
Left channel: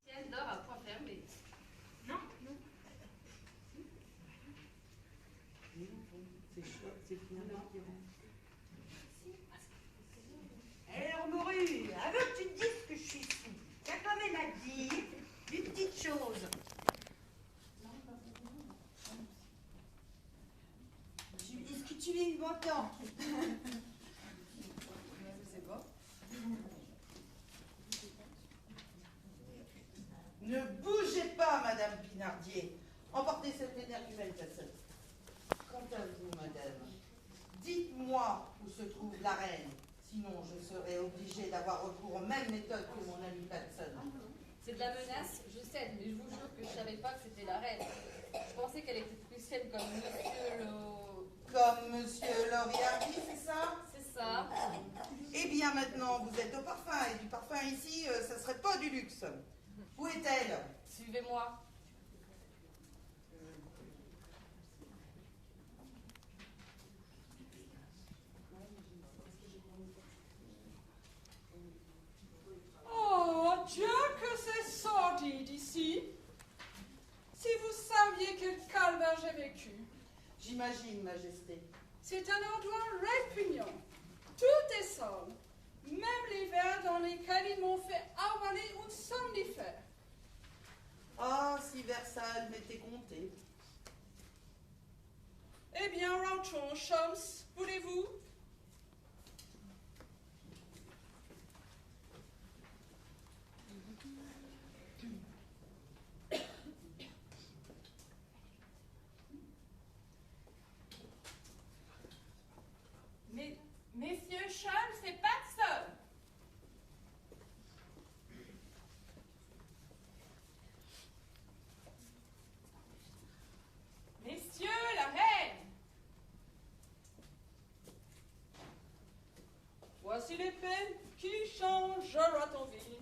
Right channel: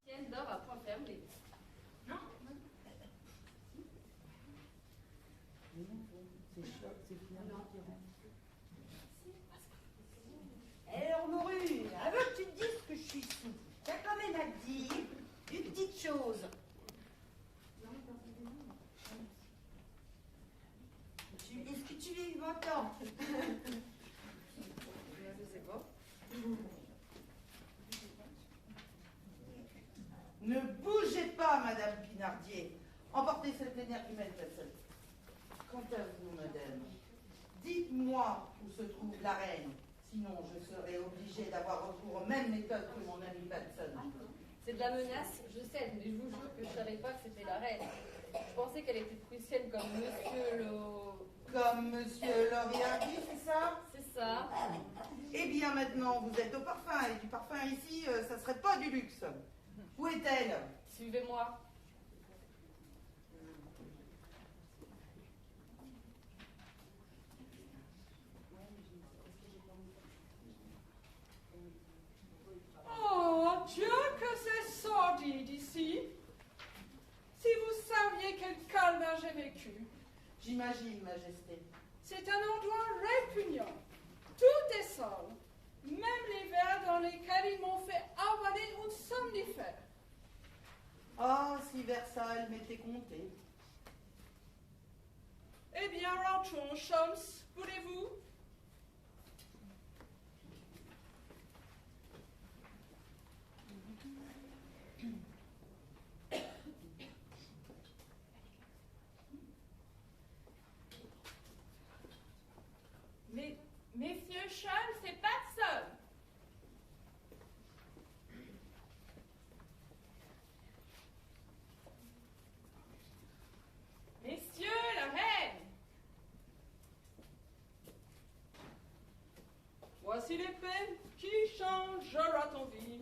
Tienne dort à point fermé. Non. C'est fini. Alors, Morue, avant que tu te dises que je suis sous, t'as quand même à dire une petite chose. Est-ce que tu m'entends? Ne bougez pas, Madame Pinardier. Emportez cette énergie humaine, personne. Quant à vous, Madame, dites-moi où se trouve la reine. Sinon, je serai obligée d'avoir recours aux mêmes méthodes que mon ami Patson. C'est de la menace, je sais, mais je vous jure que je savais pas que c'était la reine. Je pensais qu'elle était prussienne comme Monsieur le... Comme Monsieur Loriardi, c'est ça? C'est ça. Eh bien, maintenant, vous êtes au parfum, et du parfum ici, ça serait pas du luxe. Où est-elle? Suivez-moi. Oh, Dieu, que c'est sordide ici. Si vous saviez quel calvaire j'ai vécu. J'imagine, Majesté. C'est un endroit répugnant. Tout est sale. Même les verres dans lesquels ils m'ont fait avaler un somnifère. Ah, si Versailles m'était compté. Eh bien, rentrons, Shams, voulez-vous? Mais, Messieurs Shams, c'est Patson. Messieurs, la reine. Voici l'épée qui changera ton vie.